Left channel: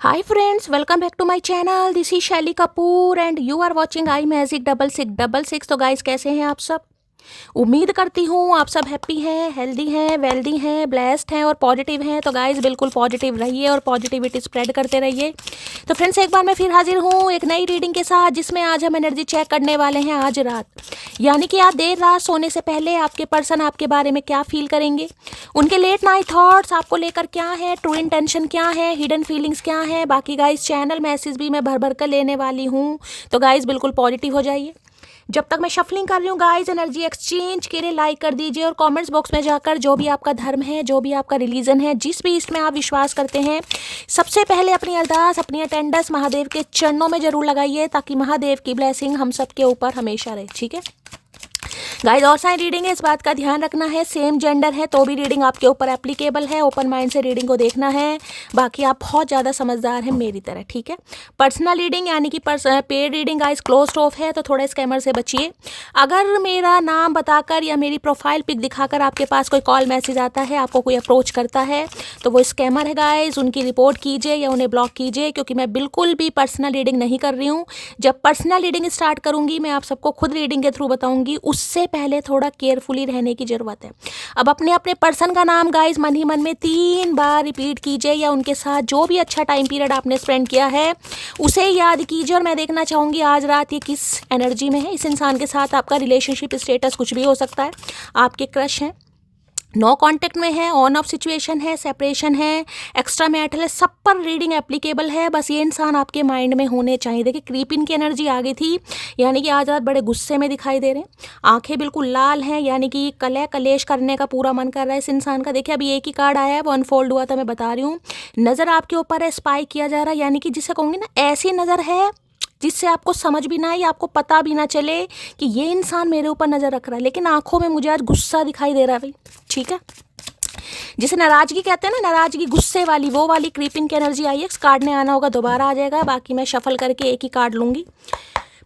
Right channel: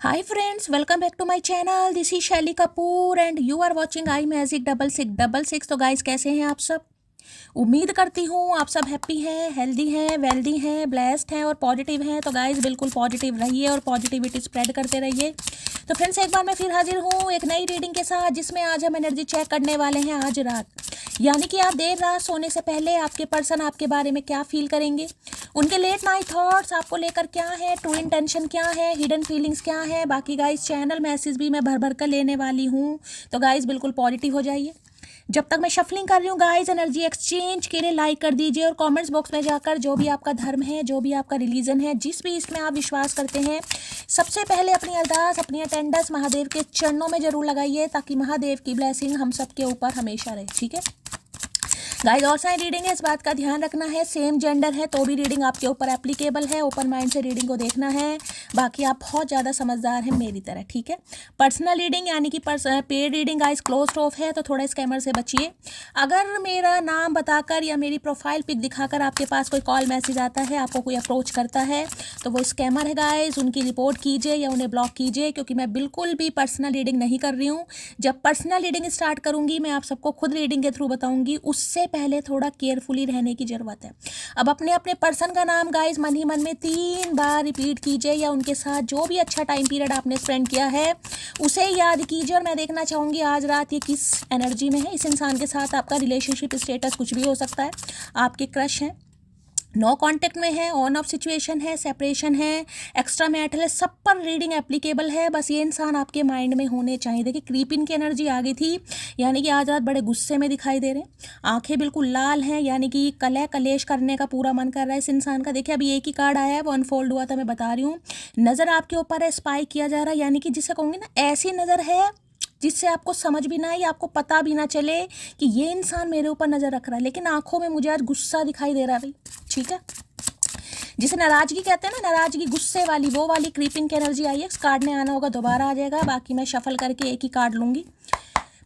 Hi friends, welcome back to my channel. This is शैली Kapoor and you are watching I magic 6666। तो guys कैसे हैं आप सब? उम्मीद करती हूँ आप सब हैप्पी हैं, हेल्दी हैं, वेल्दी हैं, ब्लेस्ड हैं और पॉजिटिव हैं। तो गाइस बिल्कुल पॉजिटिव रहिए और पॉजिटिविटी स्प्रेड करते रहिए। तो फ्रेंड्स एक बार मैं फिर हाजिर हूँ एक नई रीडिंग के साथ, जिसमें आज हम एनर्जी चेक करने वाले हैं आज रात। यानी कि आज देर रात सोने से पहले आपके पर्सन आपके बारे में क्या फील करेंगे, उनके लेट नाइट थॉट्स आपको लेकर क्या है, ट्रू इंटेंशन क्या है, हिडन फीलिंग्स क्या है। बाकी गाइस चैनल मैसेज भी मैं भर भर कर लेने वाली हूँ। तो गाइस बिल्कुल पॉजिटिव हो जाइए। जब तक मैं शफलिंग कर रही हूँ गाइस, एनर्जी एक्सचेंज के लिए लाइक कर दीजिए और कमेंट्स बॉक्स में जाकर जो भी आपका धर्म है, जो भी आपका रिलीजन है, जिस भी इसमें आप विश्वास करते हैं, सबसे पहले अपनी अरदास, अपनी अटेंडेंस महादेव के चरणों में जरूर लगाइए, ताकि महादेव की ब्लेसिंग हम सब के ऊपर हमेशा रहे। ठीक है गाइस, और सारी रीडिंग है, इस बात का ध्यान रखना है, सेम जेंडर है तो भी रीडिंग आपके ऊपर एप्लीकेबल है। ओपन माइंड से रीडिंग को देखना है। बाकी आप बहुत ज़्यादा समझदार हैं मेरी तरह। ठीक है, पर्सनल रीडिंग यानी कि paid reading guys closed of है, तो थोड़ा स्कैमर से बचिए। अगर मेरा नाम बताकर या मेरी प्रोफाइल पिक दिखाकर आपके पास कोई कॉल मैसेज आता है, आपको कोई अप्रोच करता है, तो वो स्कैमर है गाइस। उनकी रिपोर्ट कीजिए या उन्हें ब्लॉक कीजिए, क्योंकि मैं बिल्कुल भी पर्सनल रीडिंग नहीं कर रही हूँ। जब पर्सनल रीडिंग स्टार्ट करूँगी, मैं आप सबको खुद रीडिंग के थ्रू बताऊँगी, उससे पहले थोड़ा केयरफुली रहने की ज़रूरत है। अब अपने अपने पर्सन का नाम गाइस मन ही मन में 3 बार रिपीट कीजिए, या उनके साथ जो भी अच्छा टाइम पीरियड आपने स्पेंड किया है उसे याद कीजिए। और मैं देखना चाहूँगी आज रात ये किस एनर्जी में है। इस इंसान के साथ आपका रिलेशनशिप स्टेटस कुछ भी हो सकता है, आपके क्रश हैं, नो कांटेक्ट में है, ऑन ऑफ सिचुएशन है, सेपरेशन है, एक्स्ट्रा मैरिटल है, सब पर रीडिंग एप्लीकेबल है। बस ये इंसान आपके माइंड में होने चाहिए। देखिए क्रीपिन की एनर्जी आ गई थी, यानी कि आज रात बड़े गुस्से में दिखाई दे रहे हैं, आंखें बिल्कुल लाल हैं, यानी कि कलह कलेश करने का पूरा मन कर रहा है इस इंसान का। देखिए अभी एक ही कार्ड आया है, वो अनफोल्ड हुआ था, मैं बता रही हूँ। नज़र आपके ऊपर है, स्पाई किया जा रहा है, यानी कि जिसे कहूँगी ना, ऐसी नज़र है जिससे आपको समझ भी ना आए, आपको पता भी ना चले कि ये इंसान मेरे ऊपर नज़र रख रहा है, लेकिन आंखों में मुझे आज गुस्सा दिखाई दे रहा है भाई। ठीक है, जिसे नाराजगी कहते हैं ना, नाराजगी गुस्से वाली, वो वाली क्रीपिंग की एनर्जी आई है। इस कार्ड ने आना होगा दोबारा आ जाएगा। बाकी मैं शफल करके एक ही कार्ड लूंगी।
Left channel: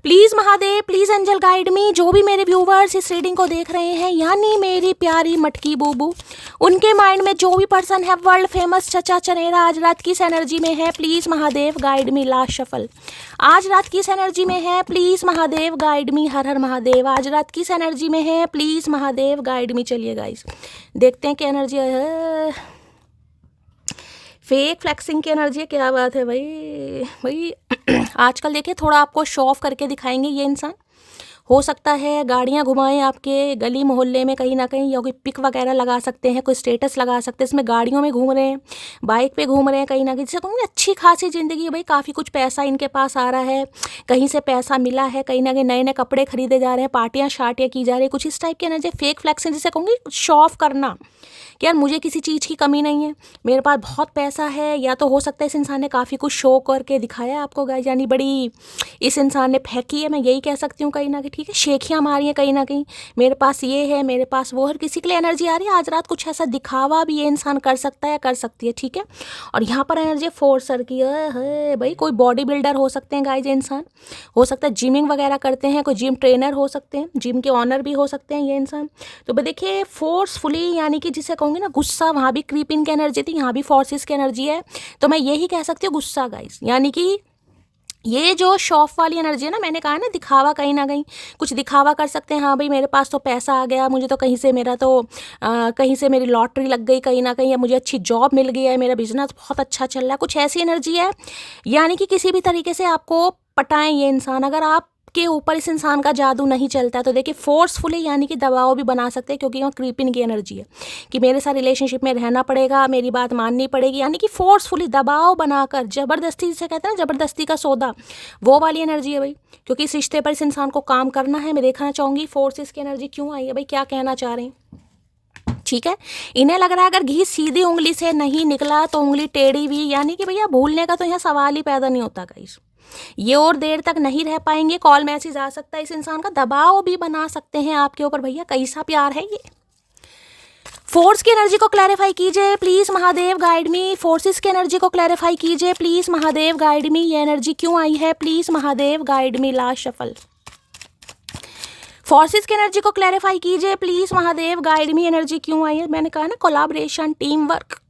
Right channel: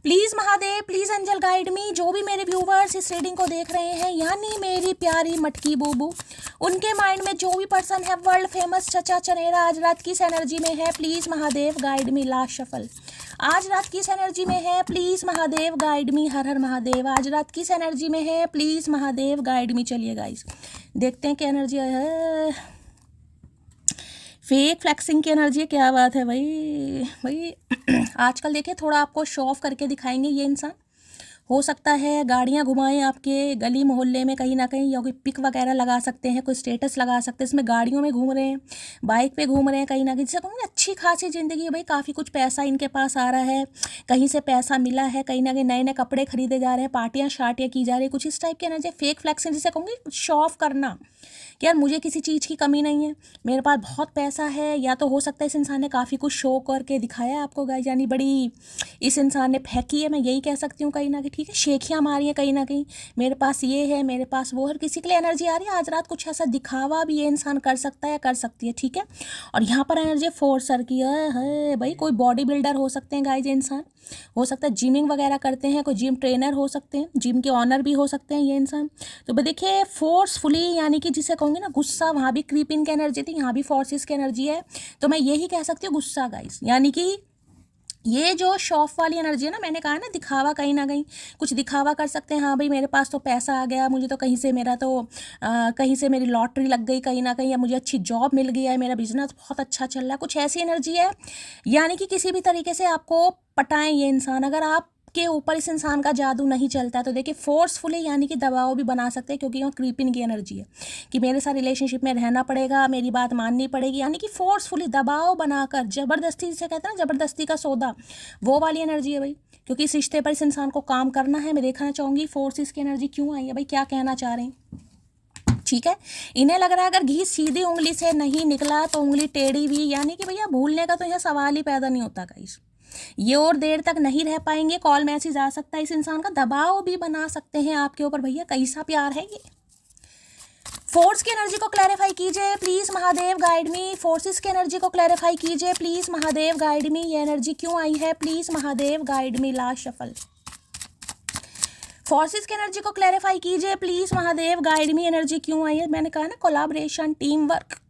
Please Mahadev, please angel guide me. जो भी मेरे व्यूवर्स इस रीडिंग को देख रहे हैं, यानी मेरी प्यारी मटकी बूबू, उनके माइंड में जो भी पर्सन है वर्ल्ड फेमस चचा चनेरा, आज रात किस एनर्जी में है, please Mahadev guide me. Last shuffle, आज रात किस एनर्जी में है, प्लीज़ महादेव गाइड मी। हर हर महादेव, आज रात किस एनर्जी में है, प्लीज़ महादेव गाइड मी। चलिए गाइस देखते हैं कि एनर्जी फेक फ्लैक्सिंग की एनर्जी है। क्या बात है भाई भाई आजकल देखिए थोड़ा आपको शो ऑफ करके दिखाएंगे ये इंसान। हो सकता है गाड़ियाँ घुमाएं आपके गली मोहल्ले में कहीं ना कहीं, या कोई पिक वगैरह लगा सकते हैं, कोई स्टेटस लगा सकते हैं, इसमें गाड़ियों में घूम रहे हैं, बाइक पे घूम रहे हैं कहीं ना कहीं। जैसे कहूँगी अच्छी खासी ज़िंदगी है भाई, काफ़ी कुछ पैसा इनके पास आ रहा है, कहीं से पैसा मिला है, कहीं ना कहीं नए नए कपड़े खरीदे जा रहे हैं, पार्टियाँ शार्टियाँ की जा रही है, कुछ इस टाइप की एनर्जी। फेक फ्लैक्सिंग जिसे कहूँगी शो ऑफ करना कि यार मुझे किसी चीज़ की कमी नहीं है, मेरे पास बहुत पैसा है। या तो हो सकता है इस इंसान ने काफ़ी कुछ शो करके दिखाया आपको गाइस, यानी बड़ी इस इंसान ने फेंकी है, मैं यही कह सकती हूँ कहीं ना कहीं। ठीक है, शेखियाँ मारी हैं कहीं ना कहीं, मेरे पास ये है, मेरे पास वो है। किसी के लिए एनर्जी आ रही है आज रात कुछ ऐसा दिखावा भी ये इंसान कर सकता है, कर सकती है। ठीक है, और यहाँ पर एनर्जी फोर्सर की है भाई। कोई बॉडी बिल्डर हो सकते हैं गाइस ये इंसान, हो सकता है जिमिंग वगैरह करते हैं, कोई जिम ट्रेनर हो सकते हैं, जिम के ऑनर भी हो सकते हैं ये इंसान। तो देखिए फोर्सफुली, यानी कि जिसे कहूँगी ना गुस्सा, वहाँ भी क्रीपिंग की एनर्जी थी, यहाँ भी फोर्सेस की एनर्जी है। तो मैं यही कह सकती हूँ गुस्सा गाइस, यानी कि ये जो शॉफ वाली एनर्जी है ना, मैंने कहा ना दिखावा, कहीं ना कहीं कुछ दिखावा कर सकते हैं। हाँ भाई मेरे पास तो पैसा आ गया, मुझे तो कहीं से मेरा तो कहीं से मेरी लॉटरी लग गई कहीं ना कहीं, या मुझे अच्छी जॉब मिल गई है, मेरा बिजनेस बहुत अच्छा चल रहा है, कुछ ऐसी एनर्जी है। यानी कि किसी भी तरीके से आपको पटाएं ये इंसान। अगर आप के ऊपर इस इंसान का जादू नहीं चलता है तो देखिए फोर्सफुली, यानी कि दबाव भी बना सकते हैं, क्योंकि वहाँ क्रीपिंग की एनर्जी है कि मेरे साथ रिलेशनशिप में रहना पड़ेगा, मेरी बात माननी पड़ेगी, यानी कि फोर्सफुली दबाव बनाकर, जबरदस्ती जिसे कहते हैं जबरदस्ती का सौदा, वो वाली एनर्जी है भाई। क्योंकि इस रिश्ते पर इस इंसान को काम करना है। मैं देखना चाहूँगी फोर्सेस की एनर्जी क्यों आई है भाई, क्या कहना चाह रहे हैं। ठीक है, इन्हें लग रहा है अगर घी सीधी उंगली से नहीं निकला तो उंगली टेढ़ी भी, यानी कि भैया भूलने का तो यहाँ सवाल ही पैदा नहीं होता गाइस। ये और देर तक नहीं रह पाएंगे, कॉल मैसेज आ सकता है इस इंसान का, दबाव भी बना सकते हैं आपके ऊपर। भैया कैसा प्यार है ये। फोर्स की एनर्जी को क्लैरिफाई कीजिए please Mahadev guide me. Forces की एनर्जी को क्लैरिफाई कीजिए प्लीज महादेव गाइड मी। ये एनर्जी क्यों आई है, please Mahadev guide me. Last shuffle, forces की एनर्जी को क्लैरिफाई कीजिए please Mahadev guide me. Energy क्यों आई है, मैंने कहा ना कोलैबोरेशन, टीम वर्क,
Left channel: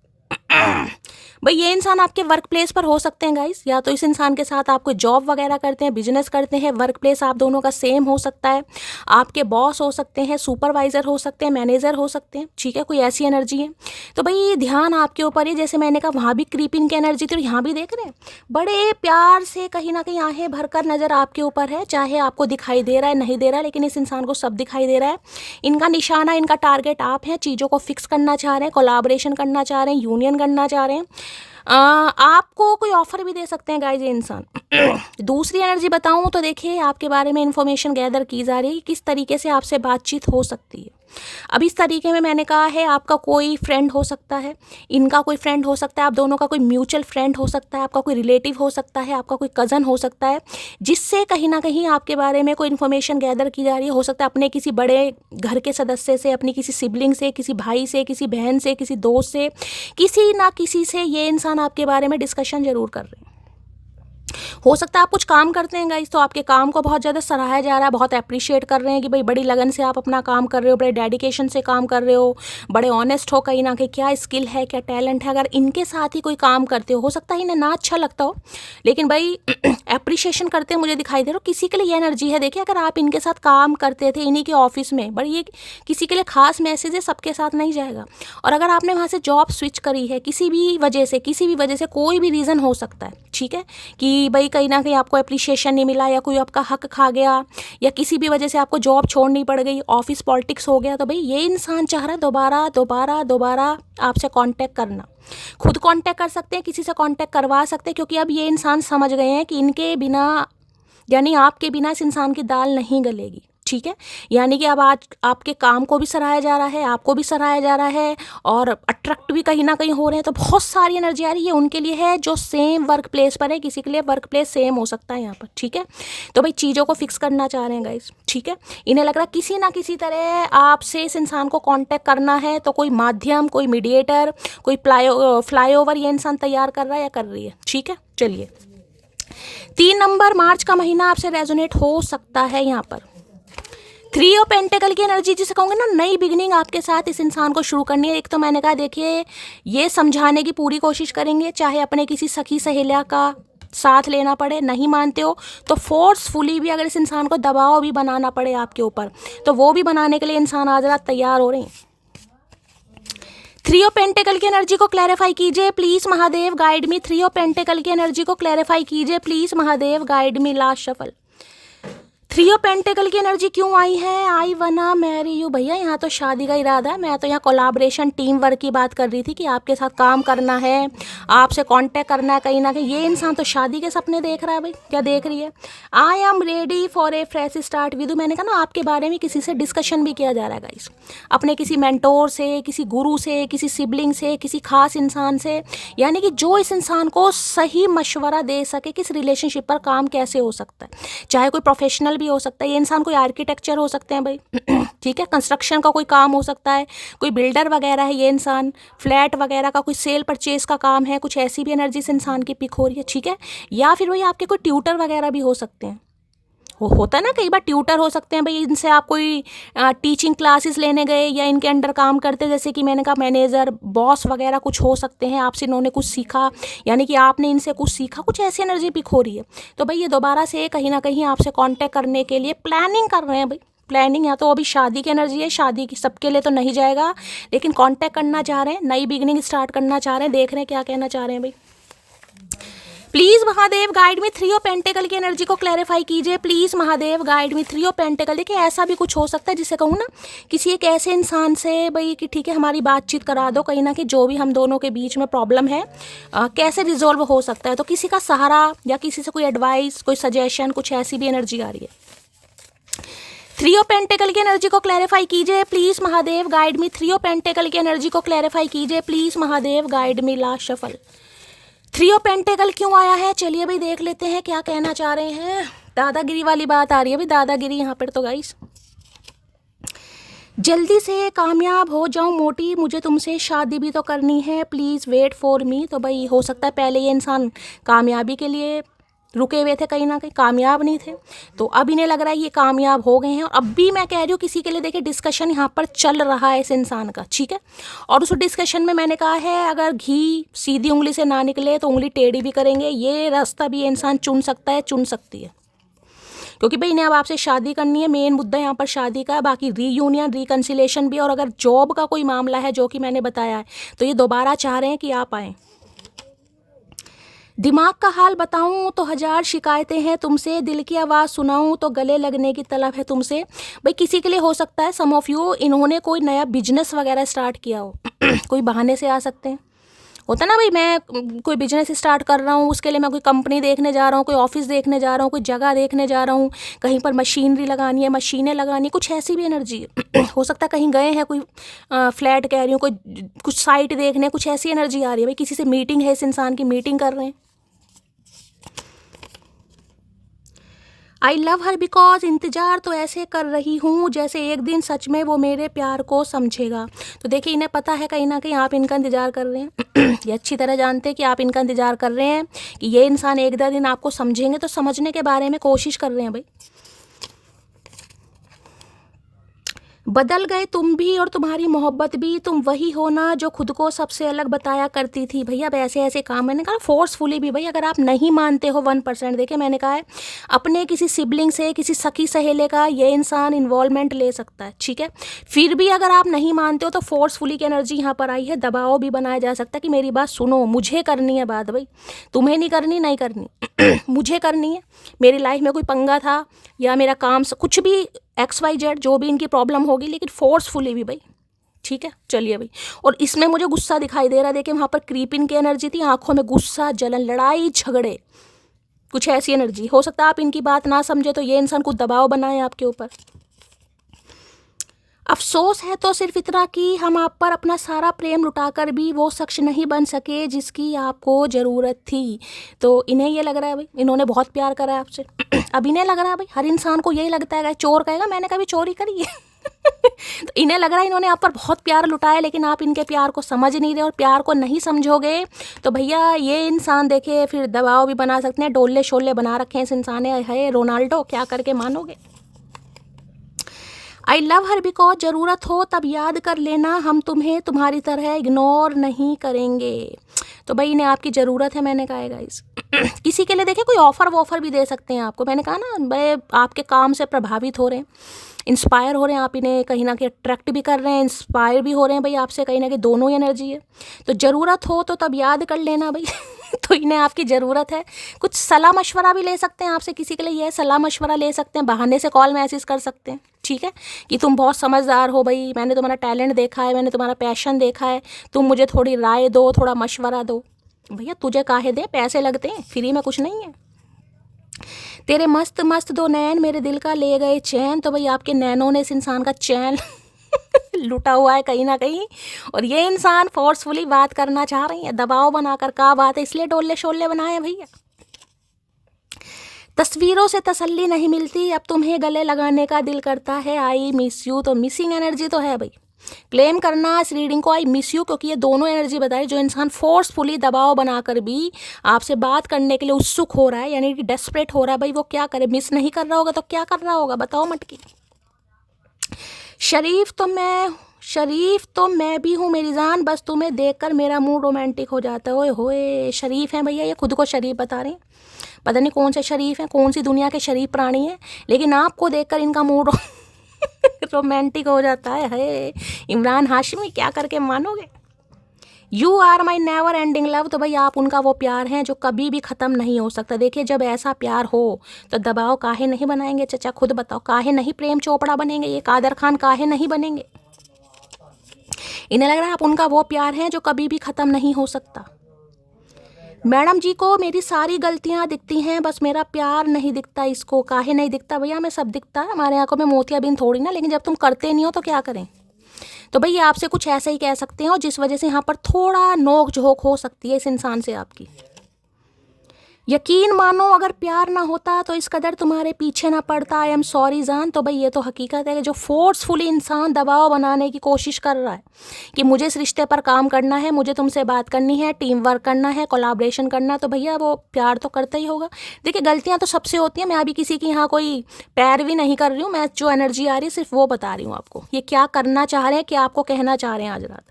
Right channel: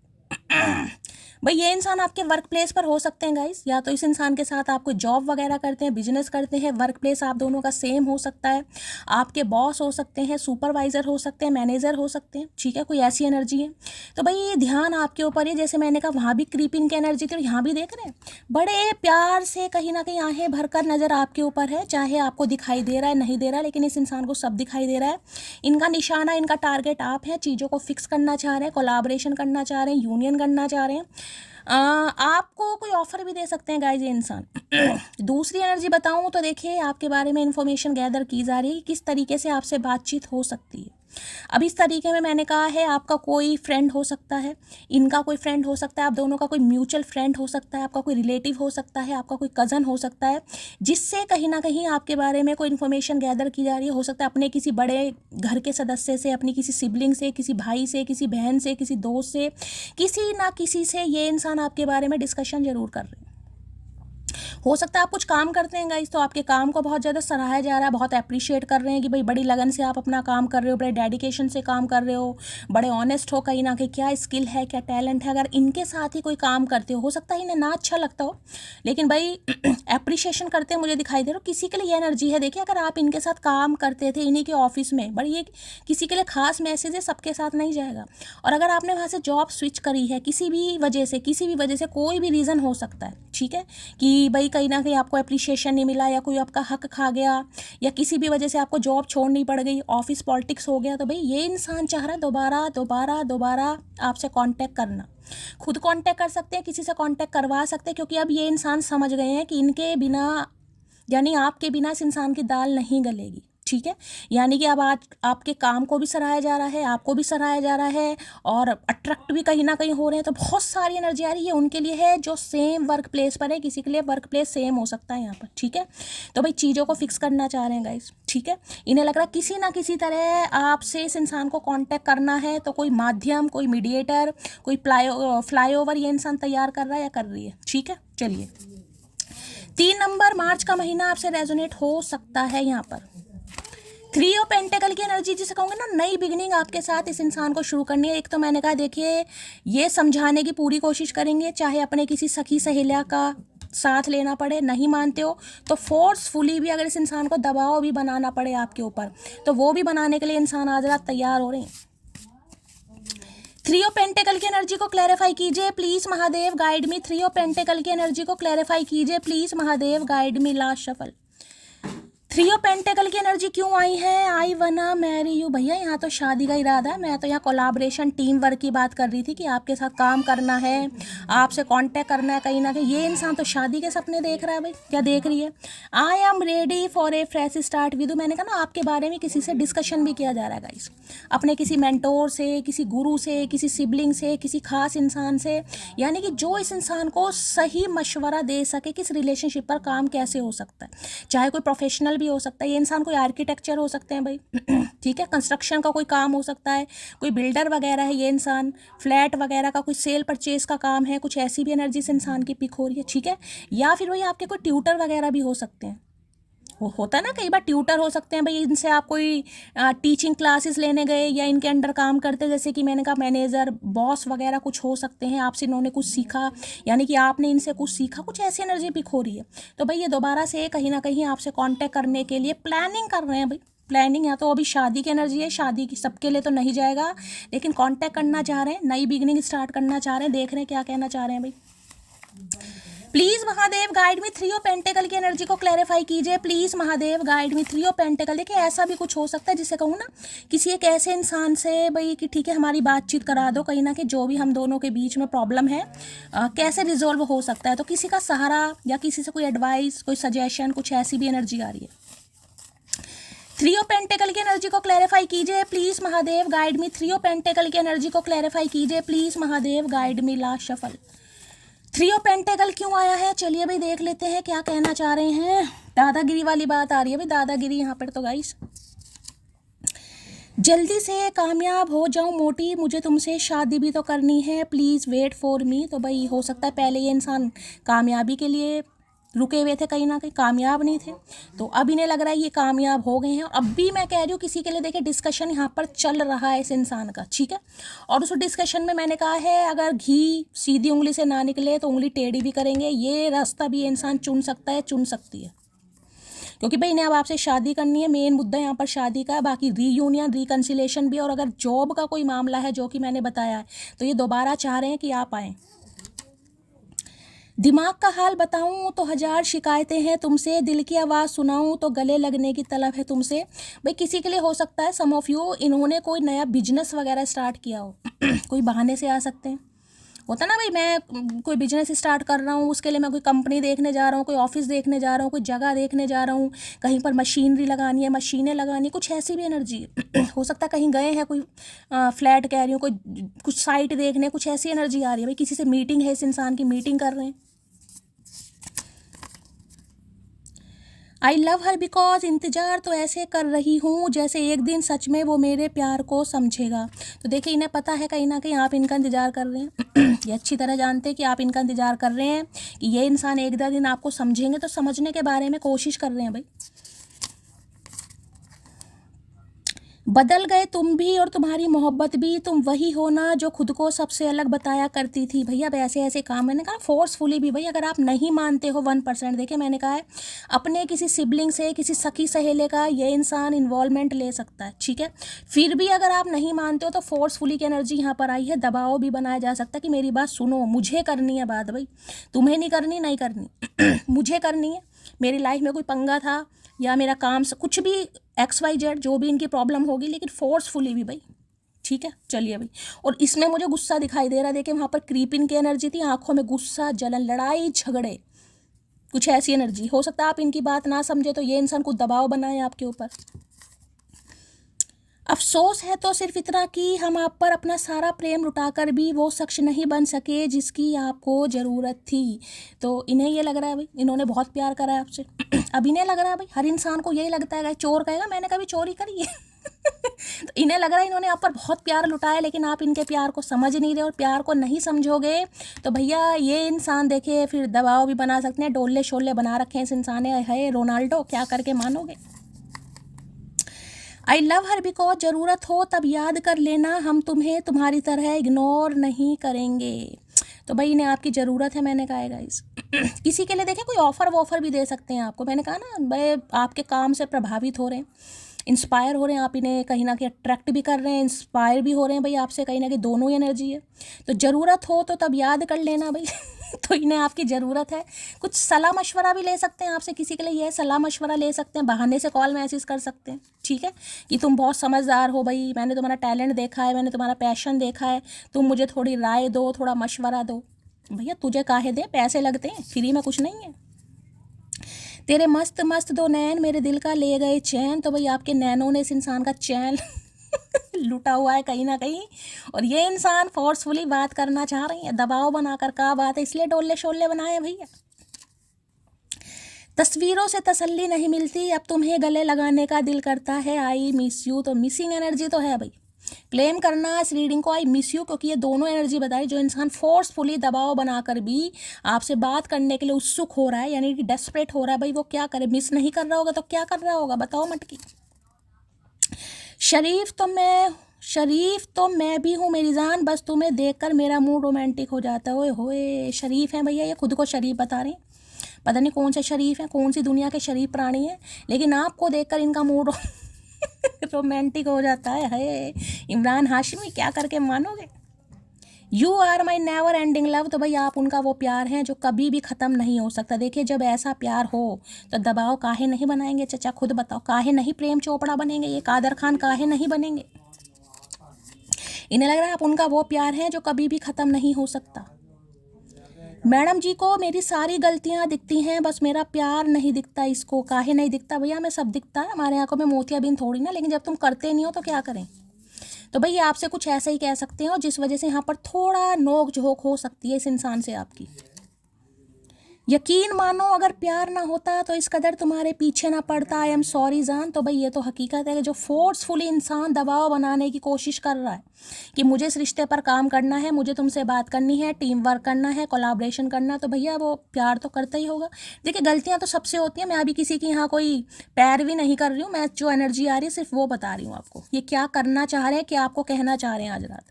भाई ये इंसान आपके वर्क प्लेस पर हो सकते हैं गाइस, या तो इस इंसान के साथ आप कोई जॉब वगैरह करते हैं, बिजनेस करते हैं, वर्क प्लेस आप दोनों का सेम हो सकता है, आपके बॉस हो सकते हैं, सुपरवाइजर हो सकते हैं, मैनेजर हो सकते हैं, ठीक है, कोई ऐसी एनर्जी है। तो भाई ध्यान आपके ऊपर है, जैसे मैंने कहा वहाँ भी क्रीपिंग की एनर्जी थी, यहाँ भी देख रहे हैं बड़े प्यार से कहीं ना कहीं आहें भरकर नज़र आपके ऊपर है, चाहे आपको दिखाई दे रहा है नहीं दे रहा है, लेकिन इस इंसान को सब दिखाई दे रहा है। इनका निशाना, इनका टारगेट आप हैं, चीज़ों को फिक्स करना चाह रहे हैं, कोलाब्रेशन करना चाह रहे हैं, यूनियन करना चाह रहे हैं, आपको कोई ऑफर भी दे सकते हैं गाइस ये इंसान। दूसरी एनर्जी बताऊं तो देखिए आपके बारे में इंफॉर्मेशन गैदर की जा रही है, किस तरीके से आपसे बातचीत हो सकती है। अब इस तरीके में मैंने कहा है आपका कोई फ्रेंड हो सकता है, इनका कोई फ्रेंड हो सकता है, आप दोनों का कोई म्यूचुअल फ्रेंड हो सकता है, आपका कोई रिलेटिव हो सकता है, आपका कोई कज़न हो सकता है, जिससे कहीं ना कहीं आपके बारे में कोई इन्फॉर्मेशन गैदर की जा रही है। हो सकता है अपने किसी बड़े घर के सदस्य से, अपनी किसी सिबलिंग से, किसी भाई से, किसी बहन से, किसी दोस्त से, किसी ना किसी से ये इंसान आपके बारे में डिस्कशन जरूर कर रहे हैं। हो सकता है आप कुछ काम करते हैं गाइस, तो आपके काम को बहुत ज़्यादा सराहा जा रहा है, बहुत अप्रिशिएट कर रहे हैं कि भाई बड़ी लगन से आप अपना काम कर रहे हो, बड़े डेडिकेशन से काम कर रहे हो, बड़े ऑनेस्ट हो कहीं ना कहीं, क्या स्किल है, क्या टैलेंट है। अगर इनके साथ ही कोई काम करते हो सकता है इन्हें ना अच्छा लगता हो, लेकिन भाई अप्रिशिएशन करते हैं मुझे दिखाई दे रहा हो, किसी के लिए ये एनर्जी है। देखिए अगर आप इनके साथ काम करते थे इन्हीं के ऑफिस में, बड़ी ये किसी के लिए खास मैसेज है, सबके साथ नहीं जाएगा। और अगर आपने वहाँ से जॉब स्विच करी है किसी भी वजह से, कोई भी रीज़न हो सकता है, ठीक है, कि भाई कहीं ना कहीं आपको अप्रिशिएशन नहीं मिला, या कोई आपका हक खा गया, या किसी भी वजह से आपको जॉब छोड़नी पड़ गई, ऑफिस पॉलिटिक्स हो गया, तो भाई ये इंसान चाह रहा है दोबारा आपसे कांटेक्ट करना। खुद कांटेक्ट कर सकते हैं, किसी से कांटेक्ट करवा सकते हैं, क्योंकि अब ये इंसान समझ गए हैं कि इनके बिना, यानी आपके बिना इस इंसान की दाल नहीं गलेगी, ठीक है। यानी कि अब आज आपके काम को भी सराहा जा रहा है, आपको भी सराहा जा रहा है, और अट्रैक्ट भी कहीं ना कहीं हो रहे हैं। तो बहुत सारी एनर्जी आ रही है उनके लिए है जो सेम वर्क प्लेस पर है, किसी के लिए वर्क प्लेस सेम हो सकता है यहाँ पर, ठीक है। तो भाई चीज़ों को फिक्स करना चाह रहे हैं गाइस, ठीक है। इन्हें लग रहा है किसी ना किसी तरह आपसे इस इंसान को कांटेक्ट करना है, तो कोई माध्यम, कोई मीडिएटर, कोई फ्लाईओवर ये इंसान तैयार कर रहा है या कर रही है, ठीक है। चलिए 3 नंबर मार्च का महीना आपसे रेजोनेट हो सकता है यहाँ पर। 3 ऑफ पेंटिकल की एनर्जी जिसे कहूँगे ना, नई बिगिनिंग आपके साथ इस इंसान को शुरू करनी है। एक तो मैंने कहा देखिए ये समझाने की पूरी कोशिश करेंगे, चाहे अपने किसी सखी सहेलिया का साथ लेना पड़े, नहीं मानते हो तो फोर्सफुली भी अगर इस इंसान को दबाव भी बनाना पड़े आपके ऊपर, तो वो भी बनाने के लिए इंसान आज रात तैयार हो रहे हैं। 3 ऑफ पेंटिकल की एनर्जी को क्लैरिफाई कीजिए please Mahadev, guide me. 3 of pentacle की एनर्जी को क्लैरिफाई कीजिए please Mahadev, guide me. Last shuffle 3 of pentacle की एनर्जी क्यों आई है? आई वना मैरी यू। भैया यहाँ तो शादी का इरादा है, मैं तो यहाँ कोलाब्रेशन टीम वर्क की बात कर रही थी कि आपके साथ काम करना है, आपसे कांटेक्ट करना है कहीं ना कहीं। ये इंसान तो शादी के सपने देख रहा है। भाई क्या देख रही है? I am ready for a fresh start with. मैंने कहा ना आपके बारे में किसी से डिस्कशन भी किया जा रहा है गाइस, अपने किसी मेंटोर से, किसी गुरु से, किसी सिबलिंग से, किसी खास इंसान से, यानी कि जो इस इंसान को सही मशवरा दे सके कि इस रिलेशनशिप पर काम कैसे हो सकता है। चाहे कोई प्रोफेशनल भी हो सकता है, ये इंसान कोई आर्किटेक्चर हो सकते हैं भाई ठीक है, कंस्ट्रक्शन का कोई काम हो सकता है, कोई बिल्डर वगैरह है ये इंसान, फ्लैट वगैरह का कोई सेल परचेज का काम है, कुछ ऐसी भी एनर्जी से इंसान की पिक हो रही है, ठीक है। या फिर भाई आपके कोई ट्यूटर वगैरह भी हो सकते हैं, वो होता है ना कई बार ट्यूटर हो सकते हैं भाई, इनसे आप कोई टीचिंग क्लासेस लेने गए या इनके अंडर काम करते, जैसे कि मैंने कहा मैनेजर, बॉस वगैरह कुछ हो सकते हैं, आपसे इन्होंने कुछ सीखा, यानी कि आपने इनसे कुछ सीखा, कुछ ऐसी एनर्जी पिक हो रही है। तो भाई ये दोबारा से कहीं ना कहीं आपसे कांटेक्ट करने के लिए प्लानिंग कर रहे हैं भाई, प्लानिंग। या तो अभी शादी की एनर्जी है, शादी की सबके लिए तो नहीं जाएगा, लेकिन कांटेक्ट करना चाह रहे हैं, नई बिगिनिंग स्टार्ट करना चाह रहे हैं, देख रहे हैं क्या कहना चाह रहे हैं भाई। Please Mahadev guide me. 3 of pentacle की एनर्जी को क्लैरिफाई कीजिए please Mahadev, guide me. 3 of pentacle, देखिए ऐसा भी कुछ हो सकता है जिसे कहूँ ना, किसी एक ऐसे इंसान से भाई कि ठीक है हमारी बातचीत करा दो, कहीं ना कहीं जो भी हम दोनों के बीच में प्रॉब्लम है कैसे रिजॉल्व हो सकता है, तो किसी का सहारा या किसी से कोई एडवाइस, कोई सजेशन, कुछ ऐसी भी एनर्जी आ रही है। 3 ऑफ पेंटिकल की एनर्जी को क्लैरिफाई कीजिए please Mahadev, guide me. 3 of pentacle की एनर्जी को क्लैरिफाई कीजिए please Mahadev, guide me. Last shuffle 3 of pentacle क्यों आया है? चलिए भाई देख लेते हैं क्या कहना चाह रहे हैं। दादागिरी वाली बात आ रही है भाई, दादागिरी यहाँ पर तो गाइस। जल्दी से कामयाब हो जाऊं मोटी, मुझे तुमसे शादी भी तो करनी है, प्लीज़ वेट फॉर मी। तो भाई हो सकता है पहले ये इंसान कामयाबी के लिए रुके हुए थे कहीं ना कहीं, कामयाब नहीं थे। तो अब इन्हें लग रहा है ये कामयाब हो गए हैं। और अब भी मैं कह रही हूँ किसी के लिए देखिए डिस्कशन यहाँ पर चल रहा है इस इंसान का, ठीक है। और उस डिस्कशन में मैंने कहा है अगर घी सीधी उंगली से ना निकले तो उंगली टेढ़ी भी करेंगे। ये रास्ता भी इंसान चुन सकता है, चुन सकती है, क्योंकि भाई इन्हें अब आपसे शादी करनी है। मेन मुद्दा यहाँ पर शादी का, बाकी रीयूनियन रिकन्सिलेशन भी। और अगर जॉब का कोई मामला है जो कि मैंने बताया है, तो ये दोबारा चाह रहे हैं कि आप आएँ। दिमाग का हाल बताऊं तो 1000 शिकायतें हैं तुमसे, दिल की आवाज़ सुनाऊं तो गले लगने की तलब है तुमसे। भाई किसी के लिए हो सकता है, सम ऑफ यू, इन्होंने कोई नया बिजनेस वगैरह स्टार्ट किया हो कोई बहाने से आ सकते हैं, होता ना भाई, मैं कोई बिजनेस स्टार्ट कर रहा हूँ, उसके लिए मैं कोई कंपनी देखने जा रहा हूँ, कोई ऑफिस देखने जा रहा हूँ, कोई जगह देखने जा रहा हूँ, कहीं पर मशीनरी लगानी है, मशीनें लगानी, कुछ ऐसी भी एनर्जी है हो सकता है कहीं गए हैं, कोई फ्लैट कह रही हूँ, कोई कुछ साइट देखने, कुछ ऐसी एनर्जी आ रही है। भाई किसी से मीटिंग है, इस इंसान की मीटिंग कर रहे हैं। आई लव हर बिकॉज इंतज़ार तो ऐसे कर रही हूँ जैसे एक दिन सच में वो मेरे प्यार को समझेगा। तो देखिए इन्हें पता है कहीं ना कहीं आप इनका इंतज़ार कर रहे हैं ये अच्छी तरह जानते हैं कि आप इनका इंतज़ार कर रहे हैं कि ये इंसान एक दो दिन आपको समझेंगे, तो समझने के बारे में कोशिश कर रहे हैं भाई। बदल गए तुम भी और तुम्हारी मोहब्बत भी, तुम वही हो ना जो खुद को सबसे अलग बताया करती थी। भैया अब ऐसे ऐसे काम, मैंने कहा फोर्सफुली भी, भाई अगर आप नहीं मानते हो 1%, देखिए मैंने कहा है अपने किसी सिबलिंग से, किसी सखी सहेले का ये इंसान इन्वॉल्वमेंट ले सकता है, ठीक है। फिर भी अगर आप नहीं मानते हो तो फोर्सफुली की एनर्जी यहाँ पर आई है। दबाव भी बनाया जा सकता है कि मेरी बात सुनो, मुझे करनी है बात, भाई तुम्हें नहीं करनी, नहीं करनी मुझे करनी है। मेरी लाइफ में कोई पंगा था या मेरा काम कुछ भी XYZ जो भी इनकी प्रॉब्लम होगी, लेकिन फोर्सफुली भी भाई, ठीक है। चलिए भाई, और इसमें मुझे गुस्सा दिखाई दे रहा है, देखिए वहाँ पर क्रीपिंग की एनर्जी थी, आंखों में गुस्सा, जलन, लड़ाई झगड़े, कुछ ऐसी एनर्जी। हो सकता है आप इनकी बात ना समझे तो ये इंसान कुछ दबाव बनाए आपके ऊपर। अफसोस है तो सिर्फ इतना कि हम आप पर अपना सारा प्रेम लुटाकर भी वो शख्स नहीं बन सके जिसकी आपको ज़रूरत थी। तो इन्हें ये लग रहा है भाई इन्होंने बहुत प्यार करा है आपसे अब इन्हें लग रहा है भाई, हर इंसान को यही लगता है, चोर कहेगा मैंने कभी चोरी करी है तो इन्हें लग रहा है इन्होंने आप पर बहुत प्यार लुटाया, लेकिन आप इनके प्यार को समझ नहीं रहे, और प्यार को नहीं समझोगे तो भैया ये इंसान देखे फिर दबाव भी बना सकते हैं। डोले शोले बना रखे हैं इस इंसान ने, है रोनाल्डो, क्या करके मानोगे। आई लव हर बिकॉज ज़रूरत हो तब याद कर लेना, हम तुम्हें तुम्हारी तरह इग्नोर नहीं करेंगे। तो भाई इन्हें आपकी ज़रूरत है, मैंने कहा है गाइस किसी के लिए देखिए कोई ऑफ़र वॉफ़र भी दे सकते हैं आपको, मैंने कहा ना भाई आपके काम से प्रभावित हो रहे हैं, इंस्पायर हो रहे हैं, आप इन्हें कहीं ना कहीं अट्रैक्ट भी कर रहे हैं, इंस्पायर भी हो रहे हैं भाई आपसे, कहीं ना कहीं दोनों ही एनर्जी है। तो ज़रूरत हो तो तब याद कर लेना भाई तो इन्हें आपकी ज़रूरत है। कुछ सलाह मशवरा भी ले सकते हैं आपसे, किसी के लिए ये सलाह मशवरा ले सकते हैं, बहाने से कॉल मैसेज कर सकते हैं, ठीक है, कि तुम बहुत समझदार हो भाई, मैंने तुम्हारा टैलेंट देखा है, मैंने तुम्हारा पैशन देखा है, तुम मुझे थोड़ी राय दो, थोड़ा मशवरा दो। भैया तुझे काहे दे, पैसे लगते हैं, फ्री में कुछ नहीं है। तेरे मस्त मस्त दो नैन मेरे दिल का ले गए चैन। तो भाई आपके नैनों ने इस इंसान का चैन लुटा हुआ है कहीं ना कहीं, और ये इंसान फोर्सफुली बात करना चाह रही है, दबाव बनाकर का बात है, इसलिए डोले शोले बनाए हैं भैया। तस्वीरों से तसल्ली नहीं मिलती, अब तुम्हें गले लगाने का दिल करता है, आई मिस यू। तो मिसिंग एनर्जी तो है भाई, क्लेम करना इस रीडिंग को आई मिस यू, क्योंकि ये दोनों एनर्जी बताई। जो इंसान फोर्सफुली दबाव बनाकर भी आपसे बात करने के लिए उत्सुक हो रहा है, यानी कि डेस्परेट हो रहा है, भाई वो क्या करे, मिस नहीं कर रहा होगा तो क्या कर रहा होगा, बताओ मटकी। शरीफ तो मैं भी हूँ मेरी जान, बस तुम्हें देखकर मेरा मूड रोमांटिक हो जाता है। ओए होए, शरीफ है भैया, ये खुद को शरीफ बता रहे हैं, पता नहीं कौन से शरीफ हैं, कौन सी दुनिया के शरीफ प्राणी हैं, लेकिन आपको देखकर इनका मूड रोमांटिक हो जाता है। इमरान हाशमी, क्या करके मानोगे। You are my never ending love. तो भाई आप उनका वो प्यार हैं जो कभी भी ख़त्म नहीं हो सकता। देखिए जब ऐसा प्यार हो तो दबाव काहे नहीं बनाएंगे, चचा खुद बताओ, काहे नहीं प्रेम चोपड़ा बनेंगे, ये कादर खान काहे नहीं बनेंगे। इन्हें लग रहा है आप उनका वो प्यार है जो कभी भी ख़त्म नहीं हो सकता। मैडम जी को मेरी सारी गलतियां दिखती हैं, बस मेरा प्यार नहीं दिखता इसको। काहे नहीं दिखता भैया, हमें सब दिखता है, हमारे आंखों में मोतियाबिंद थोड़ी ना, लेकिन जब तुम करते नहीं हो तो क्या करें। तो भैया आपसे कुछ ऐसा ही कह सकते हैं, और जिस वजह से यहाँ पर थोड़ा नोक झोंक हो सकती है इस इंसान से आपकी। यकीन मानो अगर प्यार ना होता तो इस कदर तुम्हारे पीछे ना पड़ता। आई एम सॉरी जान। तो भाई ये तो हकीकत है कि जो फोर्सफुली इंसान दबाव बनाने की कोशिश कर रहा है कि मुझे इस रिश्ते पर काम करना है, मुझे तुमसे बात करनी है, टीम वर्क करना है, कोलाब्रेशन करना है, तो भैया वो प्यार तो करता ही होगा। देखिए गलतियाँ तो सबसे होती हैं। मैं अभी किसी की यहाँ कोई पैरवी नहीं कर रही हूँ। मैं जो एनर्जी आ रही है सिर्फ वो बता रही हूँ आपको, ये क्या करना चाह रहे हैं, क्या आपको कहना चाह रहे हैं आज रात।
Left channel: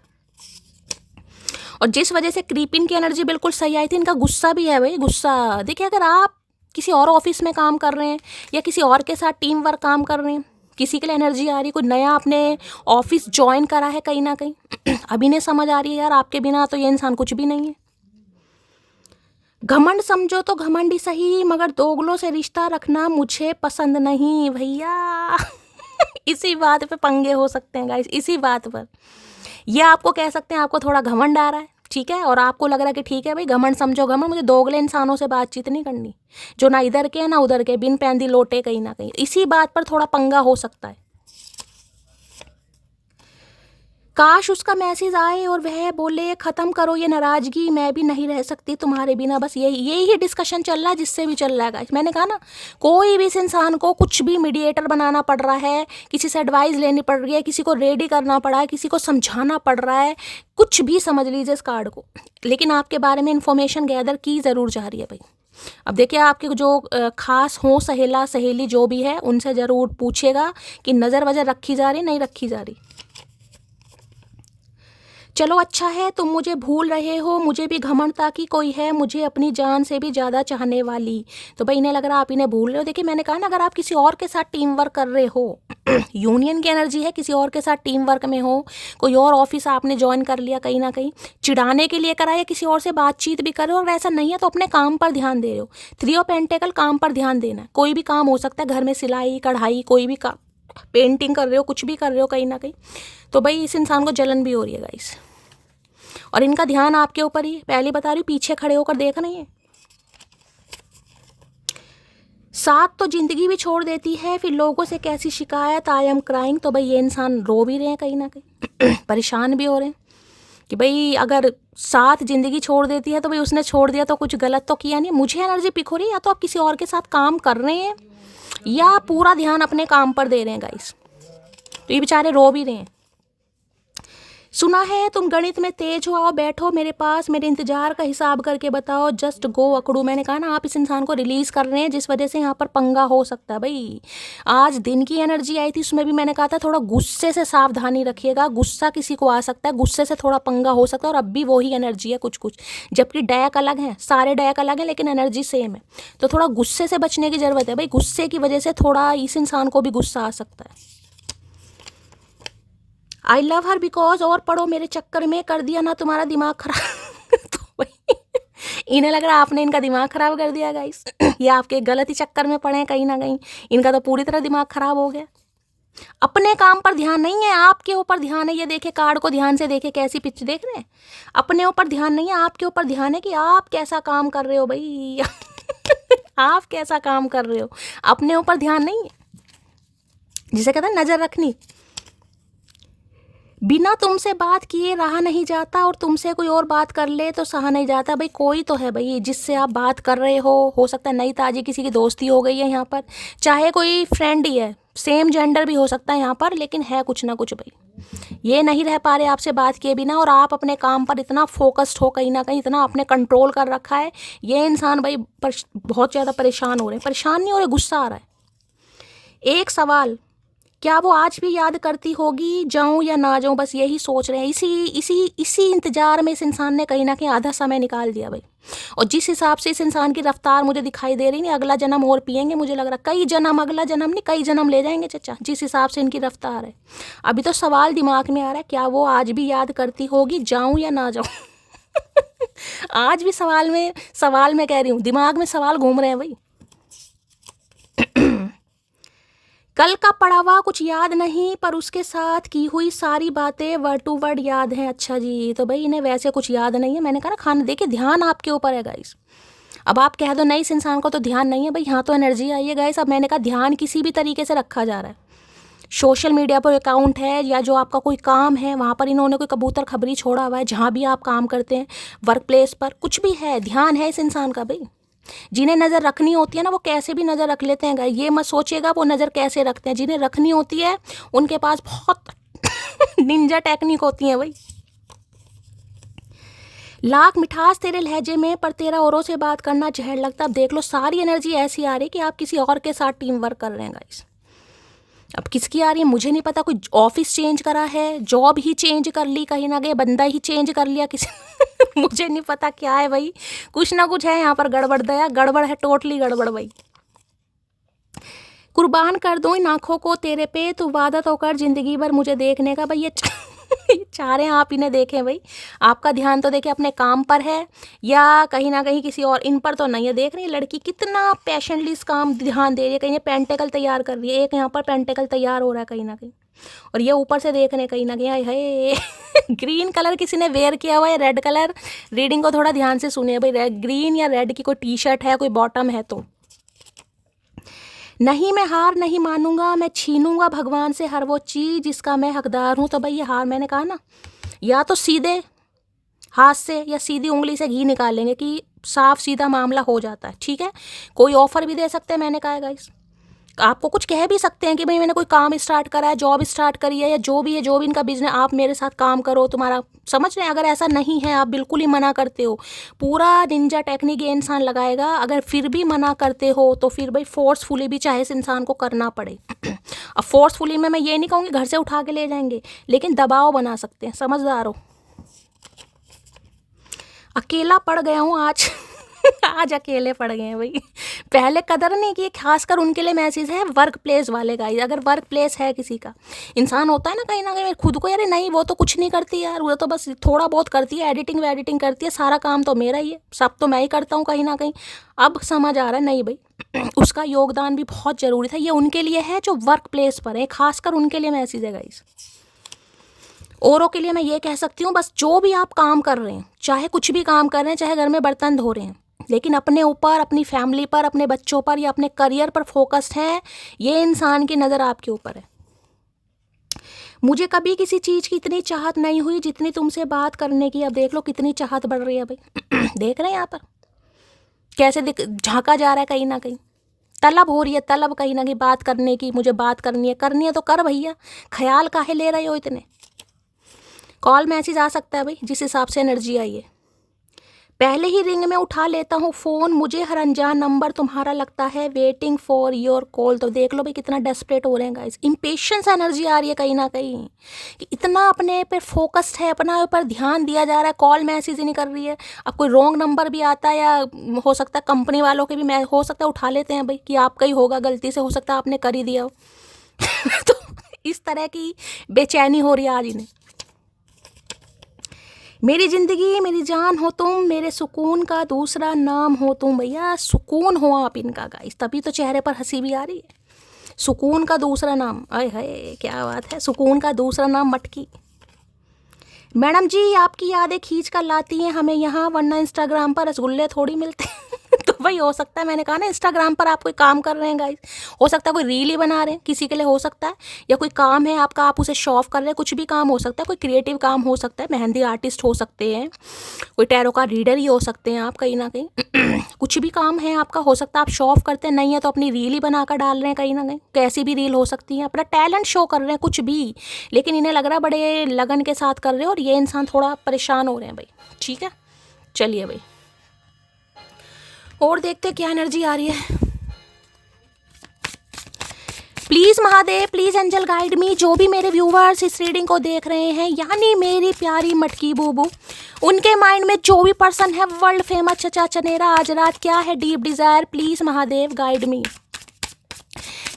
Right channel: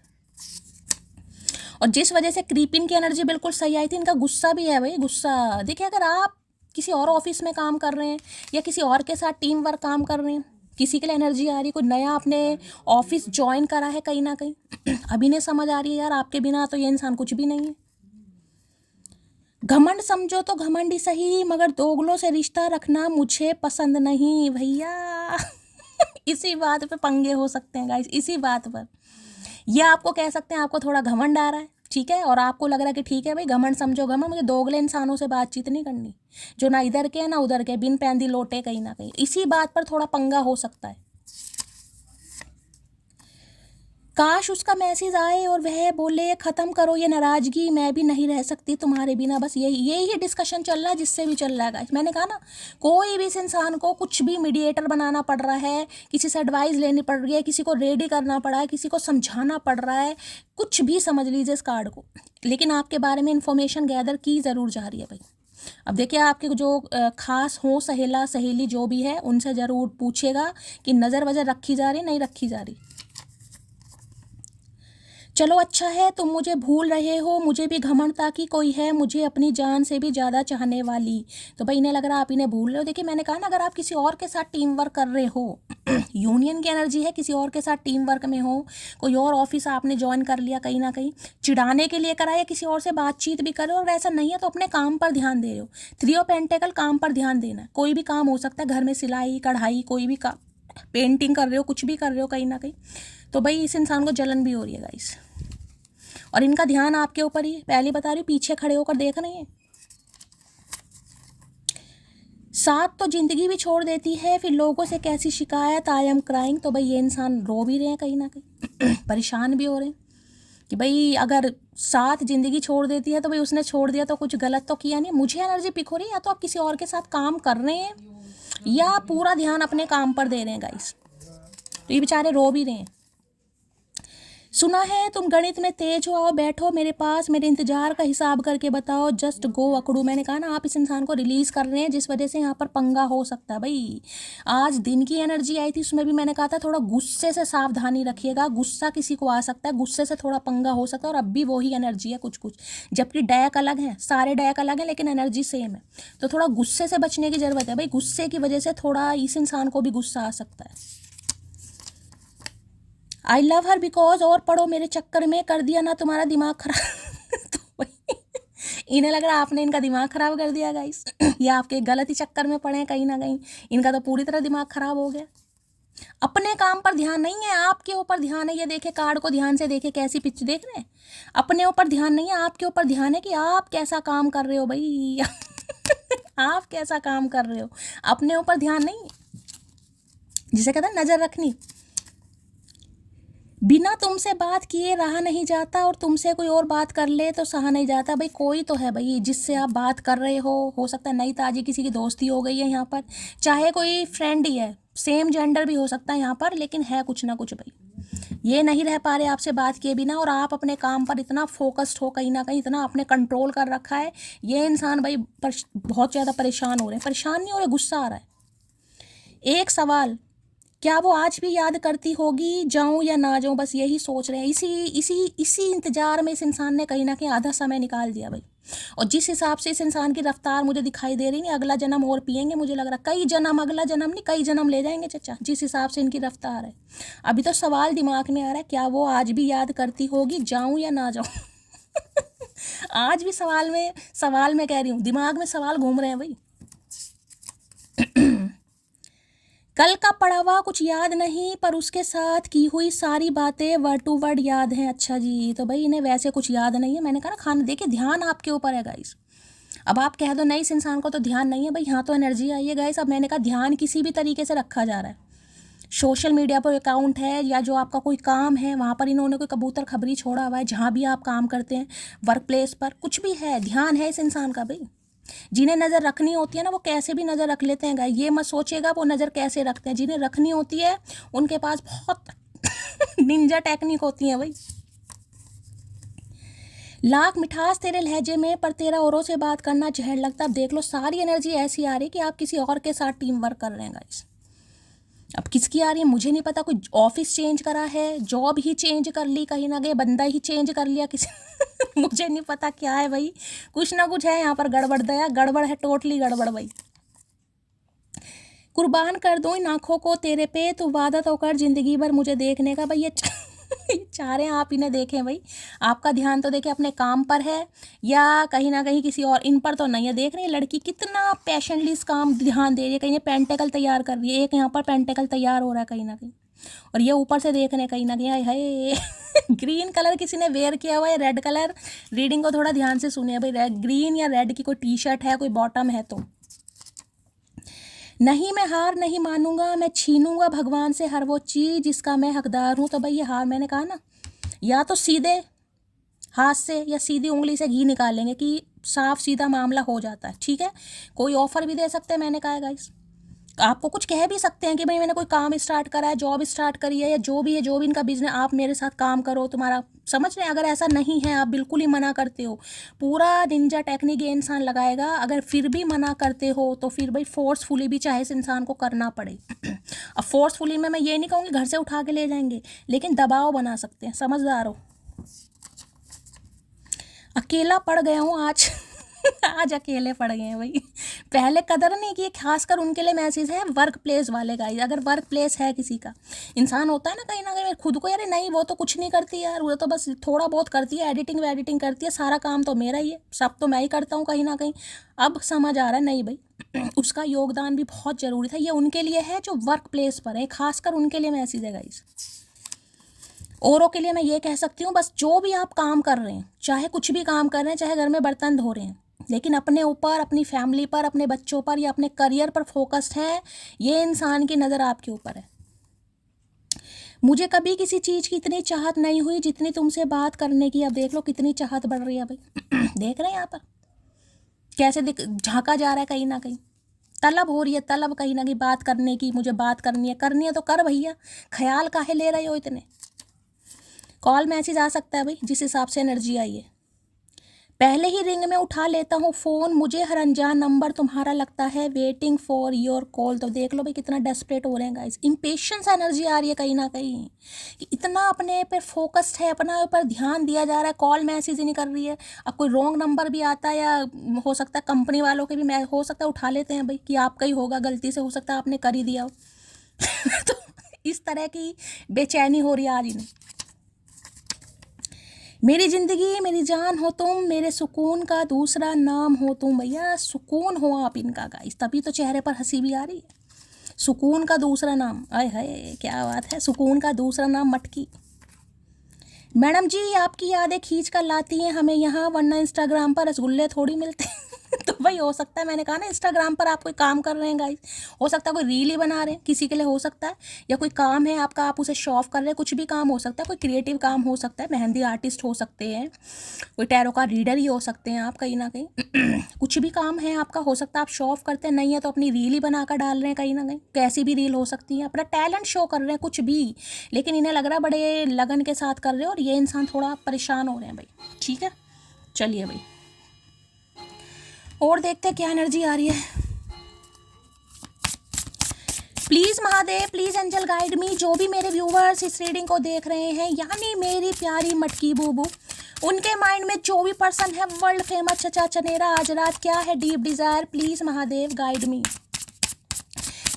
और जिस वजह से क्रीपिन की एनर्जी बिल्कुल सही आई थी, इनका गुस्सा भी है भाई, गुस्सा। देखिए अगर आप किसी और ऑफिस में काम कर रहे हैं या किसी और के साथ टीम वर्क काम कर रहे हैं, किसी के लिए एनर्जी आ रही है, कोई नया आपने ऑफिस ज्वाइन करा है कहीं ना कहीं, अभी नहीं समझ आ रही है यार आपके बिना तो ये इंसान कुछ भी नहीं है। घमंड समझो तो घमंड ही सही, मगर दोगलों से रिश्ता रखना मुझे पसंद नहीं भैया। इसी बात पे पंगे हो सकते हैं गाइस, इसी बात पर। ये आपको कह सकते हैं आपको थोड़ा घमंड आ रहा है, ठीक है, और आपको लग रहा है कि ठीक है भाई घमंड समझो घमंड, मुझे दोगले इंसानों से बातचीत नहीं करनी, जो ना इधर के ना उधर के, बिन पैंदी लोटे कहीं ना कहीं। इसी बात पर थोड़ा पंगा हो सकता है। काश उसका मैसेज आए और वह बोले ख़त्म करो ये नाराज़गी, मैं भी नहीं रह सकती तुम्हारे बिना। बस यही डिस्कशन चल रहा है जिससे भी चल रहा है गाइस। मैंने कहा ना, कोई भी इस इंसान को कुछ भी मीडिएटर बनाना पड़ रहा है, किसी से एडवाइस लेनी पड़ रही है, किसी को रेडी करना पड़ा है, किसी को समझाना पड़ रहा है, कुछ भी समझ लीजिए इस कार्ड को, लेकिन आपके बारे में इन्फॉर्मेशन गैदर की ज़रूर जा रही है भाई। अब देखिए आपके जो खास हो सहेला सहेली जो भी है, उनसे ज़रूर पूछेगा कि नज़र वज़र रखी जा रही नहीं रखी जा रही। चलो अच्छा है तुम मुझे भूल रहे हो, मुझे भी घमंड था कि कोई है मुझे अपनी जान से भी ज़्यादा चाहने वाली। तो भाई इन्हें लग रहा है आप इन्हें भूल रहे हो। देखिए मैंने कहा ना, अगर आप किसी और के साथ टीम वर्क कर रहे हो, यूनियन की एनर्जी है, किसी और के साथ टीम वर्क में हो, कोई और ऑफिस आपने ज्वाइन कर लिया कहीं ना कहीं, चिढ़ाने के लिए करा या किसी और से बातचीत भी कर रहे हो, और ऐसा नहीं है तो अपने काम पर ध्यान दे रहे हो। 3 ऑफ पेंटेकल, काम पर ध्यान देना है। कोई भी काम हो सकता है, घर में सिलाई कढ़ाई, कोई भी पेंटिंग कर रहे हो, कुछ भी कर रहे हो कहीं ना कहीं, तो भाई इस इंसान को जलन भी हो रही है गाइस, और इनका ध्यान आपके ऊपर ही, पहले बता रही हूँ, पीछे खड़े होकर देख नहीं है। साथ तो जिंदगी भी छोड़ देती है, फिर लोगों से कैसी शिकायत, आई एम क्राइंग। तो भाई ये इंसान रो भी रहे हैं कहीं ना कहीं, परेशान भी हो रहे हैं कि भाई अगर साथ जिंदगी छोड़ देती है तो भाई उसने छोड़ दिया तो कुछ गलत तो किया नहीं। मुझे एनर्जी पिक हो रही है, या तो आप किसी और के साथ काम कर रहे हैं या पूरा ध्यान अपने काम पर दे रहे हैं गाइस। तो ये बेचारे रो भी रहे हैं। सुना है तुम गणित में तेज हो, आओ बैठो मेरे पास, मेरे इंतजार का हिसाब करके बताओ, जस्ट गो अकड़ू। मैंने कहा ना, आप इस इंसान को रिलीज कर रहे हैं जिस वजह से यहाँ पर पंगा हो सकता है भाई। आज दिन की एनर्जी आई थी, उसमें भी मैंने कहा था थोड़ा गुस्से से सावधानी रखिएगा, गुस्सा किसी को आ सकता है, गुस्से से थोड़ा पंगा हो सकता है। और अब भी वही एनर्जी है कुछ कुछ, जबकि डैक अलग है, सारे डैक अलग है लेकिन एनर्जी सेम है। तो थोड़ा गुस्से से बचने की जरूरत है भाई, गुस्से की वजह से थोड़ा इस इंसान को भी गुस्सा आ सकता है। आई लव हर बिकॉज, और पढ़ो मेरे चक्कर में कर दिया ना तुम्हारा दिमाग खराब। तो भाई इन्हें लग रहा है आपने इनका दिमाग खराब कर दिया गाइस, ये आपके गलत ही चक्कर में पड़े हैं कहीं ना कहीं, इनका तो पूरी तरह दिमाग खराब हो गया। अपने काम पर ध्यान नहीं है, आपके ऊपर ध्यान है। ये देखे कार्ड को ध्यान से देखे, कैसी पिच देख रहे हैं। अपने ऊपर ध्यान नहीं है, आपके ऊपर ध्यान है कि आप कैसा काम कर रहे हो भाई। आप कैसा काम कर रहे हो, अपने ऊपर ध्यान नहीं है, जिसे कहते हैं नजर रखनी। बिना तुमसे बात किए रहा नहीं जाता, और तुमसे कोई और बात कर ले तो सहा नहीं जाता। भाई कोई तो है भाई जिससे आप बात कर रहे हो सकता है नई ताजी किसी की दोस्ती हो गई है यहाँ पर, चाहे कोई फ्रेंड ही है, सेम जेंडर भी हो सकता है यहाँ पर, लेकिन है कुछ ना कुछ भाई। ये नहीं रह पा रहे आपसे बात किए बिना, और आप अपने काम पर इतना फोकस्ड हो कहीं ना कहीं, इतना आपने कंट्रोल कर रखा है। ये इंसान भाई बहुत ज़्यादा परेशान हो रहे हैं। परेशान नहीं हो रहे, गुस्सा आ रहा है। एक सवाल, क्या वो आज भी याद करती होगी, जाऊं या ना जाऊं, बस यही सोच रहे हैं। इसी इंतजार में इस इंसान ने कहीं ना कहीं आधा समय निकाल दिया भाई। और जिस हिसाब से इस इंसान की रफ्तार मुझे दिखाई दे रही, नहीं अगला जन्म और पिएंगे, मुझे लग रहा कई जन्म, अगला जन्म नहीं कई जन्म ले जाएंगे चचा, जिस हिसाब से इनकी रफ्तार है। अभी तो सवाल दिमाग में आ रहा है, क्या वो आज भी याद करती होगी, जाऊं या ना जाऊं। आज भी सवाल में कह रही हूँ, दिमाग में सवाल घूम रहे हैं भाई। कल का पढ़ा हुआ कुछ याद नहीं, पर उसके साथ की हुई सारी बातें वर्ड टू वर्ड याद हैं। अच्छा जी, तो भाई इन्हें वैसे कुछ याद नहीं है। मैंने कहा ना, खाने देखिए ध्यान आपके ऊपर है गाइस। अब आप कह दो नहीं इस इंसान को तो ध्यान नहीं है, भाई यहाँ तो एनर्जी आई है गाइस। अब मैंने कहा ध्यान किसी भी तरीके से रखा जा रहा है। सोशल मीडिया पर अकाउंट है या जो आपका कोई काम है, वहाँ पर इन्होंने कोई कबूतर खबरी छोड़ा हुआ है, जहाँ भी आप काम करते हैं, वर्क प्लेस पर कुछ भी है, ध्यान है इस इंसान का भाई। जिन्हें नज़र रखनी होती है ना वो कैसे भी नज़र रख लेते हैं गाइस, ये मत सोचिएगा वो नज़र कैसे रखते हैं। जिन्हें रखनी होती है उनके पास बहुत निंजा टेक्निक होती है भाई। लाख मिठास तेरे लहजे में पर तेरा औरों से बात करना जहर लगता। अब देख लो सारी एनर्जी ऐसी आ रही है कि आप किसी और के साथ टीम वर्क कर रहे हैं गाइस। अब किसकी आ रही है मुझे नहीं पता, कोई ऑफिस चेंज करा है, जॉब ही चेंज कर ली, कहीं ना कहीं बंदा ही चेंज कर लिया किसी मुझे नहीं पता क्या है भाई, कुछ ना कुछ है यहाँ पर गड़बड़। दया गड़बड़ है, टोटली गड़बड़ भाई। कुर्बान कर दो इन आँखों को तेरे पे, तू वादा तो कर जिंदगी भर मुझे देखने का। भाई ये चाह रहे हैं आप इन्हें देखें भाई, आपका ध्यान तो देखें अपने काम पर है या कहीं ना कहीं किसी और, इन पर तो नहीं है। देख रही है लड़की कितना पैशनली इस काम ध्यान दे रही है, कहीं ये पेंटेकल तैयार कर रही है, एक यहाँ पर पेंटेकल तैयार हो रहा है कहीं ना कहीं, और ये ऊपर से देख रहे हैं कहीं ना कहीं। है ग्रीन कलर किसी ने वेयर किया हुआ है, रेड कलर, रीडिंग को थोड़ा ध्यान से सुनिए भाई। ग्रीन या रेड की कोई टी शर्ट है, कोई बॉटम है तो नहीं, मैं हार नहीं मानूंगा, मैं छीनूंगा भगवान से हर वो चीज़ जिसका मैं हकदार हूँ। तो भाई ये हार, मैंने कहा ना, या तो सीधे हाथ से या सीधी उंगली से घी निकालेंगे कि साफ सीधा मामला हो जाता है, ठीक है। कोई ऑफर भी दे सकते हैं, मैंने कहा है गाइस, आपको कुछ कह भी सकते हैं कि भाई मैंने कोई काम स्टार्ट करा है, जॉब स्टार्ट करी है, या जो भी है, जो भी इनका बिजनेस, आप मेरे साथ काम करो, तुम्हारा, समझ रहे हैं। अगर ऐसा नहीं है, आप बिल्कुल ही मना करते हो, पूरा निंजा टेक्निक ये इंसान लगाएगा। अगर फिर भी मना करते हो तो फिर भाई फोर्सफुली भी चाहे इस इंसान को करना पड़े। अब फोर्सफुली में मैं ये नहीं कहूँगी घर से उठा के ले जाएंगे, लेकिन दबाव बना सकते हैं, समझदार हो। अकेला पड़ गया हूँ आज आज अकेले पड़ गए हैं भाई। पहले कदर नहीं की, खासकर उनके लिए मैसेज है वर्क प्लेस वाले गाइस। अगर वर्क प्लेस है किसी का, इंसान होता है ना कहीं खुद को, यार नहीं वो तो कुछ नहीं करती यार, वो तो बस थोड़ा बहुत करती है, एडिटिंग वेडिटिंग करती है, सारा काम तो मेरा ही है, सब तो मैं ही करता हूँ कहीं ना कहीं। अब समझ आ रहा है नहीं भाई उसका योगदान भी बहुत ज़रूरी था। ये उनके लिए है जो वर्क प्लेस पर है, खासकर उनके लिए मैसेज है गाइस। औरों के लिए मैं ये कह सकती हूँ, बस जो भी आप काम कर रहे हैं, चाहे कुछ भी काम कर रहे हैं, चाहे घर में बर्तन धो रहे हैं, लेकिन अपने ऊपर, अपनी फैमिली पर, अपने बच्चों पर या अपने करियर पर फोकस्ड है, ये इंसान की नज़र आपके ऊपर है। मुझे कभी किसी चीज़ की इतनी चाहत नहीं हुई जितनी तुमसे बात करने की। अब देख लो कितनी चाहत बढ़ रही है भाई देख रहे हैं यहाँ पर कैसे झांका जा रहा है, कहीं ना कहीं तलब हो रही है, तलब कहीं ना कहीं बात करने की। मुझे बात करनी है तो कर भैया, ख्याल काहे ले रहे हो इतने। कॉल मैसेज आ सकता है भाई, जिस हिसाब से एनर्जी आई है। पहले ही रिंग में उठा लेता हूँ फ़ोन, मुझे हर अनजान नंबर तुम्हारा लगता है वेटिंग फॉर योर कॉल। तो देख लो भाई कितना डेस्परेट हो रहे हैं गाइस, इम्पेशंस एनर्जी आ रही है कहीं ना कहीं कि इतना अपने पे फोकस्ड है, अपना ऊपर ध्यान दिया जा रहा है, कॉल मैसेज ही नहीं कर रही है। अब कोई रॉन्ग नंबर भी आता है, या हो सकता है कंपनी वालों के भी हो सकता है उठा लेते हैं भाई कि आपका ही होगा गलती से, हो सकता है आपने कर ही दिया हो तो इस तरह की बेचैनी हो रही है आज इन्हें। मेरी ज़िंदगी मेरी जान हो तुम, मेरे सुकून का दूसरा नाम हो तुम। भैया सुकून हो आप इनका गाइस, तभी तो चेहरे पर हंसी भी आ रही है। सुकून का दूसरा नाम, आय हाय क्या बात है, सुकून का दूसरा नाम मटकी। मैडम जी आपकी यादें खींच कर लाती हैं हमें यहाँ, वरना इंस्टाग्राम पर रसगुल्ले थोड़ी मिलते तो भाई हो सकता है, मैंने कहा ना इंस्टाग्राम पर आप कोई काम कर रहे हैं गाइस, हो सकता है कोई रील ही बना रहे हैं किसी के लिए, हो सकता है, या कोई काम है आपका, आप उसे शो ऑफ कर रहे हैं, कुछ भी काम हो सकता है, कोई क्रिएटिव काम हो सकता है, मेहंदी आर्टिस्ट हो सकते हैं, कोई टैरो का रीडर ही हो सकते हैं आप कहीं ना कहीं कुछ भी काम है आपका, हो सकता है आप शो ऑफ करते हैं, नहीं है तो अपनी रील ही बनाकर डाल रहे हैं कहीं ना कहीं, कैसी भी रील हो सकती है, अपना टैलेंट शो कर रहे हैं कुछ भी, लेकिन इन्हें लग रहा है बड़े लगन के साथ कर रहे हैं, और ये इंसान थोड़ा परेशान हो रहे हैं भाई। ठीक है चलिए भाई और देखते हैं क्या एनर्जी आ रही है। Please Mahadev, please angel guide me. जो भी मेरे व्यूवर्स इस रीडिंग को देख रहे हैं, यानी मेरी प्यारी मटकी बूबू, उनके माइंड में जो भी पर्सन है वर्ल्ड फेमस चचा चनेरा आज रात, क्या है deep desire, please Mahadev guide me.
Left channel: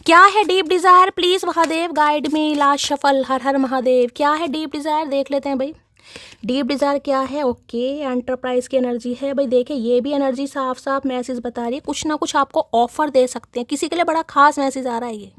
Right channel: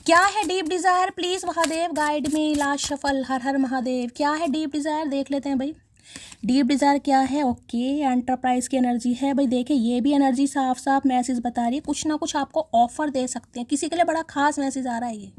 क्या है deep desire, please Mahadev guide me. Last shuffle, Har Har Mahadev. क्या है डीप डिज़ायर, देख लेते हैं भाई डीप डिज़ायर क्या है। ओके एंटरप्राइज की एनर्जी है भाई। देखिए ये भी एनर्जी साफ साफ मैसेज बता रही है, कुछ ना कुछ आपको ऑफर दे सकते हैं, किसी के लिए बड़ा खास मैसेज आ रहा है ये।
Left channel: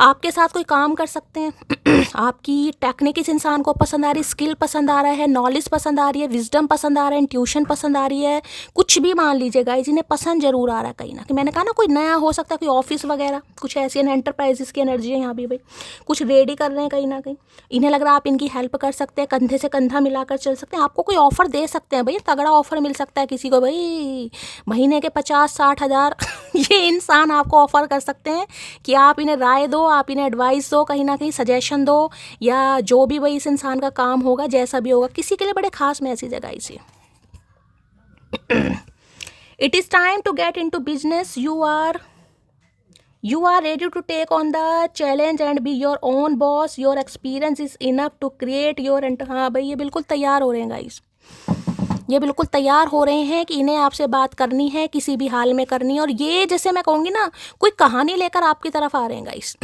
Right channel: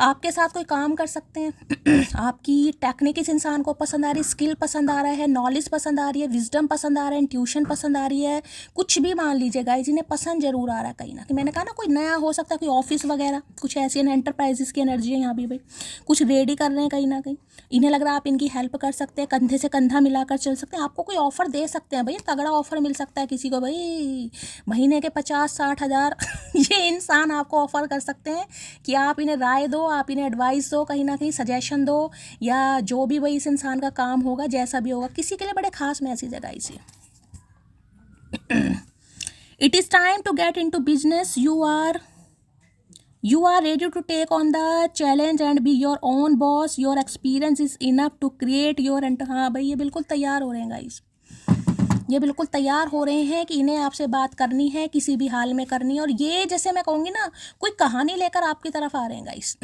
आपके साथ कोई काम कर सकते हैं। आपकी टेक्निक इस इंसान को पसंद आ रही है, स्किल पसंद आ रहा है, नॉलेज पसंद आ रही है, विजडम पसंद आ रहा है, इंट्यूशन पसंद आ रही है, कुछ भी मान लीजिए गाइस, इन्हें पसंद जरूर आ रहा है कहीं ना कहीं। मैंने कहा ना कोई नया हो सकता है, कोई ऑफिस वगैरह, कुछ ऐसी एंटरप्राइजेस की एनर्जी है यहाँ भी भाई, कुछ रेडी कर रहे हैं कहीं ना कहीं। इन्हें लग रहा है आप इनकी हेल्प कर सकते हैं, कंधे से कंधा मिलाकर चल सकते हैं, आपको कोई ऑफर दे सकते हैं भाई, तगड़ा ऑफर मिल सकता है किसी को भाई, महीने के 50-60 हज़ार ये इंसान आपको ऑफर कर सकते हैं कि आप इन्हें राय दो, आप इन्हें एडवाइस दो, कहीं ना कहीं सजेशन दो, या जो भी भाई इस इंसान का काम होगा, जैसा भी होगा, किसी के लिए बड़े खास मैसेज है गाइस ये। It is time to get into business, you are ready to take on the challenge and be your own boss, your experience is enough to create your हाँ भाई, ये बिल्कुल तैयार हो रहे हैं गाइस, ये बिल्कुल तैयार हो रहे हैं कि इन्हें आपसे बात करनी है, किसी भी हाल में करनी है। और ये जैसे मैं कहूँगी ना, कोई कहानी लेकर आपकी तरफ आ रहे हैं गाइस।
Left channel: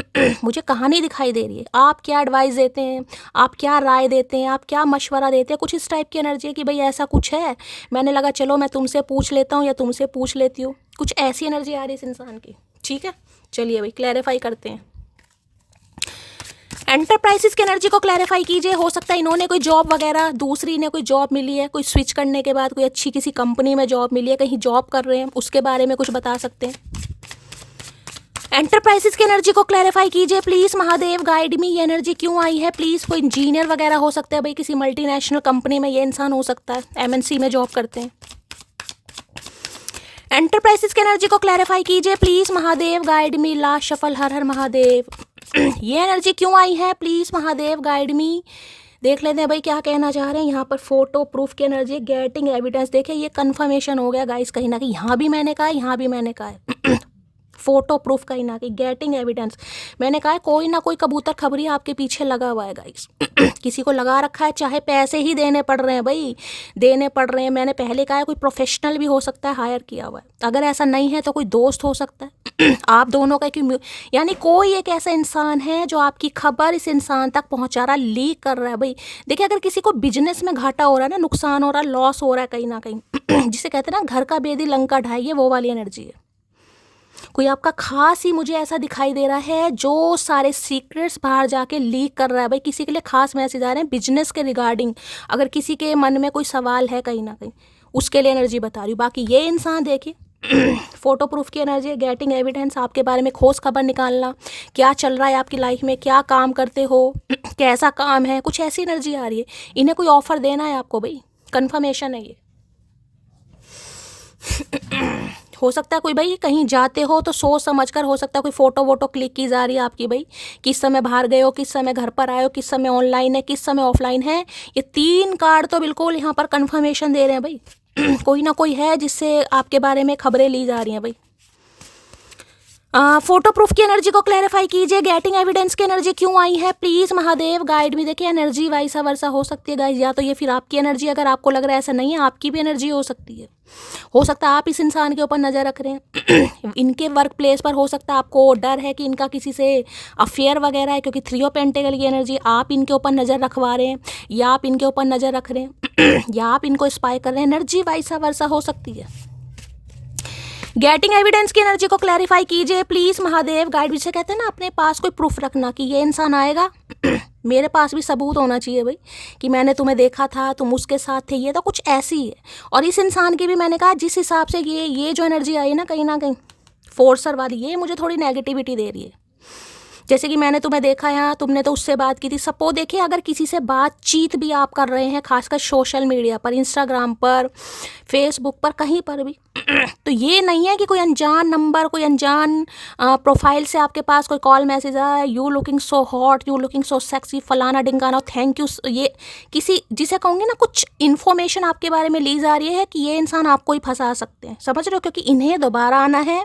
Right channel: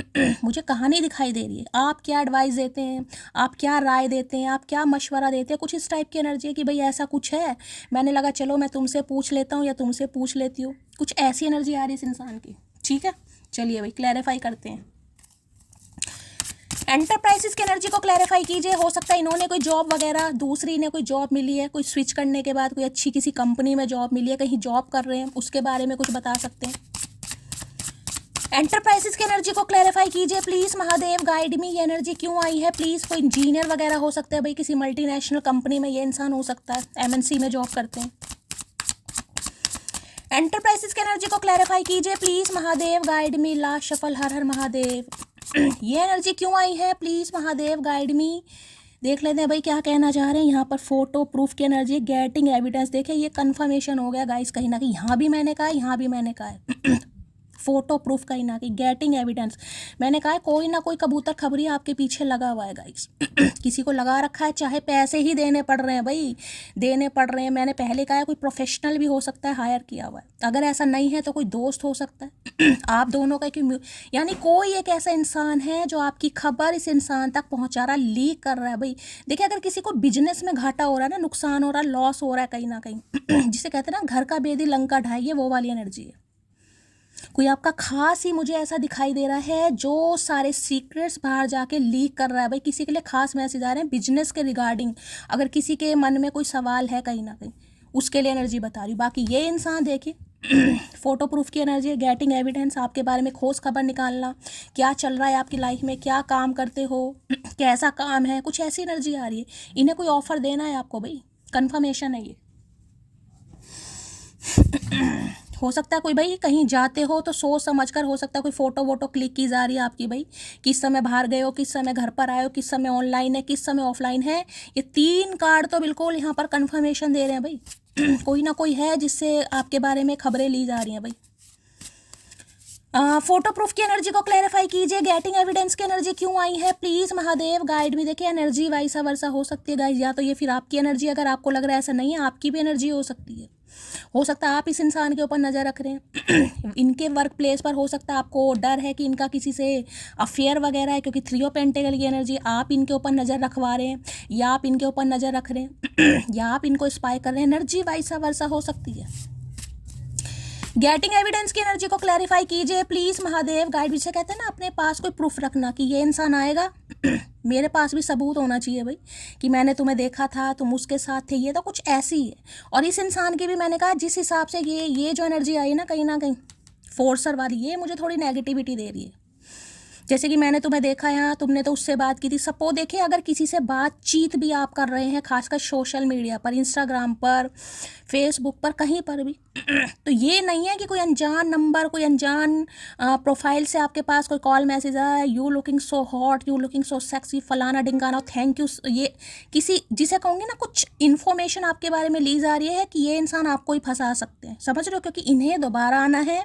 मुझे कहानी दिखाई दे रही है, आप क्या एडवाइस देते हैं, आप क्या राय देते हैं, आप क्या मशवरा देते हैं, कुछ इस टाइप की एनर्जी है कि भाई ऐसा कुछ है, मैंने लगा चलो मैं तुमसे पूछ लेता हूँ या तुमसे पूछ लेती हूँ, कुछ ऐसी एनर्जी आ रही है इस इंसान की। ठीक है, चलिए भाई क्लैरिफाई करते हैं। एंटरप्राइजेस की एनर्जी को क्लैरिफाई कीजिए। हो सकता है इन्होंने कोई जॉब वगैरह, दूसरी इन्हें कोई जॉब मिली है, कोई स्विच करने के बाद कोई अच्छी किसी कंपनी में जॉब मिली है, कहीं जॉब कर रहे हैं, उसके बारे में कुछ बता सकते हैं। एंटरप्राइजेस की एनर्जी को क्लैरिफाई कीजिए प्लीज़ महादेव, गाइड मी, ये एनर्जी क्यों आई है प्लीज़। कोई इंजीनियर वगैरह हो सकता है भाई, किसी मल्टीनेशनल कंपनी में ये इंसान हो सकता है, MNC में जॉब करते हैं। एंटरप्राइजेस की एनर्जी को क्लैरिफाई कीजिए please Mahadev, guide me, last shuffle, Har Har Mahadev. ये एनर्जी क्यों आई है प्लीज़ महादेव, गाइड मी। देख लेते हैं भाई क्या कहना चाह रहे हैं। यहाँ पर फोटो प्रूफ की एनर्जी, गेटिंग एविडेंस, देखिए ये कंफर्मेशन हो गया गाइस कहीं ना कहीं, यहाँ भी मैंने कहा, यहाँ भी मैंने कहा है। फोटो प्रूफ कहीं ना कहीं, गेटिंग एविडेंस, मैंने कहा है कोई ना कोई कबूतर खबरी आपके पीछे लगा हुआ है गाइस। किसी को लगा रखा है, चाहे पैसे ही देने पड़ रहे हैं भाई, देने पड़ रहे हैं। मैंने पहले कहा है कोई प्रोफेशनल भी हो सकता है, हायर किया हुआ है। अगर ऐसा नहीं है तो कोई दोस्त हो सकता है आप दोनों का, क्यों, यानी कोई एक ऐसा इंसान है जो आपकी खबर इस इंसान तक पहुंचा रहा, लीक कर रहा है भाई। देखिए अगर किसी को बिजनेस में घाटा हो रहा है ना, नुकसान हो रहा है, लॉस हो रहा है कहीं ना कहीं, जिसे कहते हैं ना घर का बेदी लंका ढाई, वो वाली एनर्जी है। कोई आपका खास ही मुझे ऐसा दिखाई दे रहा है जो सारे सीक्रेट्स बाहर जाके लीक कर रहा है भाई, किसी के लिए खास मैसेज आ रहे हैं बिजनेस के रिगार्डिंग। अगर किसी के मन में कोई सवाल है कहीं ना कहीं, उसके लिए एनर्जी बता रही हूँ। बाकी ये इंसान देखिए फोटो प्रूफ की एनर्जी, गेटिंग एविडेंस, आपके बारे में खोज खबर निकालना, क्या चल रहा है आपकी लाइफ में, क्या काम करते हो, कैसा काम है, कुछ ऐसी एनर्जी आ रही है। इन्हें कोई ऑफर देना है आपको भाई, कंफर्मेशन है ये। हो सकता है कोई भाई कहीं जाते हो तो सोच समझ कर, हो सकता है कोई फोटो वोटो क्लिक की जा रही है आपकी भाई, किस समय बाहर गए हो, किस समय घर पर आए हो, किस समय ऑनलाइन है, किस समय ऑफलाइन है। ये 3 कार्ड तो बिल्कुल यहाँ पर कंफर्मेशन दे रहे हैं भाई। कोई ना कोई है जिससे आपके बारे में खबरें ली जा रही हैं भाई। फोटो प्रूफ की एनर्जी को क्लैरिफाई कीजिए। गेटिंग एविडेंस की एनर्जी क्यों आई है प्लीज महादेव, गाइड भी। देखिए एनर्जी वाइसा वर्सा हो सकती है गाइस, या तो ये फिर आपकी एनर्जी, अगर आपको लग रहा है ऐसा नहीं है, आपकी भी एनर्जी हो सकती है। हो सकता है आप इस इंसान के ऊपर नज़र रख रहे हैं। इनके वर्क प्लेस पर हो सकता है आपको डर है कि इनका किसी से अफेयर वगैरह है, क्योंकि 3 ऑफ पेंटिकल की एनर्जी, आप इनके ऊपर नज़र रखवा रहे हैं या आप इनके ऊपर नज़र रख रहे हैं या आप इनको स्पाई कर रहे हैं। एनर्जी वाइसा वर्सा हो सकती है। गेटिंग एविडेंस की एनर्जी को क्लैरिफाई कीजिए प्लीज महादेव, गाइड भी से कहते हैं ना अपने पास कोई प्रूफ रखना कि ये इंसान आएगा। मेरे पास भी सबूत होना चाहिए भाई कि मैंने तुम्हें देखा था, तुम उसके साथ थे, ये तो कुछ ऐसी है। और इस इंसान की भी मैंने कहा जिस हिसाब से ये जो एनर्जी आई ना कहीं फोर्सर वाली, ये मुझे थोड़ी नेगेटिविटी दे रही है। जैसे कि मैंने तुम्हें देखा यहाँ, तुमने तो उससे बात की थी। सपोज देखिए अगर किसी से बातचीत भी आप कर रहे हैं, खासकर सोशल मीडिया पर, इंस्टाग्राम पर, फेसबुक पर, कहीं पर भी, तो ये नहीं है कि कोई अनजान नंबर, कोई अनजान प्रोफाइल से आपके पास कोई कॉल मैसेज आया, you looking so hot, you looking so sexy, फलाना डिंगाना, थैंक यू। ये किसी जिसे कहूँगी ना, कुछ इन्फॉर्मेशन आपके बारे में ली जा रही है कि ये इंसान आपको ही फंसा सकते हैं, समझ रहे हो, क्योंकि इन्हें दोबारा आना है।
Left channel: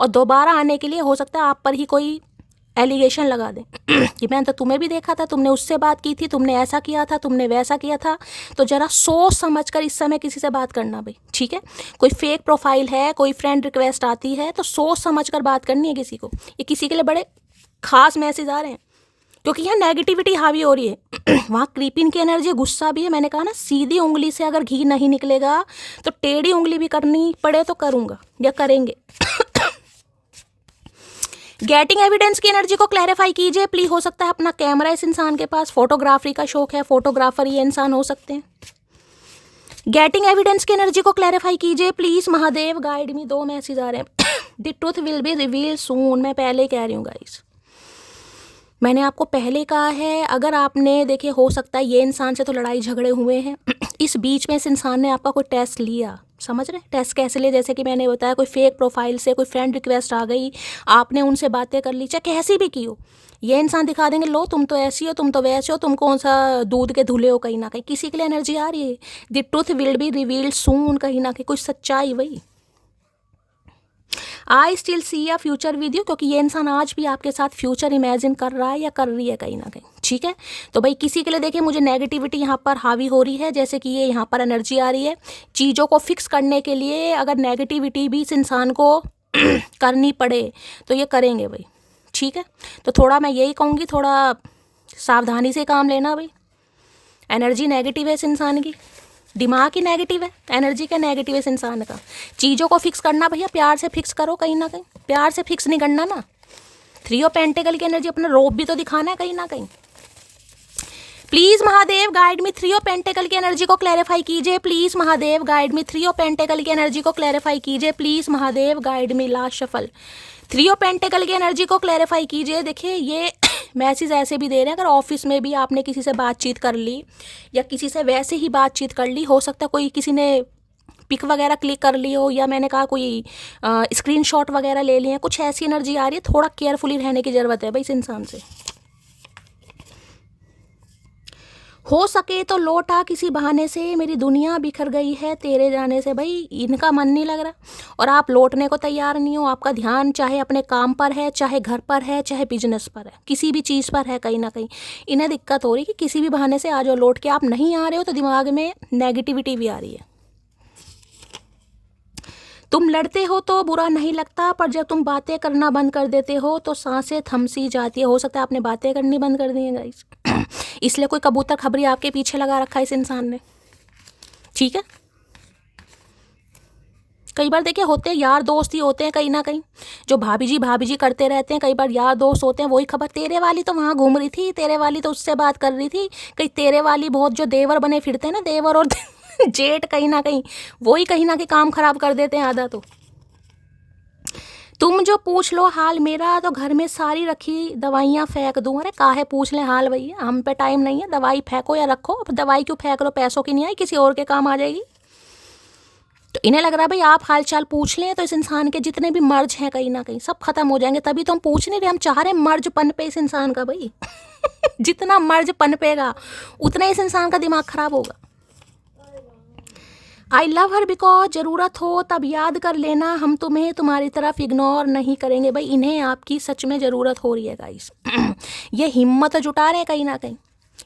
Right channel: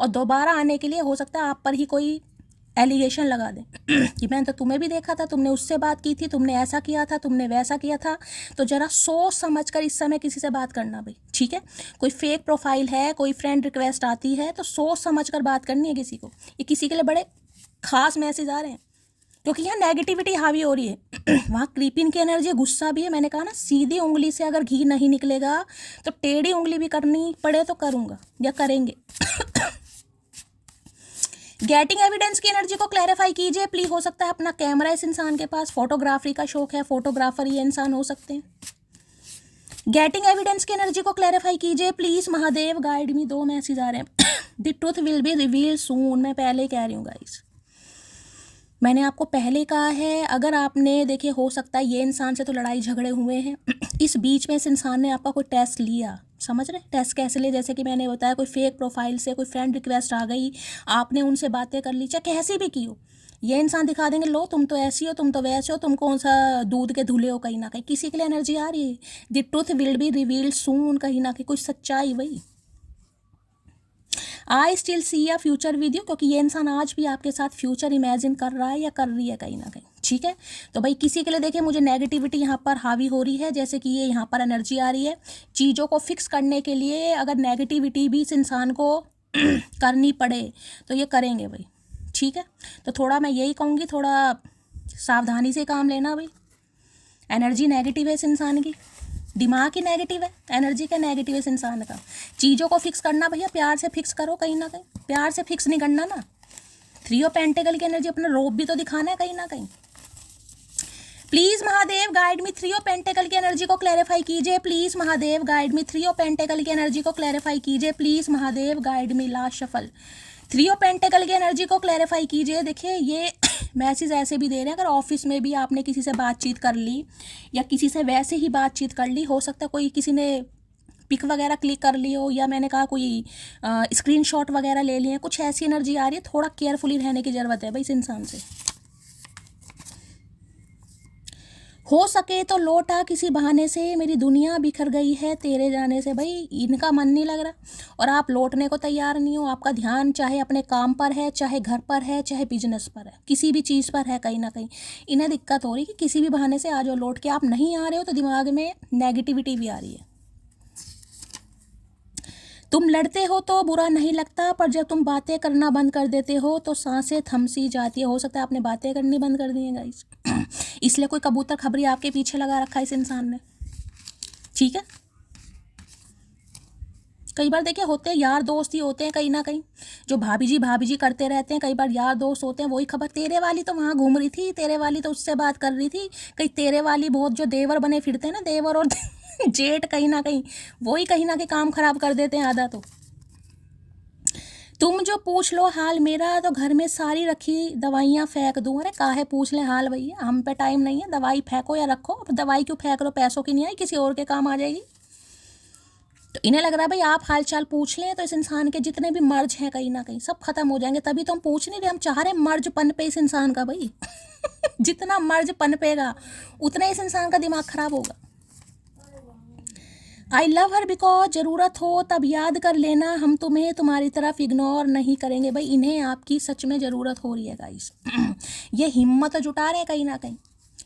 और दोबारा आने के लिए हो सकता है आप पर ही कोई एलिगेशन लगा दें कि मैंने तो तुम्हें भी देखा था, तुमने उससे बात की थी, तुमने ऐसा किया था, तुमने वैसा किया था। तो ज़रा सोच समझ कर इस समय किसी से बात करना भाई, ठीक है। कोई फेक प्रोफाइल है, कोई फ्रेंड रिक्वेस्ट आती है, तो सोच समझ कर बात करनी है किसी को। ये किसी के लिए बड़े खास मैसेज आ रहे हैं, क्योंकि यहाँ नेगेटिविटी हावी हो रही है। वहाँ क्रीपिन की एनर्जी, गुस्सा भी है। मैंने कहा ना, सीधी उंगली से अगर घी नहीं निकलेगा तो टेढ़ी उंगली भी करनी पड़े तो करूँगा या करेंगे। गेटिंग एविडेंस की एनर्जी को क्लैरिफाई कीजिए प्लीज। हो सकता है अपना कैमरा इस इंसान के पास, फोटोग्राफी का शौक है, फोटोग्राफर ये इंसान हो सकते हैं। गेटिंग एविडेंस की एनर्जी को क्लैरिफाई कीजिए please Mahadev, guide me. 2 message आ रहे हैं। The truth will be reveal soon. मैं पहले कह रही हूँ गाइस, मैंने आपको पहले कहा है, अगर आपने देखे हो सकता है ये इंसान से तो लड़ाई झगड़े हुए हैं इस बीच में इस इंसान ने आपका कोई टेस्ट लिया, समझ रहे? टेस्ट कैसे लिया? जैसे कि मैंने बताया, कोई फेक प्रोफाइल से कोई फ्रेंड रिक्वेस्ट आ गई, आपने उनसे बातें कर ली, चाहे कैसी भी की हो, ये इंसान दिखा देंगे लो तुम तो ऐसी हो, तुम तो वैसे हो, तुम कौन सा दूध के धुले हो। कहीं ना कहीं किसी के लिए एनर्जी आ रही है, the truth will be revealed soon. कहीं ना कहीं कुछ सच्चाई वही, I still see a future with you, क्योंकि ये इंसान आज भी आपके साथ फ्यूचर इमेजिन कर रहा है या कर रही है कहीं ना कहीं। ठीक है, तो भाई किसी के लिए देखिए मुझे नेगेटिविटी यहाँ पर हावी हो रही है, जैसे कि ये यहाँ पर एनर्जी आ रही है चीज़ों को फिक्स करने के लिए। अगर नेगेटिविटी भी इस इंसान को करनी पड़े तो ये करेंगे भाई। ठीक है, तो थोड़ा मैं यही कहूँगी, थोड़ा सावधानी से काम लेना भाई। एनर्जी नेगेटिव है इस इंसान की, दिमाग ही नेगेटिव है, एनर्जी का नेगेटिव है इस इंसान का। चीज़ों को फिक्स करना भैया प्यार से फिक्स करो, कहीं ना कहीं प्यार से फिक्स नहीं करना ना। 3 ऑफ पेंटिकल की एनर्जी, अपना रोप भी तो दिखाना है कहीं ना कहीं। Please Mahadev guide me. 3 of pentacle की एनर्जी को क्लैरिफाई कीजिए please Mahadev, guide me. 3 of pentacle की एनर्जी को क्लैरिफाई कीजिए please Mahadev, guide me. Last shuffle. 3 of pentacle की एनर्जी को क्लैरिफाई कीजिए। देखिए ये मैसेज ऐसे भी दे रहे हैं, अगर ऑफिस में भी आपने किसी से बातचीत कर ली या किसी से वैसे ही बातचीत कर ली, हो सकता है कोई किसी ने पिक वगैरह क्लिक कर ली हो, या मैंने कहा कोई स्क्रीनशॉट वगैरह ले लिए, कुछ ऐसी एनर्जी आ रही है। थोड़ा केयरफुली रहने की ज़रूरत है भाई इस इंसान से। हो सके तो लौट आ किसी बहाने से, मेरी दुनिया बिखर गई है तेरे जाने से। भाई इनका मन नहीं लग रहा और आप लौटने को तैयार नहीं हो। आपका ध्यान चाहे अपने काम पर है, चाहे घर पर है, चाहे बिजनेस पर है, किसी भी चीज़ पर है। कहीं ना कहीं इन्हें दिक्कत हो रही है कि किसी भी बहाने से आ जाओ लौट के। आप नहीं आ रहे हो तो दिमाग में नेगेटिविटी भी आ रही है। तुम लड़ते हो तो बुरा नहीं लगता, पर जब तुम बातें करना बंद कर देते हो तो सांसें थम सी जाती है। हो सकता है आपने बातें करनी बंद कर दी है गाइस इसलिए कोई कबूतर खबरी आपके पीछे लगा रखा है इस इंसान ने। ठीक है, कई बार देखिए होते हैं यार दोस्त ही होते हैं कहीं ना कहीं, जो भाभी जी करते रहते हैं। कई बार यार दोस्त होते हैं, वही खबर तेरे वाली तो वहाँ घूम रही थी, तेरे वाली तो उससे बात कर रही थी, कहीं तेरे वाली बहुत जो देवर बने फिरते हैं ना, देवर और जेठ, कहीं ना कहीं वही कहीं ना कहीं काम खराब कर देते हैं आधा। तो तुम जो पूछ लो हाल मेरा, तो घर में सारी रखी दवाइयाँ फेंक दूँ। अरे काहे पूछ लें हाल भैया, हम पे टाइम नहीं है। दवाई फेंको या रखो, अब दवाई क्यों फेंक रहे हो? पैसों की नहीं आई, किसी और के काम आ जाएगी। तो इन्हें लग रहा है भाई आप हाल चाल पूछ लें तो इस इंसान के जितने भी मर्ज हैं कहीं ना कहीं सब खत्म हो जाएंगे। तभी तो हम पूछ नहीं रहे, हम चाह रहे हैं मर्ज पनपे इस इंसान का भाई जितना मर्ज पनपेगा उतना इस इंसान का दिमाग खराब होगा। आई लव हर बिकॉज ज़रूरत हो तब याद कर लेना, हम तुम्हें तुम्हारी तरफ इग्नोर नहीं करेंगे। भाई इन्हें आपकी सच में ज़रूरत हो रही है गाइस ये हिम्मत जुटा रहे हैं कहीं ना कहीं।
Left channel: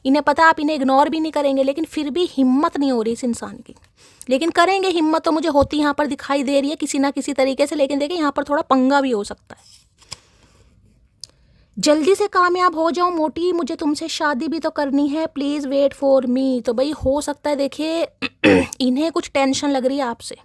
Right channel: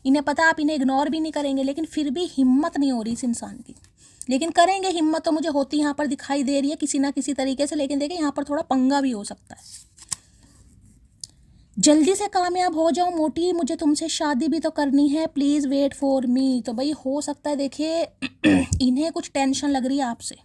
इन्हें पता आप इन्हें इग्नोर भी नहीं करेंगे, लेकिन फिर भी हिम्मत नहीं हो रही इस इंसान की। लेकिन करेंगे, हिम्मत तो मुझे होती यहाँ पर दिखाई दे रही है किसी ना किसी तरीके से। लेकिन देखिए यहाँ पर थोड़ा पंगा भी हो सकता है। जल्दी से कामयाब हो जाओ मोटी, मुझे तुमसे शादी भी तो करनी है, प्लीज़ वेट फॉर मी। तो भाई हो सकता है देखिए इन्हें कुछ टेंशन लग रही है आपसे,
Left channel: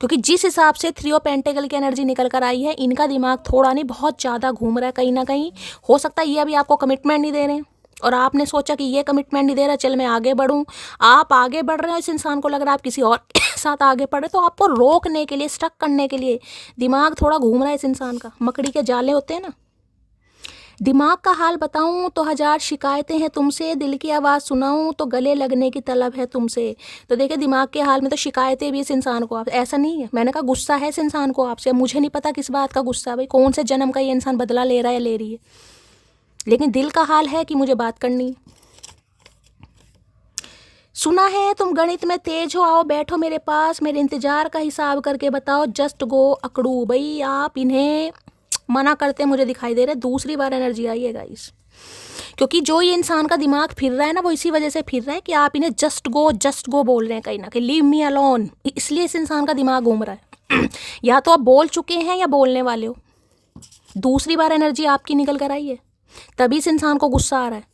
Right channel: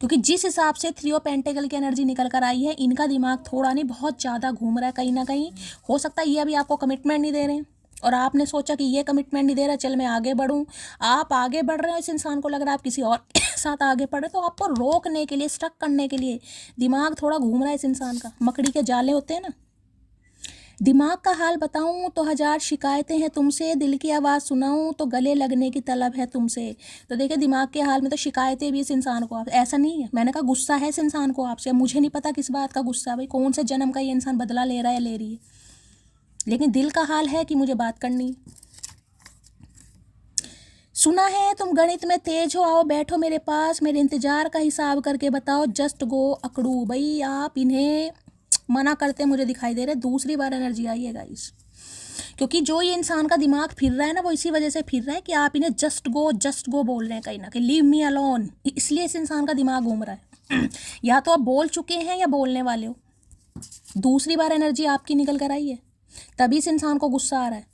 क्योंकि जिस हिसाब से 3 ऑफ पेंटिकल की एनर्जी निकल कर आई है, इनका दिमाग थोड़ा नहीं बहुत ज़्यादा घूम रहा है कहीं ना कहीं। हो सकता है ये अभी आपको कमिटमेंट नहीं दे रहे हैं और आपने सोचा कि ये कमिटमेंट नहीं दे रहा, चल मैं आगे बढ़ूँ। आप आगे बढ़ रहे हो, इस इंसान को लग रहा है आप किसी और के साथ आगे बढ़ रहे, तो आपको रोकने के लिए, स्टक करने के लिए दिमाग थोड़ा घूम रहा है इस इंसान का। मकड़ी के जाले होते हैं ना। दिमाग का हाल बताऊं तो 1000 शिकायतें हैं तुमसे, दिल की आवाज़ सुनाऊं तो गले लगने की तलब है तुमसे। तो देखिए दिमाग के हाल में तो शिकायतें भी इस इंसान को, आप ऐसा नहीं है, मैंने कहा गुस्सा है इस इंसान को आपसे। मुझे नहीं पता किस बात का गुस्सा, भाई कौन से जन्म का ये इंसान बदला ले रहा है या ले रही है, लेकिन दिल का हाल है कि मुझे बात करनी है। सुना है तुम गणित में तेज हो, आओ बैठो मेरे पास, मेरे इंतजार का हिसाब करके बताओ, जस्ट गो अकड़ू। भाई आप इन्हें मना करते मुझे दिखाई दे रहा है, दूसरी बार एनर्जी आई है गाइस। क्योंकि जो ये इंसान का दिमाग फिर रहा है ना, वो इसी वजह से फिर रहा है कि आप इन्हें जस्ट गो बोल रहे हैं कहीं ना कहीं, लीव मी अलोन। इसलिए इस इंसान का दिमाग घूम रहा है या तो आप बोल चुके हैं या बोलने वाले हो। दूसरी बार एनर्जी आपकी निकल कर आई है, तभी इस इंसान को गुस्सा आ रहा है।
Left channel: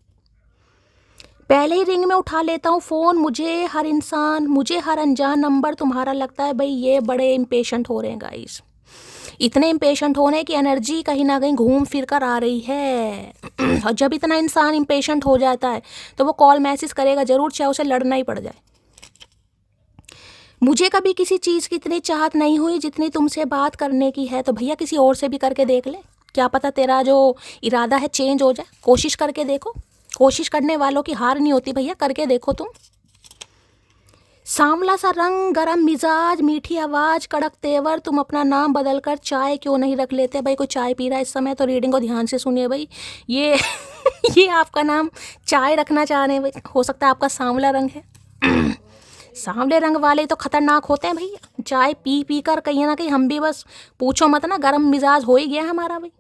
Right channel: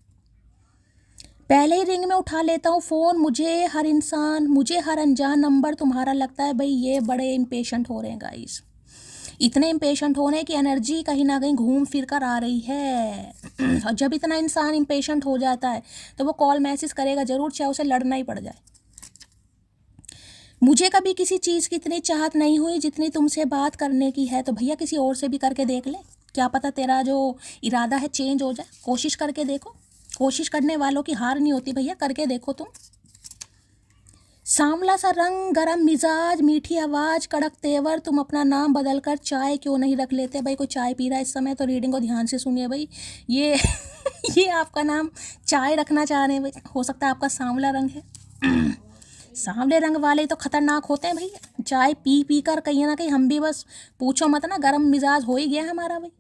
पहले ही रिंग में उठा लेता हूँ फ़ोन, मुझे हर अनजान नंबर तुम्हारा लगता है। भाई ये बड़े इम्पेशेंट हो रहे हैं गाइस, इतने इम्पेशेंट होने की एनर्जी कहीं ना कहीं घूम फिर कर आ रही है। और जब इतना इंसान इम्पेशेंट हो जाता है तो वो कॉल मैसेज करेगा ज़रूर, चाहे उसे लड़ना ही पड़ जाए। मुझे कभी किसी चीज़ की इतनी चाहत नहीं हुई जितनी तुमसे बात करने की है। तो भैया किसी और से भी करके देख ले, क्या पता तेरा जो इरादा है चेंज हो जाए। कोशिश करके देखो, कोशिश करने वालों की हार नहीं होती भैया, करके देखो तुम। सांवला सा रंग, गरम मिजाज, मीठी आवाज़, कड़क तेवर, तुम अपना नाम बदल कर चाय क्यों नहीं रख लेते? भाई कोई चाय पी रहा है इस समय तो रीडिंग को ध्यान से सुनिए भाई। ये ये आपका नाम चाय रखना चाह रहे हैं भाई, हो सकता है आपका सांवला रंग है। सांवले रंग वाले तो खतरनाक होते हैं भैया। चाय पी पी कर कहीं ना कहीं हम भी बस पूछो मत ना, गरम मिजाज हो ही गया हमारा भाई।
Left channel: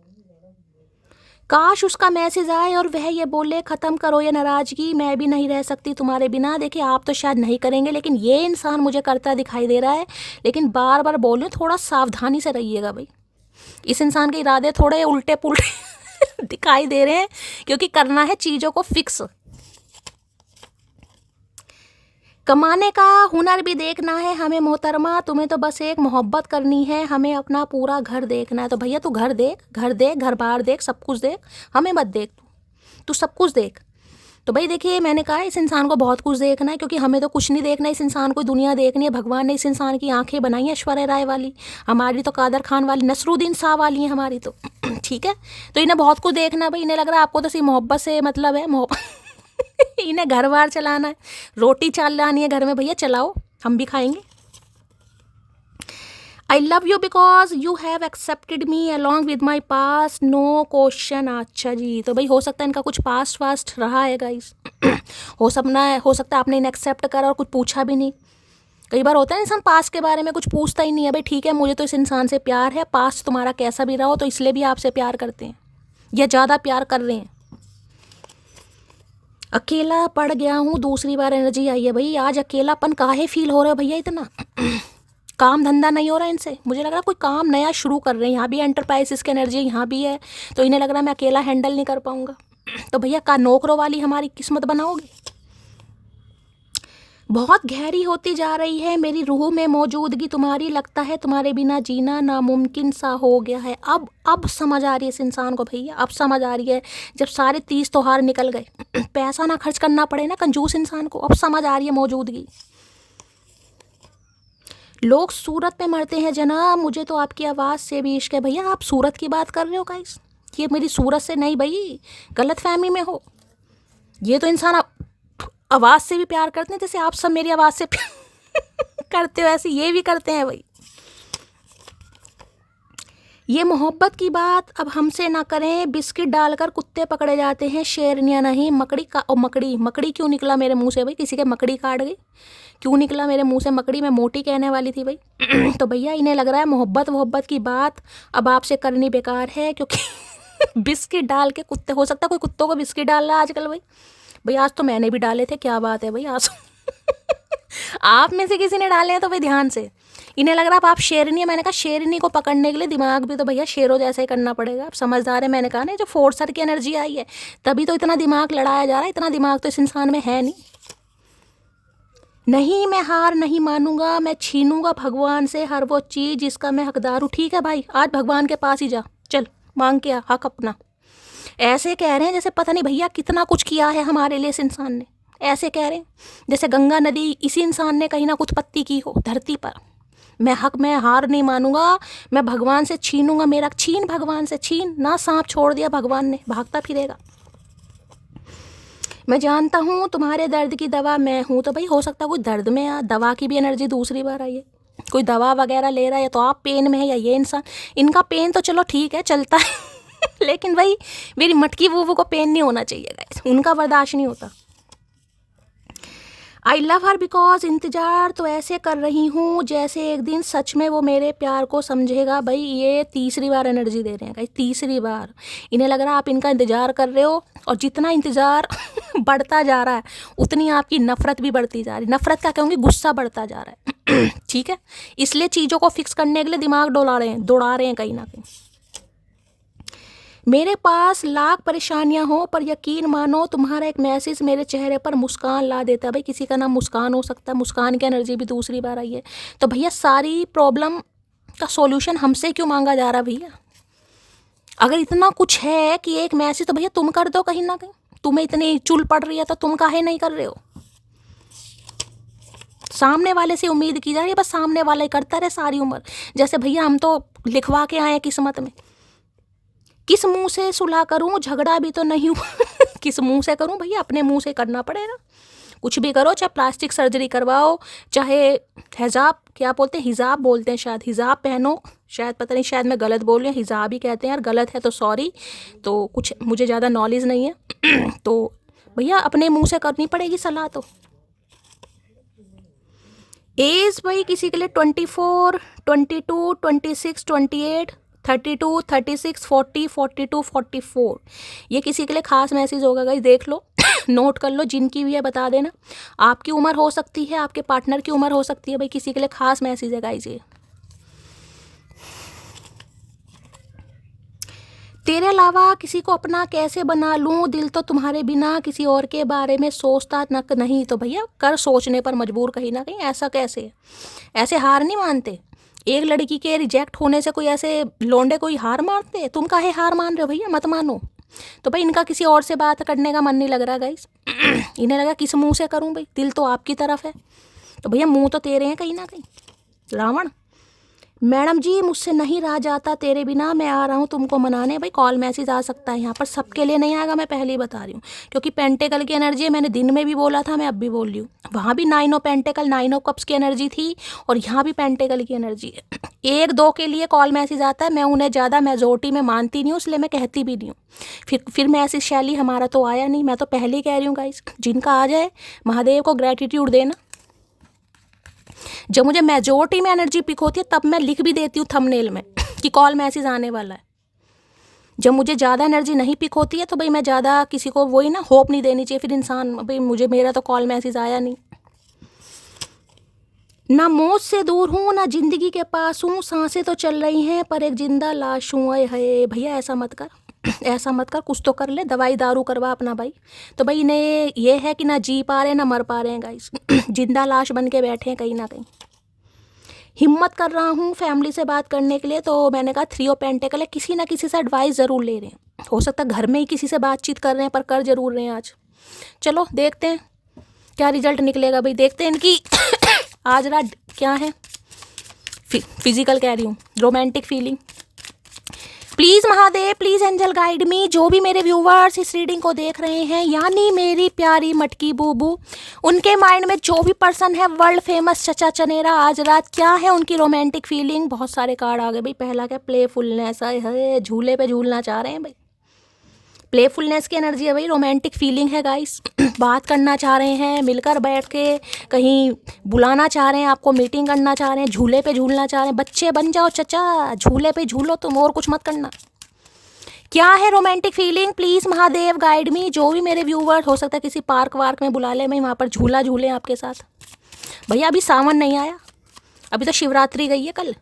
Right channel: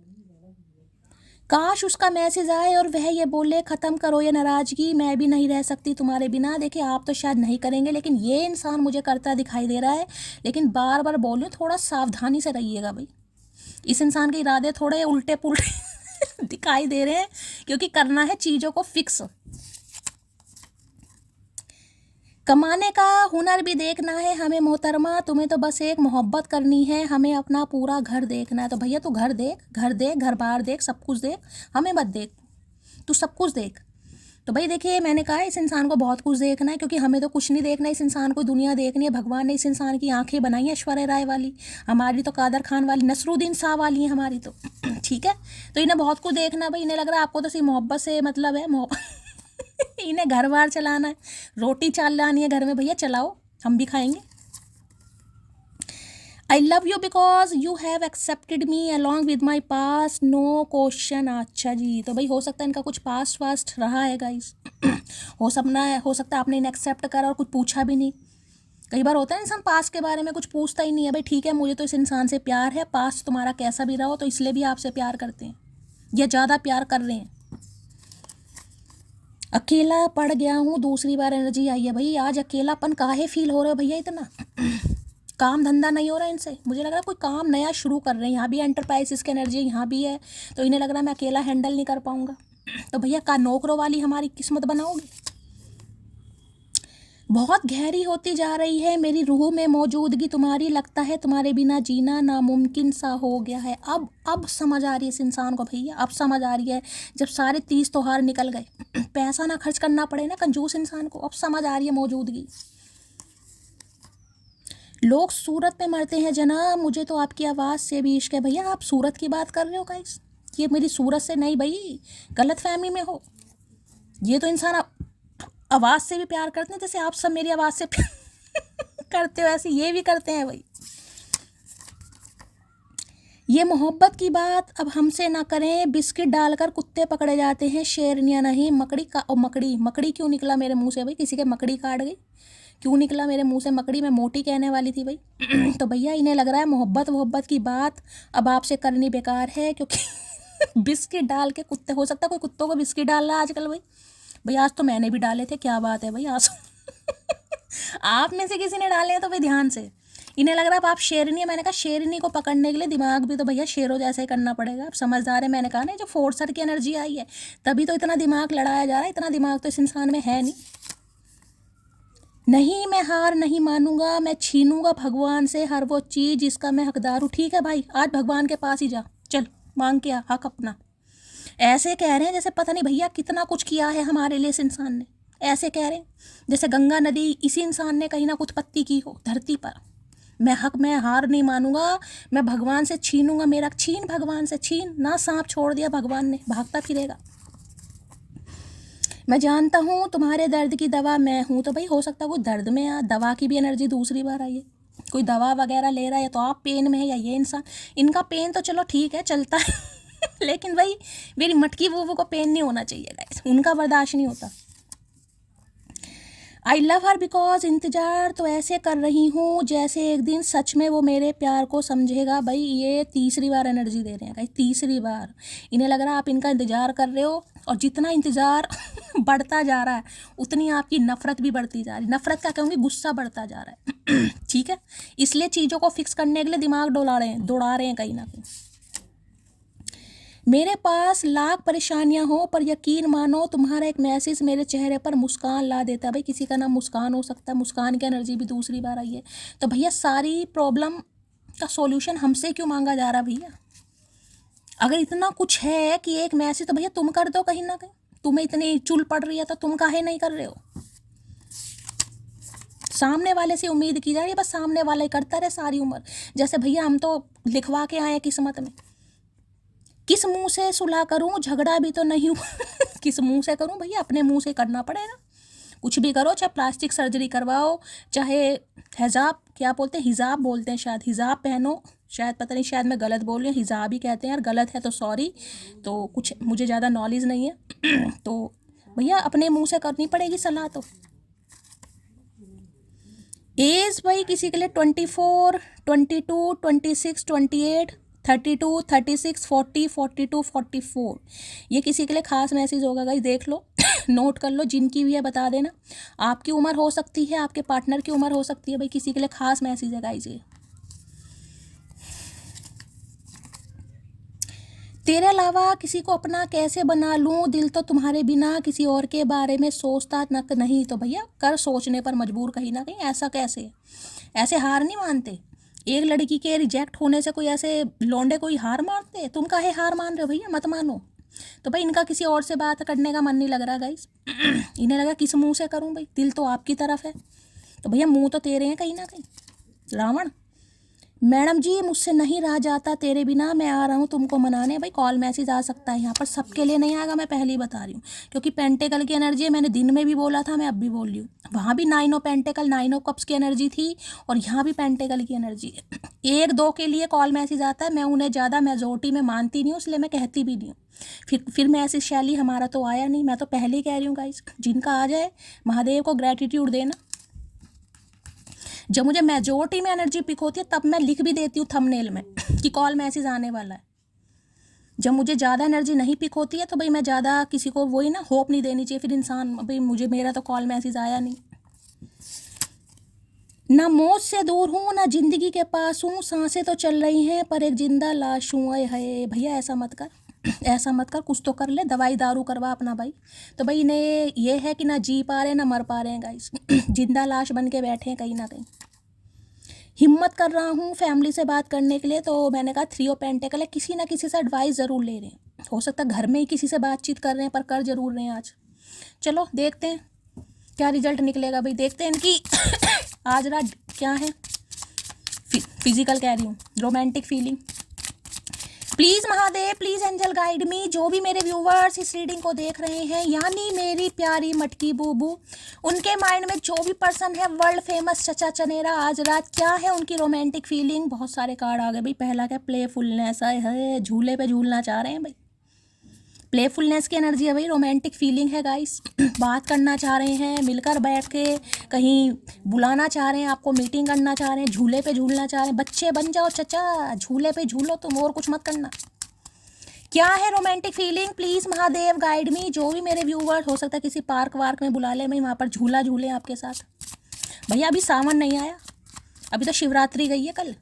काश उसका मैसेज आए और वह ये बोले ख़त्म करो ये नाराज़गी, मैं भी नहीं रह सकती तुम्हारे बिना। देखिए आप तो शायद नहीं करेंगे, लेकिन ये इंसान मुझे करता दिखाई दे रहा है। लेकिन बार बार बोल रही हूँ, थोड़ा सावधानी से रहिएगा भाई। इस इंसान के इरादे थोड़े उल्टे पुल्टे दिखाई दे रहे हैं, क्योंकि करना है चीज़ों को फिक्स। कमाने का हुनर भी देखना है हमें मोहतरमा, तुम्हें तो बस एक मोहब्बत करनी है, हमें अपना पूरा घर देखना है। तो भैया तू घर देख, घर देख, घर बार देख, सब कुछ देख, हमें मत देख, तू सब कुछ देख। तो भाई देखिए मैंने कहा इस इंसान को बहुत कुछ देखना है, क्योंकि हमें तो कुछ नहीं देखना, इस इंसान को दुनिया देखनी है। भगवान ने इस इंसान की आंखें बनाई हैं ऐश्वर्या राय वाली, हमारी तो कादर खान वाली, नसरुद्दीन शाह वाली है हमारी तो। ठीक है, तो इन्हें बहुत कुछ देखना है भाई। इन्हें लग रहा है आपको तो सिर्फ मोहब्बत से मतलब है, इन्हें घर बार चलाना है, रोटी चलानी है घर में, भैया चलाओ, हम भी खाएंगे। I love you because you have accepted me along with my past, no question. अच्छा जी, तो भाई हो सकता है इनका कुछ पास्ट वास्ट रहा है गाइस। हो सकता है आपने इन्हें एक्सेप्ट करा और कुछ पूछा भी नहीं। कई बार होता है इंसान पास्ट के बारे में कुछ पूछता ही नहीं है। भाई ठीक है, मुझे तो इस इंसान से प्यार है, पास्ट तुम्हारा कैसा भी रहा हो, तो इसलिए भी आपसे प्यार करते हैं या ज़्यादा प्यार कर रहे हैं। अकेला पड़ गया हूँ, दूसरी बार एनर्जी आई है भाई। आज अकेलापन काहे फील हो रहा है भैया इतना? काम धंधा नहीं हो रहा है इनसे, मुझे लग रहा है कोई काम नया शुरू कर रहे हैं। यहाँ भी एंटरप्राइजेस की एनर्जी यहाँ भी है, तो इन्हें लग रहा है मैं अकेला हैंडल नहीं कर पाऊँगा। तो भैया का नौकरों वाली हमारी किस्मत बनाओगे? बहुत गहरी होती जा रही है मेरी रूह में मौजूदगी तुम्हारी, लगता है तुम्हारे बिना जीना नामुमकिन सा हो गया है। अब समझ आ रही है इस इंसान को भैया, अब समझ आ रही है। जब सारे 30 त्योहार निकल गए, पैसा ना खर्च करना पड़े ना कंजूस इंसान को, अब समझ आ रही है मौजूदगी। लोग सूरत पे मरते हैं जनाब, मुझे तो आपकी आवाज़ से भी इश्क है। भैया आप सूरत की बात कर रहे हो गाइस? ये मेरी सूरत से नहीं भाई, गलत फहमी में हो। ये तो इंसान आवाज़ से भी प्यार करते हैं, जैसे आप सब मेरी आवाज़ से करते हो, ऐसे ये भी करते हैं भाई। ये मोहब्बत की बात अब हमसे ना करें, बिस्किट डालकर कुत्ते पकड़े जाते हैं, शेरनियाँ नहीं। मकड़ी का मकड़ी क्यों निकला मेरे मुंह से भाई? किसी के मकड़ी काट गई? क्यों निकला मेरे मुंह से मकड़ी? मैं मोटी कहने वाली थी भाई। तो भैया इन्हें लग रहा है मोहब्बत की बात अब आपसे करनी बेकार है, क्योंकि बिस्किट डाल के कुत्ते, हो सकता है कोई कुत्तों को बिस्किट डाल रहा है आजकल भाई। आज तो मैंने भी डाले थे, क्या बात है भाई आज। आप में से किसी ने डाले हैं तो भाई ध्यान से। इन्हें लग रहा है आप शेरनी है, मैंने कहा शेरनी को पकड़ने के लिए दिमाग भी तो भैया शेरों जैसा ही करना पड़ेगा। आप समझदार है, मैंने कहा ना जो फोर्सर की एनर्जी आई है तभी तो इतना दिमाग लड़ाया जा रहा है। इतना दिमाग तो इस इंसान में है नहीं। नहीं मैं हार नहीं मानूंगा, मैं छीनूंगा भगवान से हर वो चीज़ जिसका मैं हकदार हूँ। ठीक है भाई, आज भगवान के पास ही जा, चल मांग के हक अपना। ऐसे कह रहे हैं जैसे पता नहीं भैया कितना कुछ किया है हमारे लिए इस इंसान ने। ऐसे कह रहे हैं जैसे गंगा नदी इसी इंसान ने कहीं ना कुछ पत्ती की हो धरती पर। मैं हार नहीं मानूंगा, मैं भगवान से छीनूंगा मेरा। छीन भगवान से, छीन ना। सांप छोड़ दिया भगवान ने, भागता फिरेगा। मैं जानता हूँ तुम्हारे दर्द की दवा मैं हूँ। तो भाई हो सकता है कोई दर्द में या दवा की भी एनर्जी दूसरी बार आई है, कोई दवा वगैरह ले रहा है, या तो आप पेन में है या ये इंसान। इनका पेन तो चलो ठीक है चलता है लेकिन भाई मेरी मटकी बूबू को पेन नहीं होना चाहिए गाइस, उनका बर्दाश्त नहीं होता। आई लव हर बिकॉज इंतज़ार तो ऐसे कर रही हूँ जैसे एक दिन सच में वो मेरे प्यार को समझेगा। भाई ये तीसरी बार एनर्जी दे रहे हैं गाइस, तीसरी बार। इन्हें लग रहा है आप इनका इंतज़ार कर रहे हो, और जितना इंतज़ार बढ़ता जा रहा है उतनी आपकी नफ़रत भी बढ़ती जा रही है। नफ़रत क्या कहूँगी, गुस्सा बढ़ता जा रहा है। ठीक है, इसलिए चीज़ों को फिक्स करने के लिए दिमाग दौड़ा रहे हैं कहीं ना कहीं। मेरे पास लाख परेशानियां हो पर यकीन मानो तुम्हारा एक मैसेज मेरे चेहरे पर मुस्कान ला देता है। भाई किसी का नाम मुस्कान हो सकता है, मुस्कान की एनर्जी भी दूसरी बार आई है। तो भैया सारी प्रॉब्लम का सॉल्यूशन हमसे क्यों मांगा जा रहा भैया? अगर इतना कुछ है कि एक मैसेज तो भैया तुम कर दो कहीं ना कहीं। तुम्हें इतनी चुल पड़ रही है तो तुम काहे नहीं कर रहे हो? सामने वाले से उम्मीद की जा रही है, बस सामने वाला ही करता रहे सारी उम्र। जैसे भैया हम तो लिखवा के आए हैं किस्मत में। किस मुंह से सुलह करूं, झगड़ा भी तो नहीं हूं किस मुंह से करूं भैया? अपने मुंह से करना पड़ेगा। कुछ भी करो, चाहे प्लास्टिक सर्जरी करवाओ, चाहे हिजाब, क्या बोलते हैं, हिजाब बोलते हैं शायद, हिजाब पहनो, शायद, पता नहीं, शायद मैं गलत बोल रही हूँ, हिजाब ही कहते हैं यार, गलत है तो सॉरी। तो कुछ मुझे ज़्यादा नॉलेज नहीं है तो भैया अपने मुंह से करनी पड़ेगी सलाह। तो एज भाई किसी के लिए 24, 22, 26, 28, 32, 36, 40, 42, 44। ये किसी के लिए खास मैसेज होगा गाइस, देख लो नोट कर लो, जिनकी भी है बता देना। आपकी उम्र हो सकती है, आपके पार्टनर की उम्र हो सकती है, भाई किसी के लिए खास मैसेज है गाइस ये। तेरे अलावा किसी को अपना कैसे बना लूं, दिल तो तुम्हारे बिना किसी और के बारे में सोचता नक नहीं। तो भैया कर सोचने पर मजबूर कहीं ना कहीं। ऐसा कैसे? ऐसे हार नहीं मानते। एक लड़की के रिजेक्ट होने से कोई ऐसे लोंडे कोई हार मानते? तुम काहे हार मान रहे हो भैया? मत मानो। तो भाई इनका किसी और से बात करने का मन नहीं लग रहा गाइस इन्हें लगा किस मुंह से करूं, भाई दिल तो आपकी तरफ है। तो भैया मुंह तो तेरे हैं कहीं ना कहीं। रावण, मैडम जी मुझसे नहीं रहा जाता तेरे बिना, मैं आ रहा हूँ तुमको मनाने। भाई कॉल मैसेज आ सकता है यहाँ पर, सबके लिए नहीं आएगा, मैं पहले ही बता रही हूँ, क्योंकि पेंटेकल की एनर्जी है। मैंने दिन में भी बोला था, मैं अब भी बोल रही हूँ। वहाँ भी 9 ऑफ पेंटेकल, 9 ऑफ कप्स की एनर्जी थी, और यहाँ भी पेंटेकल की एनर्जी है। 1-2 के लिए कॉल मैसेज आता है, मैं उन्हें ज़्यादा मेजोरिटी में मानती नहीं हूँ, इसलिए मैं कहती भी नहीं हूँ। फिर मैसेज शैली हमारा तो आया नहीं, मैं तो पहले ही कह रही हूँ गाइस, जिनका आ जाए महादेव को ग्रेटिट्यूड देना। जब मुझे मेजोरिटी में एनर्जी पिक होती है तब मैं लिख भी देती हूँ थंबनेल में कि कॉल मैसेज आने वाला है। जब मुझे ज़्यादा एनर्जी नहीं पिक होती है तो भाई मैं ज़्यादा किसी को वही ना होप नहीं देनी चाहिए फिर इंसान, भाई मुझे मेरा तो कॉल मैसेज आया नहीं। ना मौत से दूर हूँ ना जिंदगी के पास हूँ, सांसें तो चल रही हैं पर एक जिंदा लाश हूँ। अरे है भैया ऐसा मत कर ऐसा मत कर, कुछ तो कर ले, दवाई दारू करवा अपना भाई। तो भाई इन्हें ये है कि ना जी पा रहे हैं ना मर पा रहे हैं गाइस जिंदा लाश बन के बैठे हैं कहीं ना कहीं। हिम्मत कर रहा हूँ फैमिली से बात करने के लिए, तो मैंने कहा 3 ऑफ पेंटेकल है, किसी ना किसी से एडवाइस ज़रूर ले रहे हैं। हो सकता है घर में ही किसी से बातचीत कर रहे हैं पर कर जरूर रहे हैं आज। चलो देखते हैं क्या रिजल्ट निकलेगा भाई, देखते हैं इनकी आज रात क्या है। फिजिकल कह रही हूँ, romantic feeling. Please Mahadev, please angel guide me. जो भी मेरे व्यूवर्स इस रीडिंग को देख रहे हैं, यानी मेरी प्यारी मटकी बूबू, उनके माइंड में जो भी पर्सन है वर्ल्ड फेमस चचा चनेरा, आज रात क्या है उनकी रोमांटिक फीलिंग। बहुत सारे कार्ड आ गए भाई। पहला क्या, प्लेफुलनेस है, झूले पे झूलना चाह रहे हैं भाई। प्लेफुलनेस की एनर्जी है भाई, रोमांटिक फीलिंग है गाइस। बात करना चाह रहे हैं, मिलकर बैठ के कहीं बुलाना चाह रहे हैं आपको, मीटिंग करना चाह रहे हैं, झूले पे झूलना चाह रहे हैं। बच्चे बन जाओ चचा, झूले पे झूलो तुम, और कुछ मत करना। क्या है romantic feeling, please Mahadev guide मी। जो भी मेरे व्यूवर्स, हो सकता है किसी पार्क वार्क में बुला ले, मैं वहाँ पर झूला झूले आपके साथ। भैया अभी सावन नहीं आया, अभी तो शिवरात्रि गई है कल।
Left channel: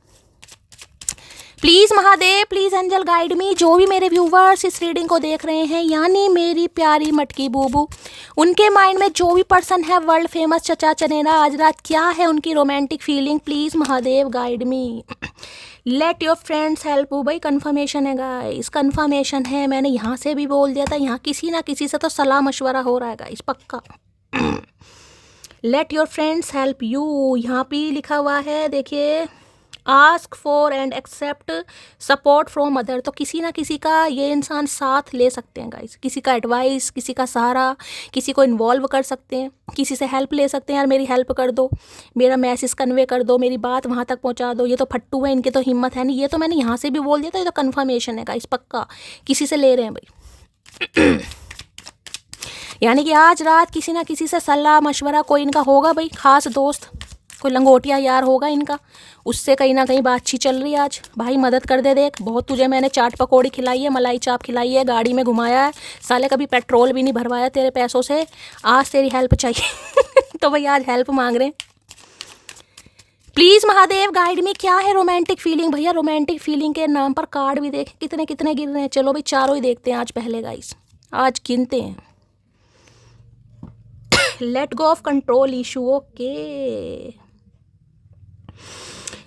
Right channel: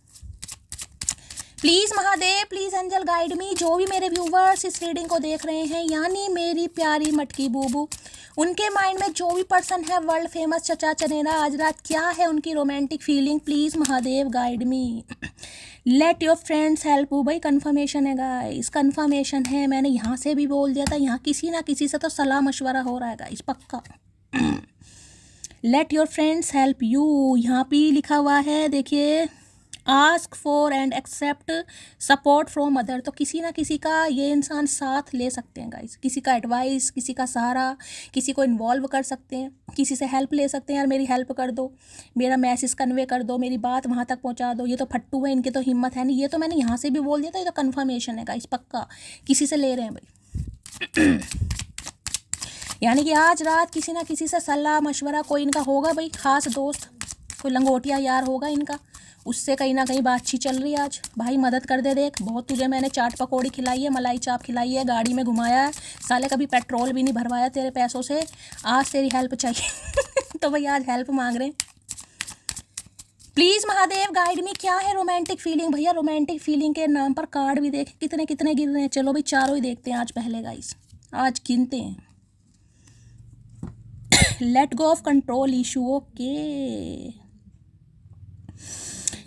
Please Mahadev, please angel guide me. जो भी मेरे व्यूवर्स इस रीडिंग को देख रहे हैं, यानी मेरी प्यारी मटकी बूबू, उनके माइंड में जो भी पर्सन है वर्ल्ड फेमस चचा चनेरा, आज रात क्या है उनकी romantic feeling, please Mahadev guide me. Late your friends help you. भाई कन्फर्मेशन है गाइस, कन्फर्मेशन है। मैंने यहाँ से भी बोल दिया था, यहाँ किसी ना किसी से तो सलाह मशवरा हो रहा है गाइस, पक्का। Let your friends help you, यहाँ पे लिखा हुआ है देखिए, ask for and accept support from other. तो किसी ना किसी का ये इंसान साथ ले सकते हैं गाइस, किसी का एडवाइस, किसी का सहारा, किसी को इन्वॉल्व कर सकते हैं, किसी से हेल्प ले सकते हैं। यार मेरी हेल्प कर दो, मेरा मैसेज कन्वे कर दो, मेरी बात वहाँ तक पहुँचा दो। ये तो फट्टू है, इनकी तो हिम्मत है नहीं। ये तो मैंने यहाँ से भी बोल दिया था, ये तो कन्फर्मेशन है गाइस, पक्का किसी से ले रहे हैं भाई यानी कि आज रात किसी ना किसी से सलाह मशवरा कोई इनका होगा भाई, खास दोस्त, कोई लंगोटिया यार होगा इनका, उससे कहीं ना कहीं बातचीत चल रही है आज। भाई मदद कर दे, देख बहुत तुझे मैंने चाट पकौड़ी खिलाई है, मलाई चाप खिलाई है, गाड़ी में घुमाया है, साले कभी पेट्रोल भी नहीं भरवाया तेरे पैसों से, आज तेरी हेल्प चाहिए तो भाई आज हेल्प मांग रहे हैं। प्लीज़ महादेव गाइड में, क्या है रोमांटिक फीलिंग। भैया रोमांटिक फीलिंग के नाम पर कार्ड भी देख कितने कितने गिर रहे हैं। चलो भाई चारों ही देखते हैं आज पहले गाइस, आज गिनते हैं। Let go of control issue, okay.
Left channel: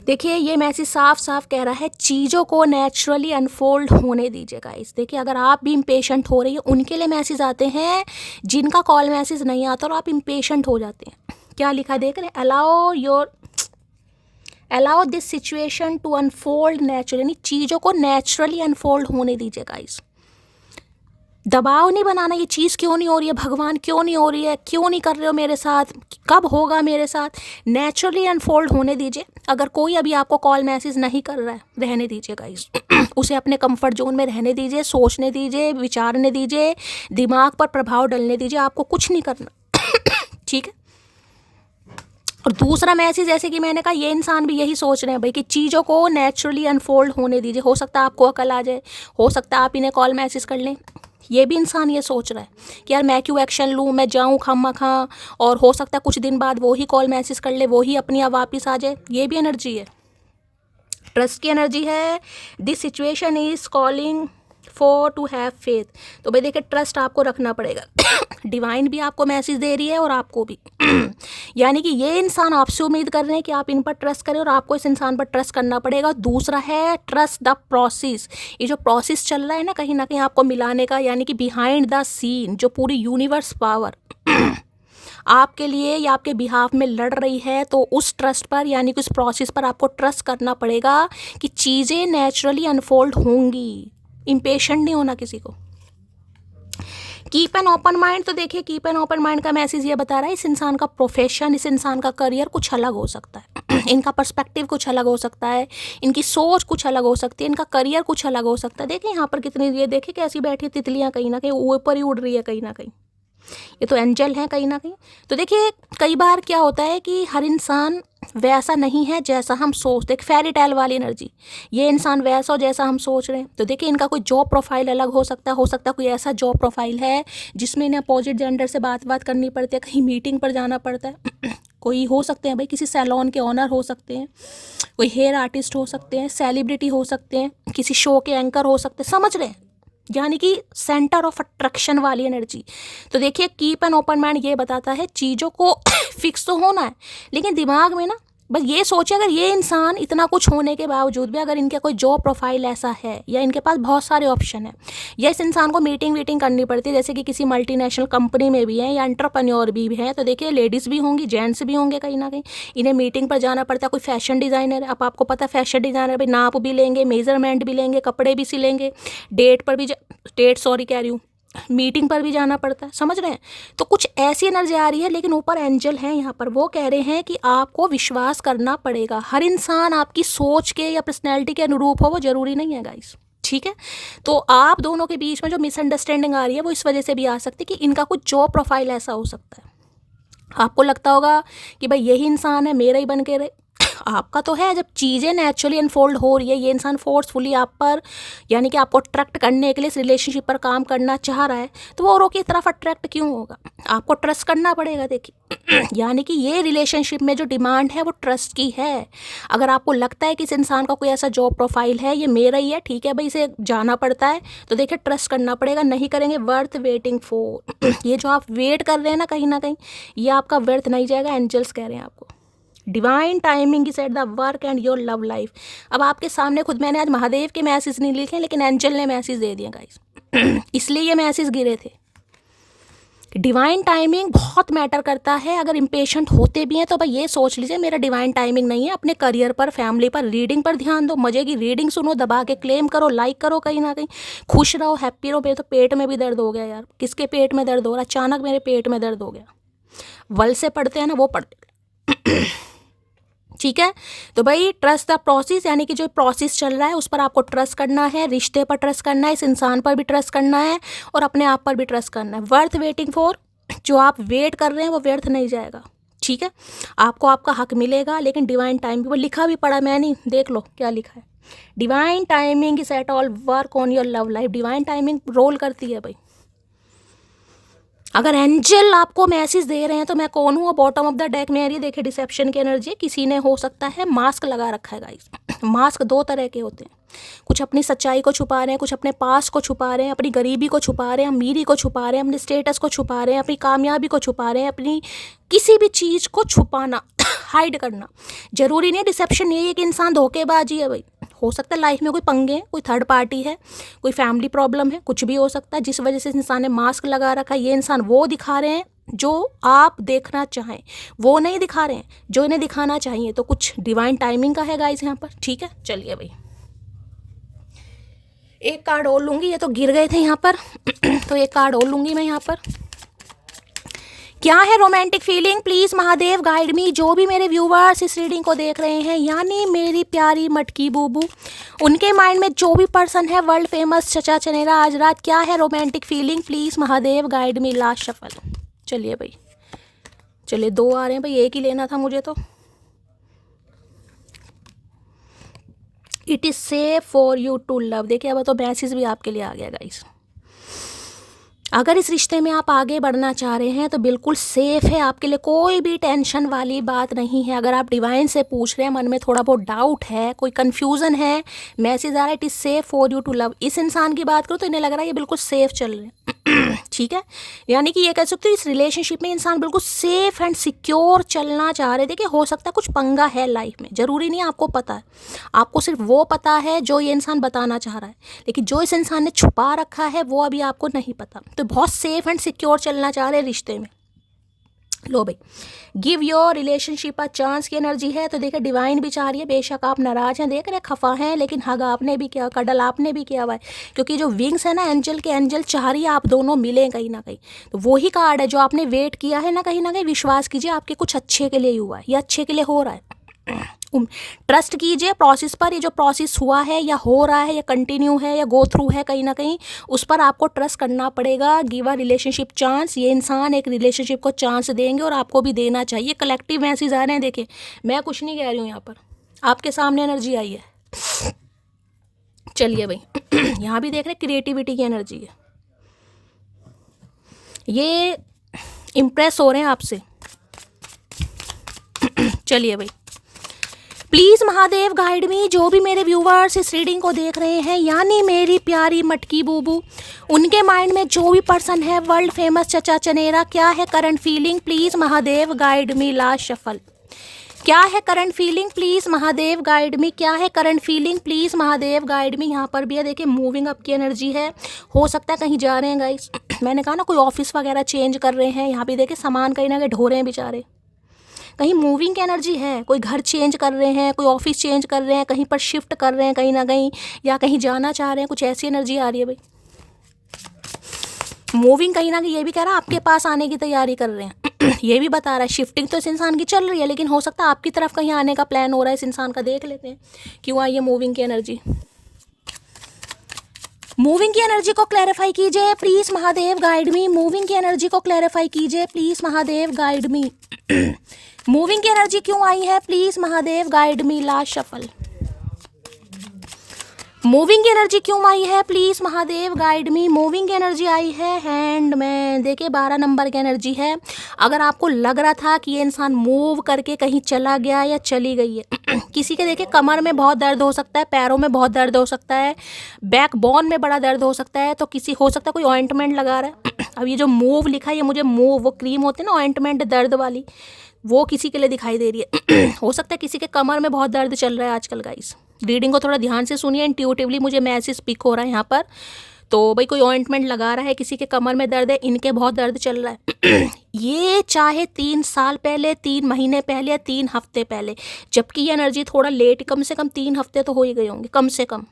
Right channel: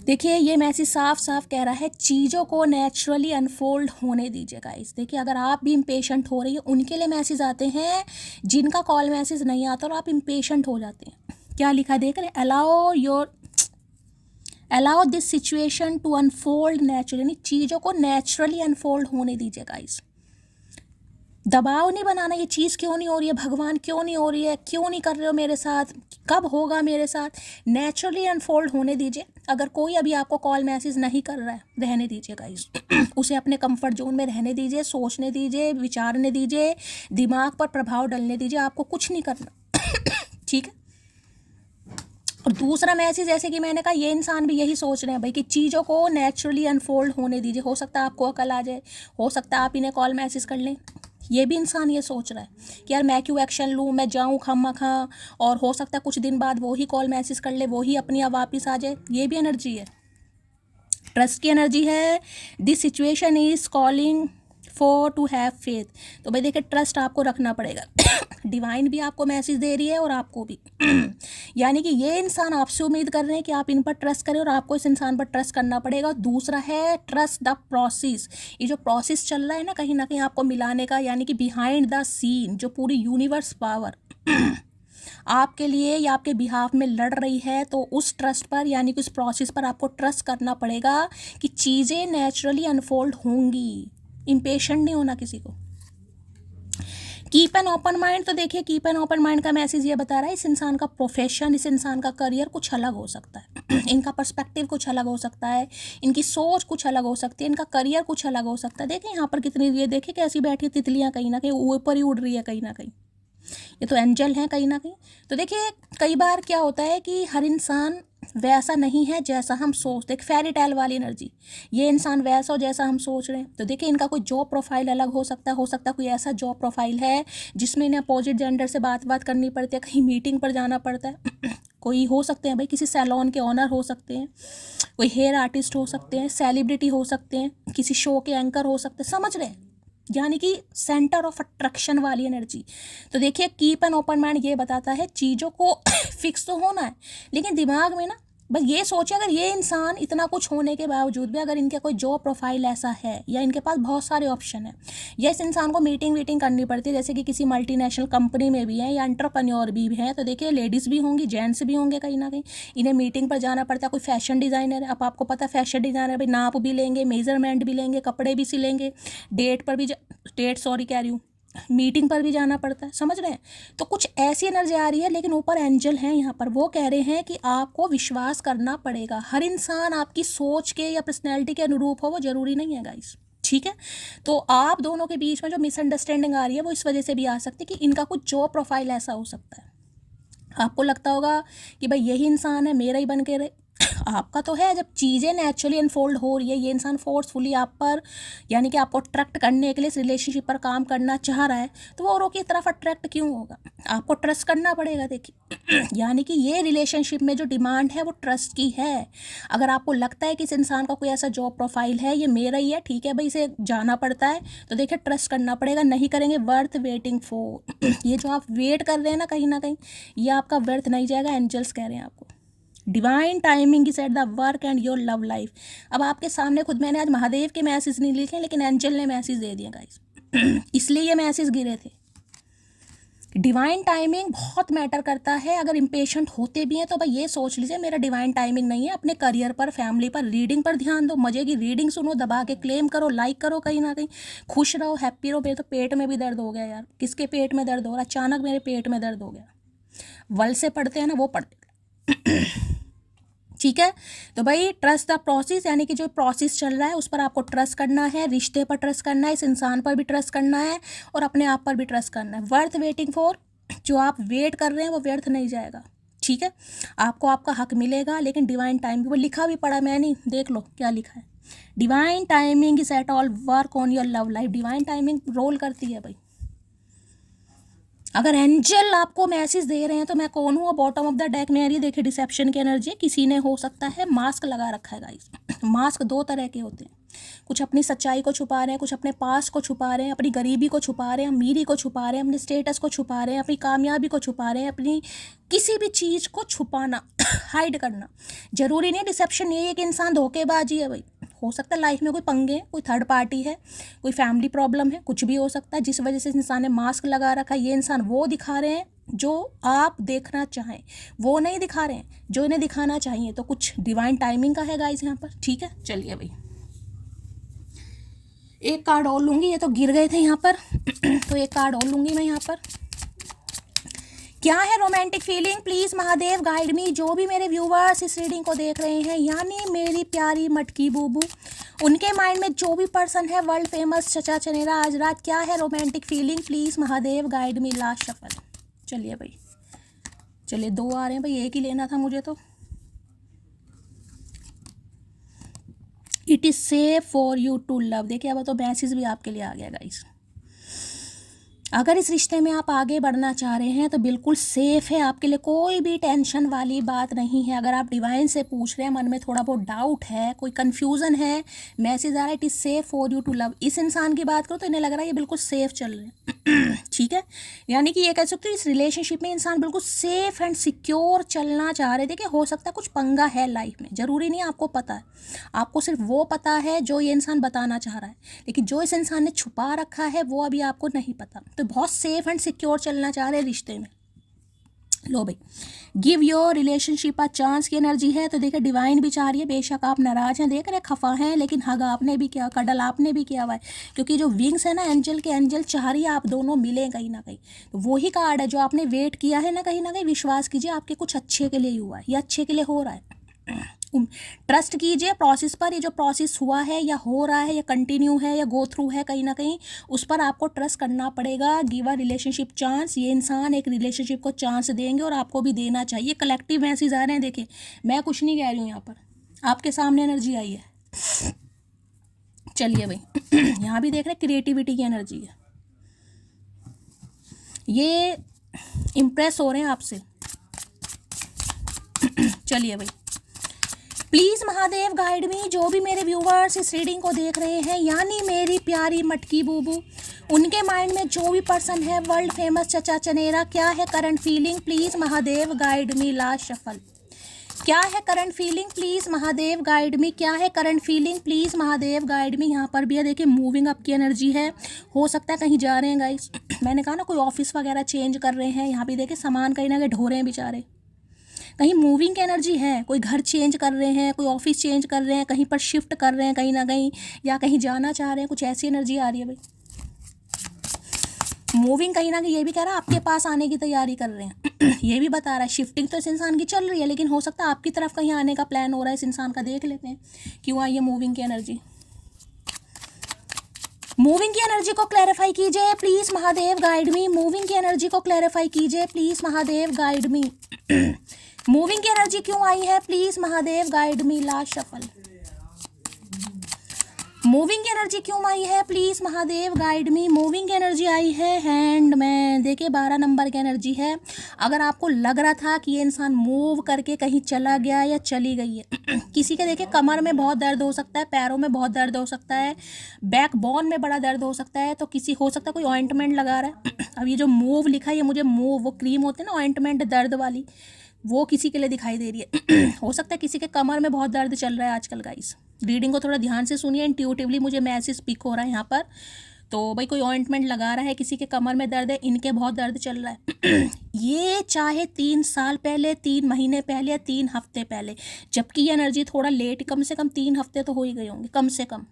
देखिए ये मैसेज साफ साफ कह रहा है चीज़ों को नेचुरली अनफोल्ड होने दीजिए गाइस। देखिए अगर आप भी इम्पेशेंट हो रही है, उनके लिए मैसेज आते हैं जिनका कॉल मैसेज नहीं आता और आप इम्पेशेंट हो जाते हैं। क्या लिखा देख रहे हैं, allow this situation to unfold naturally, यानी चीज़ों को नेचुरली अनफोल्ड होने दीजिए गाइस। दबाव नहीं बनाना, ये चीज़ क्यों नहीं हो रही है भगवान, क्यों नहीं हो रही है, क्यों नहीं कर रहे हो मेरे साथ, कब होगा मेरे साथ। नेचुरली अनफोल्ड होने दीजिए। अगर कोई अभी आपको कॉल मैसेज नहीं कर रहा है, रहने दीजिए गाइस। उसे अपने कंफर्ट जोन में रहने दीजिए, सोचने दीजिए, विचारने दीजिए, दिमाग पर प्रभाव डालने दीजिए। आपको कुछ नहीं करना ठीक है। और दूसरा मैसेज जैसे कि मैंने कहा, ये इंसान भी यही सोच रहे हैं भाई कि चीज़ों को नेचुरली अनफोल्ड होने दीजिए। हो सकता है आपको अकल आ जाए, हो सकता है आप इन्हें कॉल मैसेज कर लें। ये भी इंसान ये सोच रहा है कि यार मैं क्यों एक्शन लूँ, मैं जाऊँ खामखा, और हो सकता है कुछ दिन बाद वो ही कॉल मैसेज कर ले, वो ही अपनी आप वापस आ जाए। ये भी एनर्जी है, ट्रस्ट की एनर्जी है। This situation is calling for to have faith. तो भाई देखिए ट्रस्ट आपको रखना पड़ेगा। डिवाइन भी आपको मैसेज दे रही है और आपको भी। यानी कि ये इंसान आपसे उम्मीद कर रहे हैं कि आप इन पर ट्रस्ट करें और आपको इस इंसान पर ट्रस्ट करना पड़ेगा। दूसरा है ट्रस्ट द प्रोसेस। ये जो प्रोसेस चल रहा है ना कहीं आपको मिलाने का, यानी कि बिहाइंड द सीन जो पूरी यूनिवर्स पावर आपके लिए या आपके बिहाफ में लड़ रही है, तो उस ट्रस्ट पर यानी कि उस प्रोसेस पर आपको ट्रस्ट करना पड़ेगा कि चीज़ें नेचुरली अनफोल्ड होंगी। इम्पेशेंट नहीं होना किसी को। Keep an open mind. तो देखिए कीप एन ओपन माइंड का मैसेज ये बता रहा है इस इंसान का प्रोफेशन, इस इंसान का करियर कुछ अलग हो सकता है। इनका पर्सपेक्टिव कुछ अलग हो सकता है, इनकी सोच कुछ अलग हो सकती है, इनका करियर कुछ अलग हो सकता है। देखिए यहाँ पर कितनी, ये देखिए कैसी बैठी तितलियाँ, कहीं ना कहीं ऊपर ही उड़ रही है कहीं ना कहीं। ये तो एंजल हैं कहीं ना कहीं। तो देखिए कई बार क्या होता है कि हर इंसान वैसा नहीं है जैसा हम सोचते, एक फेरी टेल वाली एनर्जी। ये इंसान वैसा हो जैसा हम सोच रहे हैं। तो देखिए इनका कोई जॉब प्रोफाइल अलग हो सकता है कोई ऐसा जॉब प्रोफाइल है जिसमें इन्हें अपोजिट जेंडर से बात करनी पड़ती है, कहीं मीटिंग पर जाना पड़ता है। कोई हो सकते हैं भाई किसी सैलून के ऑनर हो सकते हैं, कोई हेयर आर्टिस्ट हो सकते हैं, सेलिब्रिटी हो सकते हैं, किसी शो के एंकर हो सकते हैं, समझ रहे हैं, यानी कि सेंटर ऑफ अट्रैक्शन वाली एनर्जी। तो देखिए कीप एन ओपन माइंड ये बताता है चीज़ों को फिक्स तो होना है, लेकिन दिमाग में ना बस ये सोचे अगर ये इंसान इतना कुछ होने के बावजूद भी अगर इनका कोई जॉब प्रोफाइल ऐसा है या इनके पास बहुत सारे ऑप्शन है, या इस इंसान को मीटिंग करनी पड़ती है जैसे कि किसी मल्टीनेशनल कंपनी में भी है या एंटरप्रेन्योर भी हैं, तो देखिए लेडीज़ भी होंगी, जेंट्स भी होंगे कहीं ना कहीं, इन्हें मीटिंग पर जाना पड़ता है। कोई फैशन डिज़ाइनर है, अब आपको पता है फैशन डिज़ाइनर भाई नाप भी लेंगे, मेजरमेंट भी लेंगे, कपड़े भी सिलेंगे, मीटिंग पर भी जाना पड़ता है, समझ रहे हैं। तो कुछ ऐसी एनर्जी आ रही है, लेकिन ऊपर एंजल हैं यहाँ पर, वो कह रहे हैं कि आपको विश्वास करना पड़ेगा। हर इंसान आपकी सोच के या पर्सनैलिटी के अनुरूप हो, वो जरूरी नहीं है गाइस, ठीक है। तो आप दोनों के बीच में जो मिसअंडरस्टैंडिंग आ रही है वो इस वजह से भी आ सकती है कि इनका कुछ जॉब प्रोफाइल ऐसा हो सकता है। आपको लगता होगा कि भाई यही इंसान है, मेरा ही बन के रहे। आपका तो है, जब चीज़ें नेचुरली अनफोल्ड हो रही है, ये इंसान फोर्सफुली आप पर यानी कि आपको अट्रैक्ट करने के लिए इस रिलेशनशिप पर काम करना चाह रहा है, तो वो औरों की तरफ अट्रैक्ट क्यों होगा। आपको ट्रस्ट करना पड़ेगा। देखिए यानी कि ये रिलेशनशिप में जो डिमांड है वो ट्रस्ट की है। अगर आपको लगता है कि इस इंसान का कोई ऐसा जॉब प्रोफाइल है, ये मेरा ही है, ठीक है भाई, इसे जाना पड़ता है, तो देखिए ट्रस्ट करना पड़ेगा। नहीं करेंगे वर्थ वेटिंग फॉर। ये जो आप वेट कर रहे हैं ना कहीं ये आपका व्यर्थ नहीं जाएगा। एंजल्स कह रहे हैं आपको divine timing is at the work and your love life. अब आपके सामने खुद मैंने आज महादेव के मैसेज नहीं लिखे, लेकिन एंजल ने मैसेज दे दिया गाइस। इसलिए ये मैसेज गिरे थे। डिवाइन टाइमिंग बहुत मैटर करता है। अगर इम्पेशेंट होते भी हैं तो भाई ये सोच लीजिए मेरा डिवाइन टाइमिंग नहीं है। अपने करियर पर, फैमिली पर, रीडिंग पर ध्यान दो, मजे की रीडिंग सुनो, दबा के क्लेम करो, लाइक करो, कहीं ना कहीं खुश रहो, हैप्पी रहो। मेरे तो पेट में भी दर्द हो गया यार। किसके पेट में दर्द हो रहा, अचानक मेरे पेट में दर्द हो गया। वल से पढ़ते हैं ना वो पढ़ते ठीक है। तो भाई ट्रस्ट द प्रोसेस, यानी कि जो प्रोसेस चल रहा है उस पर आपको ट्रस्ट करना है, रिश्ते पर ट्रस्ट करना है, इस इंसान पर भी ट्रस्ट करना है और अपने आप पर भी ट्रस्ट करना है। वर्थ वेटिंग फॉर, जो आप वेट कर रहे हैं वो व्यर्थ नहीं जाएगा, ठीक है। आपको आपका हक मिलेगा, लेकिन डिवाइन टाइम वो लिखा भी पड़ा, मैं नहीं, देख लो क्या लिखा है। Divine timing is at all work on your love life. Divine timing role करती है भाई। अगर एंजल आपको मैसेज दे रहे हैं तो मैं कौन हूँ, बॉटम ऑफ द डेक में देखिए डिसेप्शन की एनर्जी। किसी ने हो सकता है मास्क लगा रखा है गाइस। मास्क दो तरह के होते हैं, कुछ अपनी सच्चाई को छुपा रहे हैं, कुछ अपने पास को छुपा रहे हैं, अपनी गरीबी को छुपा रहे हैं, अमीरी को छुपा रहे हैं, अपने स्टेटस को छुपा रहे हैं, अपनी कामयाबी को छुपा रहे हैं, अपनी किसी भी चीज़ को छुपाना हाइड करना। ज़रूरी नहीं डिसेप्शन यही है कि इंसान धोखेबाजी है भाई, हो सकता है लाइफ में कोई पंगे हैं, कोई थर्ड पार्टी है, कोई फैमिली प्रॉब्लम है, कुछ भी हो सकता है जिस वजह से इस इंसान ने मास्क लगा रखा है। ये इंसान वो दिखा रहे हैं जो आप देखना चाहें, वो नहीं दिखा रहे हैं जो इन्हें दिखाना चाहिए। तो कुछ डिवाइन टाइमिंग का है गाइस यहाँ पर, ठीक है। चलिए भाई एक कार्ड और लूँगी, ये तो गिर गए थे यहाँ पर तो एक कार्ड और लूँगी मैं यहाँ पर। क्या है romantic feeling, please Mahadev guide मी। जो भी मेरे व्यूवर्स इस रीडिंग को देख रहे हैं, यानी मेरी प्यारी मटकी बूबू, उनके माइंड में जो भी पर्सन है वर्ल्ड फेमस चचा चनेरा आज रात, क्या है romantic feeling, please Mahadev guide me. Last shuffle. चलिए भाई, चलिए 2 आ रहे हैं भाई, एक ही लेना था मुझे तो। It is safe for you to love. देखिए अब तो मैसेज भी आपके लिए आ गया गाइस। अगर इस रिश्ते में आप आगे बढ़ना चाह रहे हैं तो बिल्कुल सेफ़ है आपके लिए, कोई भी टेंशन वाली बात नहीं है। अगर आप डिवाइन से पूछ रहे हैं, मन में थोड़ा बहुत डाउट है, कोई कन्फ्यूज़न है, मैसेज आ रहा है it is safe for you to love. इस इंसान की बात करो तो इन्हें लग रहा है ये बिल्कुल सेफ़ चल रहे हैं ठीक है। यानी कि ये कह सकते हो इस रिलेशनशिप में इंसान बिल्कुल सेफ़ एंड सिक्योर चलना चाह रहे थे। कि हो सकता है कुछ पंगा है लाइफ में, ज़रूरी नहीं आपको पता है, आपको सिर्फ वो पता है जो ये इंसान बताना चाह रहा है, लेकिन जो इस इंसान ने छुपा रखा है वो अभी आपको नहीं पता। तो बहुत सेफ एंड सिक्योर चलना चाह रहे हैं रिश्ते में। लो भाई, give your relationship a chance की एनर्जी है। तो देखिए डिवाइन भी चाह रही है, बेशक आप नाराज हैं, देख रहे खफा हैं, लेकिन हग आपने भी किया, कडल आपने भी किया हुआ है, क्योंकि जो विंग्स है ना एंजल के, एंजल चाह रही है आप दोनों मिलें कहीं ना कहीं। तो वही कार्ड है जो आपने वेट किया है ना कहीं विश्वास कीजिए आपके कुछ अच्छे के लिए ही हुआ है, ये अच्छे के लिए हो रहा है। ट्रस्ट कीजिए प्रोसेस पर, ये जो प्रोसेस हुआ है या हो रहा है या कंटिन्यू है या गो थ्रू है, कहीं ना कहीं उस पर आपको ट्रस्ट करना पड़ेगा। Give a relationship chance. ये इंसान एक रिलेशनशिप को चांस देंगे और आपको भी देना चाहिए। कलेक्टिव मैसेज आ रहे हैं, देखिए मैं कुछ नहीं कह रही हूँ, यहाँ पर आपके सामने एनर्जी आई है। चलिए भाई यहाँ भी देख रहे हैं क्रिएटिविटी की एनर्जी है, ये इम्प्रेस हो रहे हैं आपसे। चलिए भाई, प्लीज़ महादेव गाइड मी। जो भी मेरे व्यूवर्स इस रीडिंग को देख रहे हैं, यानी मेरी प्यारी मटकी बूबू, उनके माइंड में जो भी पर्सन है वर्ल्ड फेमस चचा चनेरा, क्या है current feeling, please Mahadev guide me. Last shuffle. क्या है current feeling, please Mahadev guide me. क्या है current feeling, please Mahadev guide मी। यहाँ पर भी है, देखिए मूविंग अप की एनर्जी है, हो सकता है कहीं जा रहे हैं गाइस। मैंने कहा ना कोई ऑफिस वगैरह चेंज कर रहे हैं, यहाँ भी देखिए सामान कहीं ना कहीं ढो रहे हैं बेचारे, कहीं मूविंग की एनर्जी है, कोई घर चेंज कर रहे हैं, कोई ऑफिस चेंज कर रहे हैं, कहीं पर शिफ्ट कर रहे हैं कहीं ना कहीं, या कहीं जाना चाह रहे हैं, कुछ ऐसी एनर्जी आ रही है भाई। मूविंग कहीं ना कहीं ये भी कह रहा है आपके पास आने की तैयारी कर रहे हैं ये भी बता रहा है शिफ्टिंग तो इस इंसान की चल रही है, लेकिन हो सकता है आपकी तरफ कहीं आने का प्लान हो रहा है इस इंसान का। देख लेते हैं क्यों आई है मूविंग की एनर्जी। मूविंग की एनर्जी को क्लैरिफाई कीजिए please Mahadev guide me. Moving की एनर्जी को क्लैरिफाई कीजिए please Mahadev guide me. Moving की एनर्जी क्यों आई है, please Mahadev guide me. Last shuffle. Moving की एनर्जी क्यों आई है, please Mahadev guide me. Moving की एनर्जी आई है हैंडमैन। देखिए 12 नंबर की एनर्जी है। अगर आपको लग रहा था कि ये इंसान मूव करके कहीं चला गया या चली गई है किसी के देखिए कमर में बहुत दर्द हो सकता है, पैरों में बहुत दर्द हो सकता है, बैकबोन में बड़ा दर्द हो सकता है, तो किसी हो सकता है कोई ऑइंटमेंट लगा रहा है अब ये जो मूव लिखा है ये मुझे मूव, वो क्रीम होती है ना ऑइंटमेंट दर्द वाली, वो किसी के लिए दिखाई दे रही है हो सकता है किसी के कमर में बहुत दर्द चल रहा है आजकल गाइस। रीडिंग को थोड़ा ध्यान से सुनिए, इंट्यूटिवली मुझे मैसेज पिक हो रहा है यहाँ पर। तो भाई कोई ऑइंटमेंट लगा रहा है, किसी के कमर में दर्द है, इनके बहुत दर्द चल रहा है ये चाहे 3 साल पहले, 3 महीने पहले या 3 हफ्ते पहले, जबकि ये एनर्जी थोड़ा लेट, कम से कम 3 हफ्ते तो हो ही गए होंगे कम से कम।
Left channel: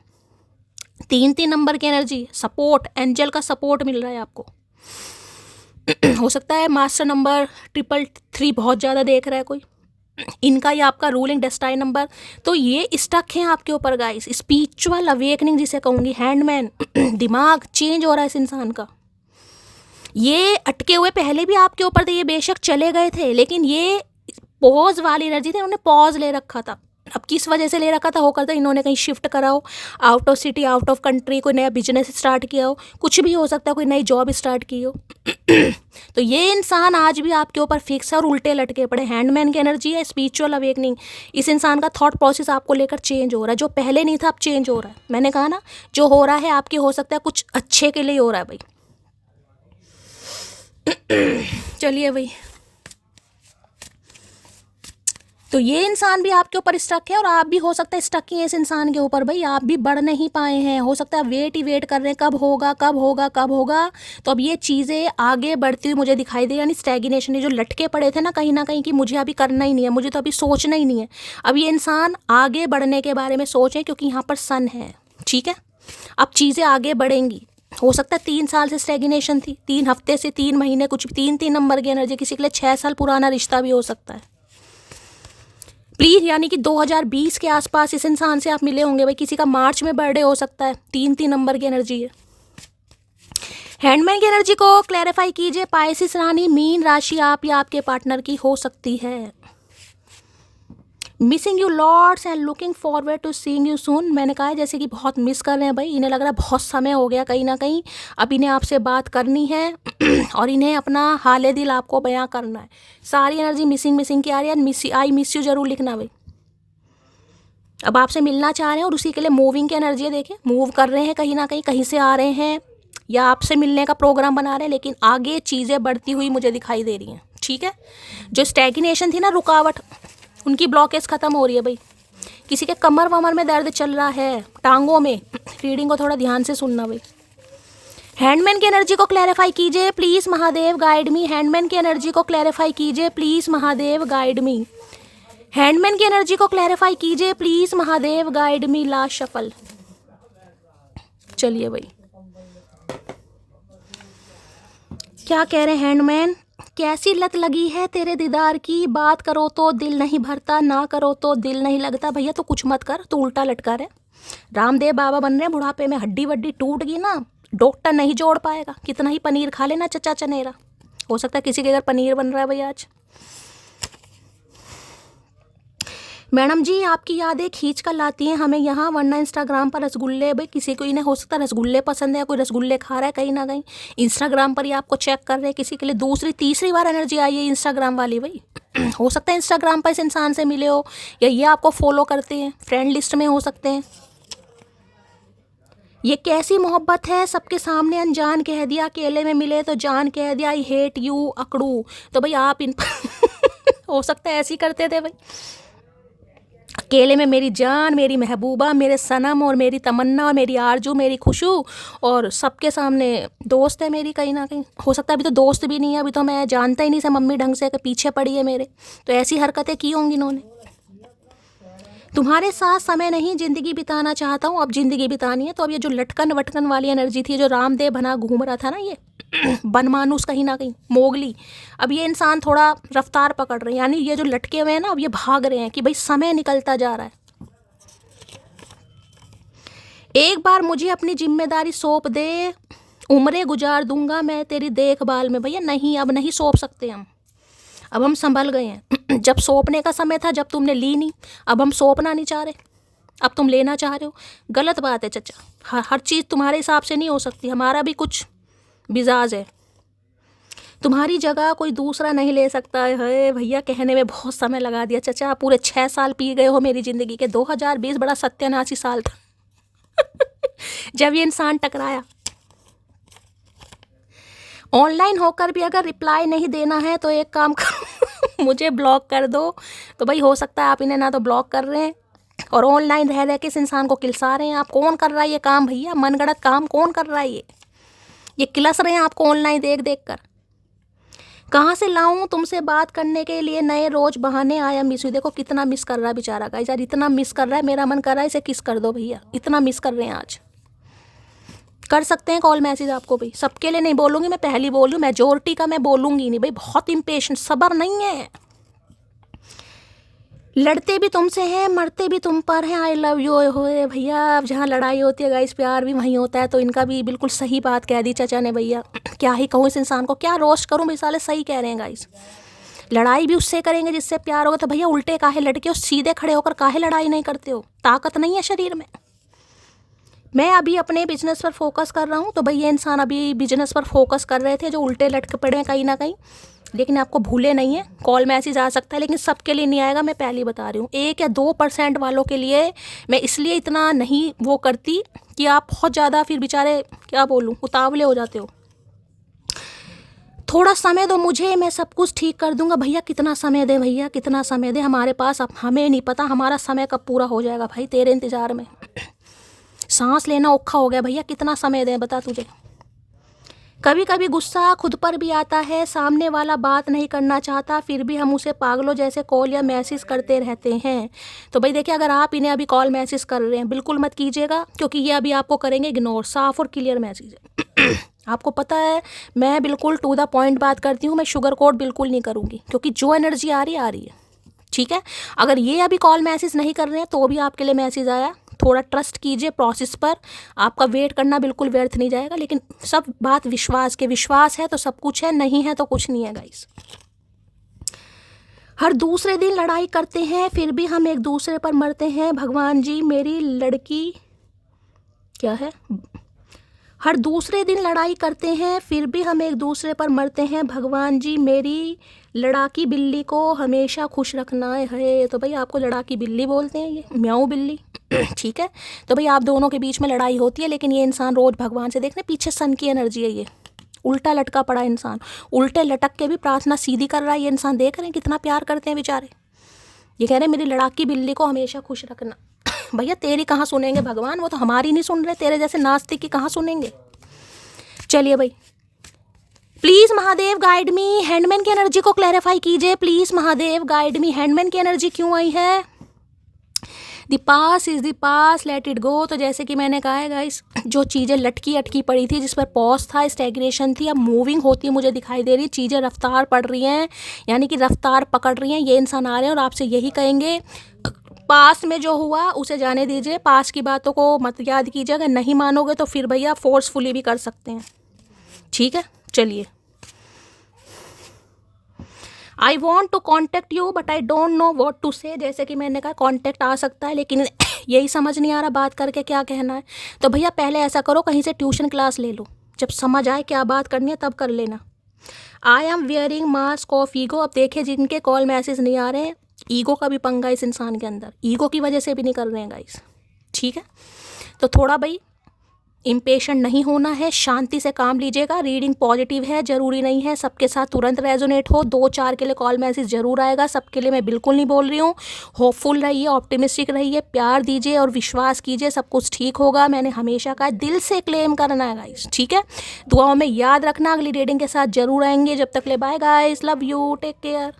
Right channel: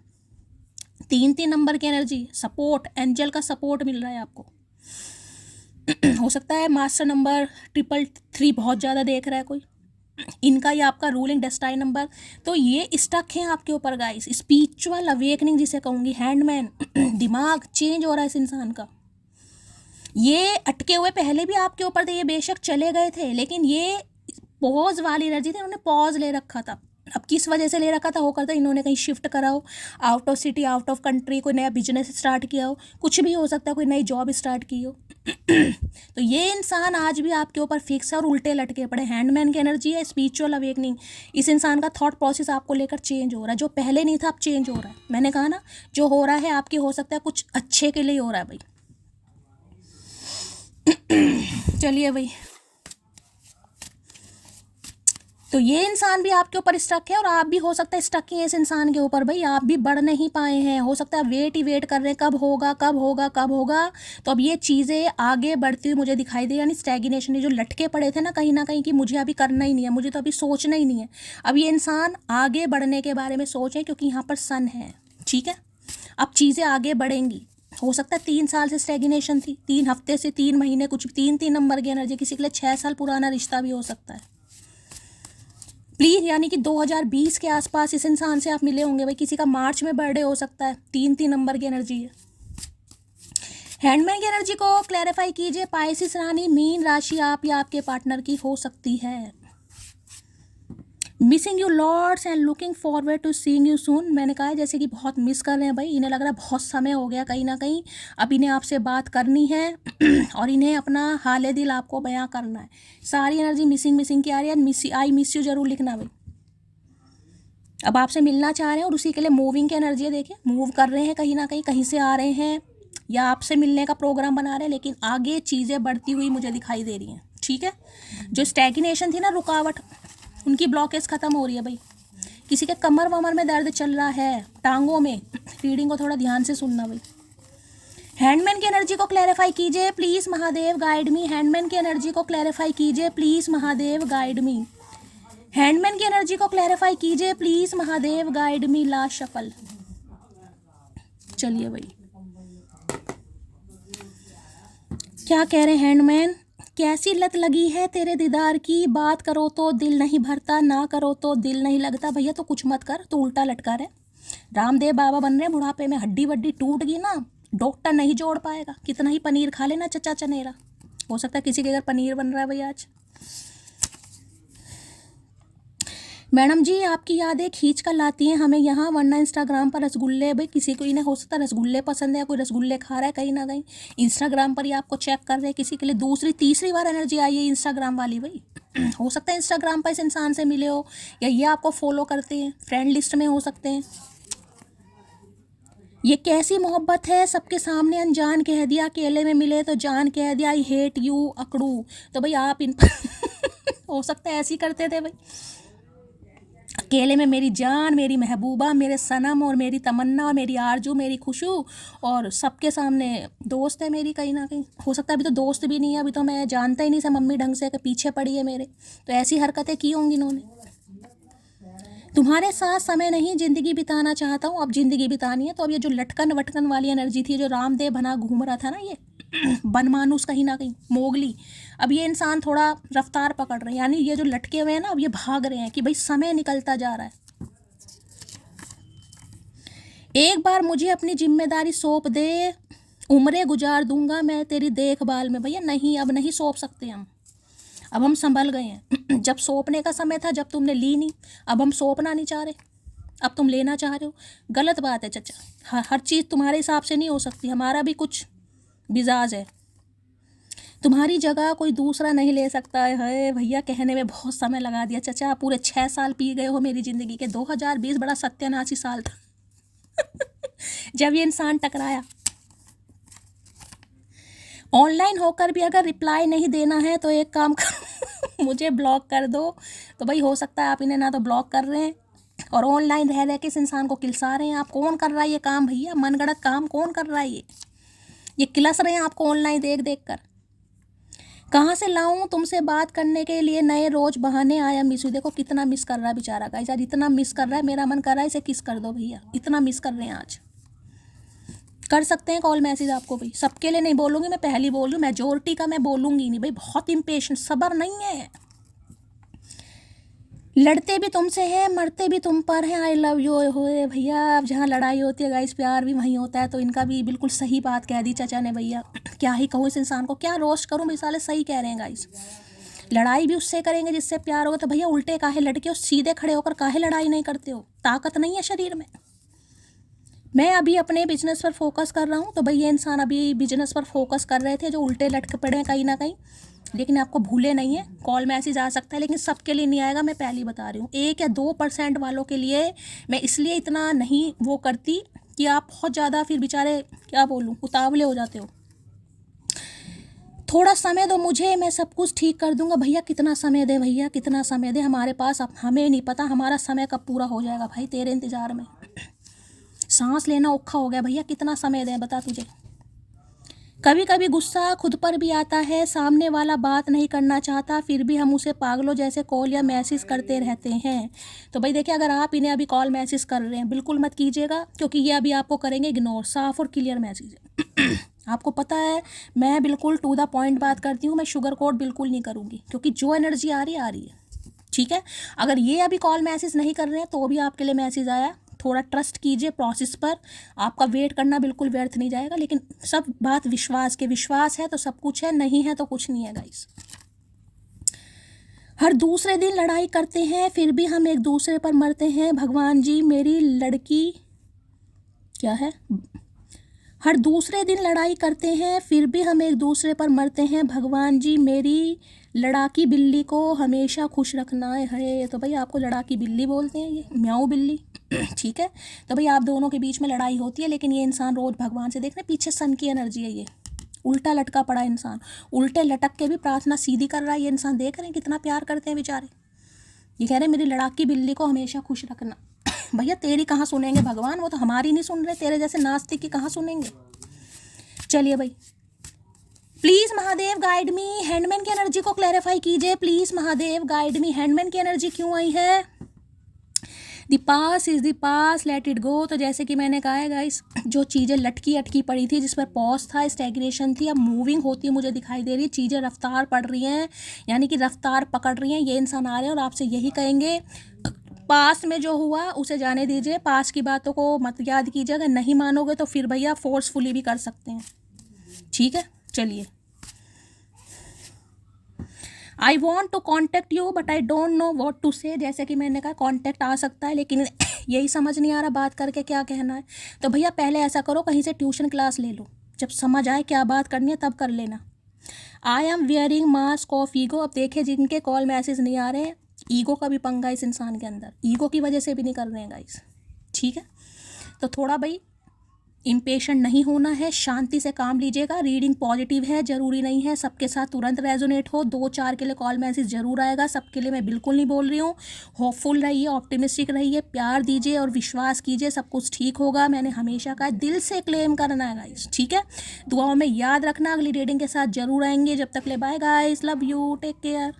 3 नंबर की एनर्जी, सपोर्ट, एंजल का सपोर्ट मिल रहा है आपको हो सकता है मास्टर नंबर 333 बहुत ज़्यादा देख रहा है कोई, इनका या आपका रूलिंग डेस्टाइन नंबर, तो ये स्टक हैं आपके ऊपर गाइस। स्पिरिचुअल अवेकनिंग जिसे कहूँगी, हैंडमैन दिमाग चेंज हो रहा है इस इंसान का। ये अटके हुए पहले भी आपके ऊपर थे, ये बेशक चले गए थे, लेकिन ये पॉज वाली एनर्जी थी, उन्होंने पॉज ले रखा था अब किस वजह से ले रखा था, हो करता इन्होंने कहीं शिफ्ट करा हो, out of city, out of country, कोई नया बिजनेस स्टार्ट किया हो, कुछ भी हो सकता है, कोई नई जॉब स्टार्ट की हो। तो ये इंसान आज भी आपके ऊपर फिक्स है और उल्टे लटके पड़े। हैंडमैन की एनर्जी है, स्पिरिचुअल अवेकनिंग। इस इंसान का थॉट प्रोसेस आपको लेकर चेंज हो रहा है, जो पहले नहीं था अब चेंज हो रहा है। मैंने कहा ना, जो हो रहा है आपके हो सकता है कुछ अच्छे के लिए हो रहा है भाई। चलिए भाई, तो ये इंसान भी आपके ऊपर स्टक है और आप भी हो सकता है स्टक ही है इस इंसान के ऊपर भाई। आप भी बढ़ नहीं पाए हैं, हो सकता है वेट ही वेट कर रहे हैं, कब होगा कब होगा कब होगा। तो अब ये चीज़ें आगे बढ़ती हुई मुझे दिखाई दे, यानी स्टैग्नेशन, ये जो लटके पड़े थे ना कहीं कि मुझे अभी करना ही नहीं है, मुझे तो अभी सोचना ही नहीं है। अब ये इंसान आगे बढ़ने के बारे में सोचे, क्योंकि यहाँ पर सन है, ठीक है। अब चीज़ें आगे बढ़ेंगी। हो सकता है 3 साल से स्टैग्नेशन थी, 3 हफ्ते से 3 महीने, कुछ भी 3 नंबर की एनर्जी, किसी के लिए 6 साल पुराना रिश्ता भी हो सकता है। प्लीज़, यानी कि 2020 के आसपास इस इंसान से आप मिले होंगे भाई। किसी का मार्च में बर्थडे हो सकता है, 3 नंबर की एनर्जी है। हैंडमैन की एनर्जी को क्लैरिफाई कीजिए। पाइसिस रानी, मीन राशि आप या आपके पार्टनर की हो सकती है। Missing you lords and looking forward to seeing you soon. मैंने कहा है जैसे कि बहुत मिस कर रहे हैं भाई, इन्हें लग रहा है बहुत समय हो गया कहीं ना कहीं, अब इन्हें आपसे बात करनी है और इन्हें अपना हाले दिल आपको बयां करना है। सारी एनर्जी मिसिंग की आ रही है। आई मिस यू जरूर लिखना भाई। अब आपसे मिलना चाह रहे हैं और उसी के लिए मूविंग की एनर्जी है। देखिए, मूव कर रहे हैं कहीं ना कहीं से आ रहे हैं या आपसे मिलने का प्रोग्राम बना रहे हैं, लेकिन आगे चीज़ें बढ़ती हुई मुझे दिखाई दे रही हैं, ठीक है। जो स्टैग्नेशन थी ना, रुकावट, उनकी ब्लॉकेज खत्म हो रही है भाई। किसी के कमर वमर में दर्द चल रहा है, टांगों में, रीडिंग को थोड़ा ध्यान से सुनना भाई। हैंडमैन की एनर्जी को क्लैरिफाई कीजिए please, Mahadev guide me. Handman की एनर्जी को क्लैरिफाई कीजिए please, Mahadev guide me. Handman की एनर्जी को क्लैरिफाई कीजिए please, Mahadev guide me. Last shuffle. चलिए भाई, क्या कह रहे हैं हैंडमैन। कैसी लत लगी है तेरे दीदार की, बात करो तो दिल नहीं भरता, ना करो तो दिल नहीं लगता। भैया तो कुछ मत कर, तो उल्टा लटका रहे। रामदेव बाबा बन रहे बुढ़ापे में, हड्डी वड्डी टूट गई ना, डॉक्टर नहीं जोड़ पाएगा। कितना ही पनीर खा लेना चचा चनेरा, हो सकता है किसी के घर पनीर बन रहा है भाई आज। मैडम जी, आपकी यादें खींच कर लाती हैं हमें यहाँ, वरना इंस्टाग्राम पर रसगुल्ले, भाई किसी को इन्हें हो सकता है रसगुल्ले पसंद है, कोई रसगुल्ले खा रहा है कहीं ना कहीं, इंस्टाग्राम पर ही आपको चेक कर रहे हैं। किसी के लिए दूसरी तीसरी बार एनर्जी आई है इंस्टाग्राम वाली भाई। हो सकता है इंस्टाग्राम पर इस इंसान से मिले हो, या ये आपको फॉलो करते हैं, फ्रेंड लिस्ट में हो सकते हैं। ये कैसी मोहब्बत है, सबके सामने अनजान कह दिया, अकेले में मिले तो जान कह दिया, आई हेट यू अकड़ू। तो भाई आप इन हो सकता है ऐसे ही करते थे भाई। अकेले में मेरी जान, मेरी महबूबा, मेरे सनम और मेरी तमन्ना, मेरी आरजू, मेरी खुशू, और सबके सामने दोस्त है मेरी कहीं ना कहीं। हो सकता है अभी तो दोस्त भी नहीं है, अभी तो मैं जानता ही नहीं से मम्मी ढंग से कि पीछे पड़ी है मेरे। तो ऐसी हरकतें की होंगी इन्होंने। तुम्हारे साथ समय नहीं ज़िंदगी बिताना चाहता हूँ, अब ज़िंदगी बितानी है। तो अब ये जो लटकन वटकन वाली एनर्जी थी, जो रामदेव बना घूम रहा था ना, ये बनमानुस कहीं ना कहीं, मोगली, अब ये इंसान थोड़ा रफ्तार पकड़ रहे हैं, यानी ये जो लटके हुए हैं ना, अब ये भाग रहे हैं कि भाई समय निकलता जा रहा है। एक बार मुझे अपनी जिम्मेदारी सौंप दे, उम्रें गुजार दूंगा मैं तेरी देखभाल में। भैया नहीं, अब नहीं सौंप सकते हम, अब हम संभल गए हैं। जब सौंपने का समय था, जब तुमने ली नहीं, अब हम सौंपना नहीं चाह रहे, अब तुम लेना चाह रहे हो। गलत बात है चचा, हर चीज़ तुम्हारे हिसाब से नहीं हो सकती, हमारा भी कुछ मिजाज है। तुम्हारी जगह कोई दूसरा नहीं ले सकता है। भैया कहने में बहुत समय लगा दिया चचा, पूरे 6 साल पी गए हो मेरी ज़िंदगी के। 2020 बड़ा सत्यानाशी साल था जब ये इंसान टकराया। ऑनलाइन होकर भी अगर रिप्लाई नहीं देना है तो एक काम करो मुझे ब्लॉक कर दो। तो भाई हो सकता है आप इन्हें ना तो ब्लॉक कर रहे हैं और ऑनलाइन रह के इस इंसान को किलसा रहे हैं। आप कौन कर रहा है ये काम भैया, मनगढ़ंत काम कौन कर रहा है ये किलस रहे हैं आपको ऑनलाइन देख देख कर। कहाँ से लाऊं तुमसे बात करने के लिए नए रोज बहाने, आया मिस यू। देखो कितना मिस कर रहा है बेचारा गाइस, यार इतना मिस कर रहा है, मेरा मन कर रहा है इसे किस कर दो भैया, इतना मिस कर रहे हैं आज। कर सकते हैं कॉल मैसेज आपको भाई, सबके लिए नहीं बोलूँगी मैं, पहली बोल रही हूँ, मेजोरिटी का मैं बोलूँगी नहीं भाई, बहुत इम्पेशेंट, सब्र नहीं है। लड़ते भी तुमसे हैं, मरते भी तुम पर हैं, आई लव यू होए भैया। जहाँ लड़ाई होती है गाइस, प्यार भी वहीं होता है। तो इनका भी बिल्कुल सही बात कह दी चचा ने भैया, क्या ही कहूँ इस इंसान को, क्या रोस्ट करूँ भाई, साले सही कह रहे हैं गाइस। लड़ाई भी उससे करेंगे जिससे प्यार होगा। तो भैया उल्टे काहे लटके हो, सीधे खड़े होकर काहे लड़ाई नहीं करते हो? ताकत नहीं है शरीर में? मैं अभी अपने बिजनेस पर फोकस कर रहा हूँ, तो भाई ये इंसान अभी बिजनेस पर फोकस कर रहे थे जो उल्टे लटके पड़े हैं कहीं ना कहीं, लेकिन आपको भूले नहीं है। कॉल मैसेज आ सकता है लेकिन सबके लिए नहीं आएगा, मैं पहले ही बता रही हूँ। 1 या 2% वालों के लिए मैं इसलिए इतना नहीं वो करती कि आप बहुत ज़्यादा फिर बेचारे क्या बोलूँ उतावले हो जाते हो। थोड़ा समय दो मुझे, मैं सब कुछ ठीक कर दूंगा। भैया कितना समय दे, भैया कितना समय दे हमारे पास, अब हमें नहीं पता हमारा समय कब पूरा हो जाएगा भाई, तेरे इंतज़ार में सांस लेना औखा हो गया। भैया कितना समय दे बता तुझे। कभी कभी गुस्सा खुद पर भी आता है, सामने वाला बात नहीं करना चाहता फिर भी हम उसे पागलों जैसे कॉल या मैसेज करते रहते हैं। तो भाई देखिए, अगर आप इन्हें अभी कॉल मैसेज कर रहे हैं बिल्कुल मत कीजिएगा, क्योंकि ये अभी आपको करेंगे इग्नोर। साफ और क्लियर मैसेज है। आपको पता है मैं बिल्कुल टू द पॉइंट बात करती हूँ, मैं शुगर कोट बिल्कुल नहीं करूँगी, क्योंकि जो एनर्जी आ रही है। ठीक है, अगर ये अभी कॉल मैसेज नहीं कर रहे हैं तो भी आपके लिए मैसेज आया, थोड़ा ट्रस्ट कीजिए प्रोसेस पर, आपका वेट करना बिल्कुल व्यर्थ नहीं जाएगा। लेकिन सब बात विश्वास के, विश्वास है तो सब कुछ है, नहीं है तो कुछ नहीं है गाइस। हर दूसरे दिन लड़ाई करते हैं फिर भी हम एक दूसरे पर मरते हैं, भगवान जी मेरी लड़की क्या है। हर दूसरे दिन लड़ाई करते हैं फिर भी हम एक दूसरे पर मरते हैं, भगवान जी मेरी लड़ाकी बिल्ली को हमेशा खुश रखना है। तो भाई आपको लड़ाकी बिल्ली बोलते हैं, ये म्याऊ बिल्ली। ठीक है, तो भाई आप दोनों के बीच में लड़ाई होती है, लेकिन ये इंसान रोज भगवान से, देखने पीछे सन की एनर्जी है, ये उल्टा लटका पड़ा इंसान, उल्टे लटक के भी प्रार्थना सीधी कर रहा है ये इंसान। देख रहे हैं कितना प्यार करते हैं बेचारे। ये कह रहे हैं मेरी लड़ाकी बिल्ली को हमेशा खुश रखना। भैया तेरी कहाँ सुनेंगे भगवान, वो तो हमारी नहीं सुन रहे, तेरे जैसे नास्तिक की कहाँ सुनेंगे। चलिए भाई, please Mahadev guide me, handman की एनर्जी को क्लैरिफाई कीजिए please Mahadev guide me. Handman की एनर्जी क्यों आई है? The pass is the pass, let it go. तो जैसे कि मैंने कहा है गाइस, जो चीज़ें लटकी अटकी पड़ी थी, जिस पर पॉज था, स्टैग्नेशन थी, अब मूविंग होती मुझे दिखाई दे रही है। चीज़ें रफ्तार पड़ रही हैं, यानी कि रफ्तार पकड़ रही हैं। ये इंसान आ रहे हैं और आपसे यही कहेंगे पास में जो हुआ उसे जाने दीजिए, पास की बातों को मत याद कीजिए। अगर नहीं मानोगे तो फिर भैया फोर्सफुली भी कर सकते हैं। ठीक है, चलिए। I want to contact you but I don't know what to say. जैसे कि मैंने कहा कॉन्टेक्ट आ सकता है, लेकिन यही समझ नहीं आ रहा बात करके क्या कहना है। तो भैया पहले ऐसा करो, कहीं से ट्यूशन क्लास ले लो, जब समझ आए क्या बात करनी है तब कर लेना। I am wearing mask of ego. अब देखिए, जिनके कॉल मैसेज नहीं आ रहे हैं, ईगो का भी पंगा इस इंसान के अंदर, ईगो की वजह से भी नहीं कर रहे हैं गाइस। ठीक है, तो थोड़ा भाई इम्पेशेंट नहीं होना है, शांति से काम लीजिएगा। रीडिंग पॉजिटिव है, ज़रूरी नहीं है सबके साथ तुरंत रेजोनेट हो। 2-4 के लिए कॉल मैसेज ज़रूर आएगा, सबके लिए मैं बिल्कुल नहीं बोल रही हूँ। होपफुल रहिए, ऑप्टिमिस्टिक रहिए, प्यार दीजिए और विश्वास कीजिए, सब कुछ ठीक होगा। मैंने हमेशा कहा दिल से क्लेम करना है गाइस। ठीक है, दुआओं में याद रखना। अगली रीडिंग के साथ ज़रूर आएंगे, जब तक ले bye guys, love you, take care.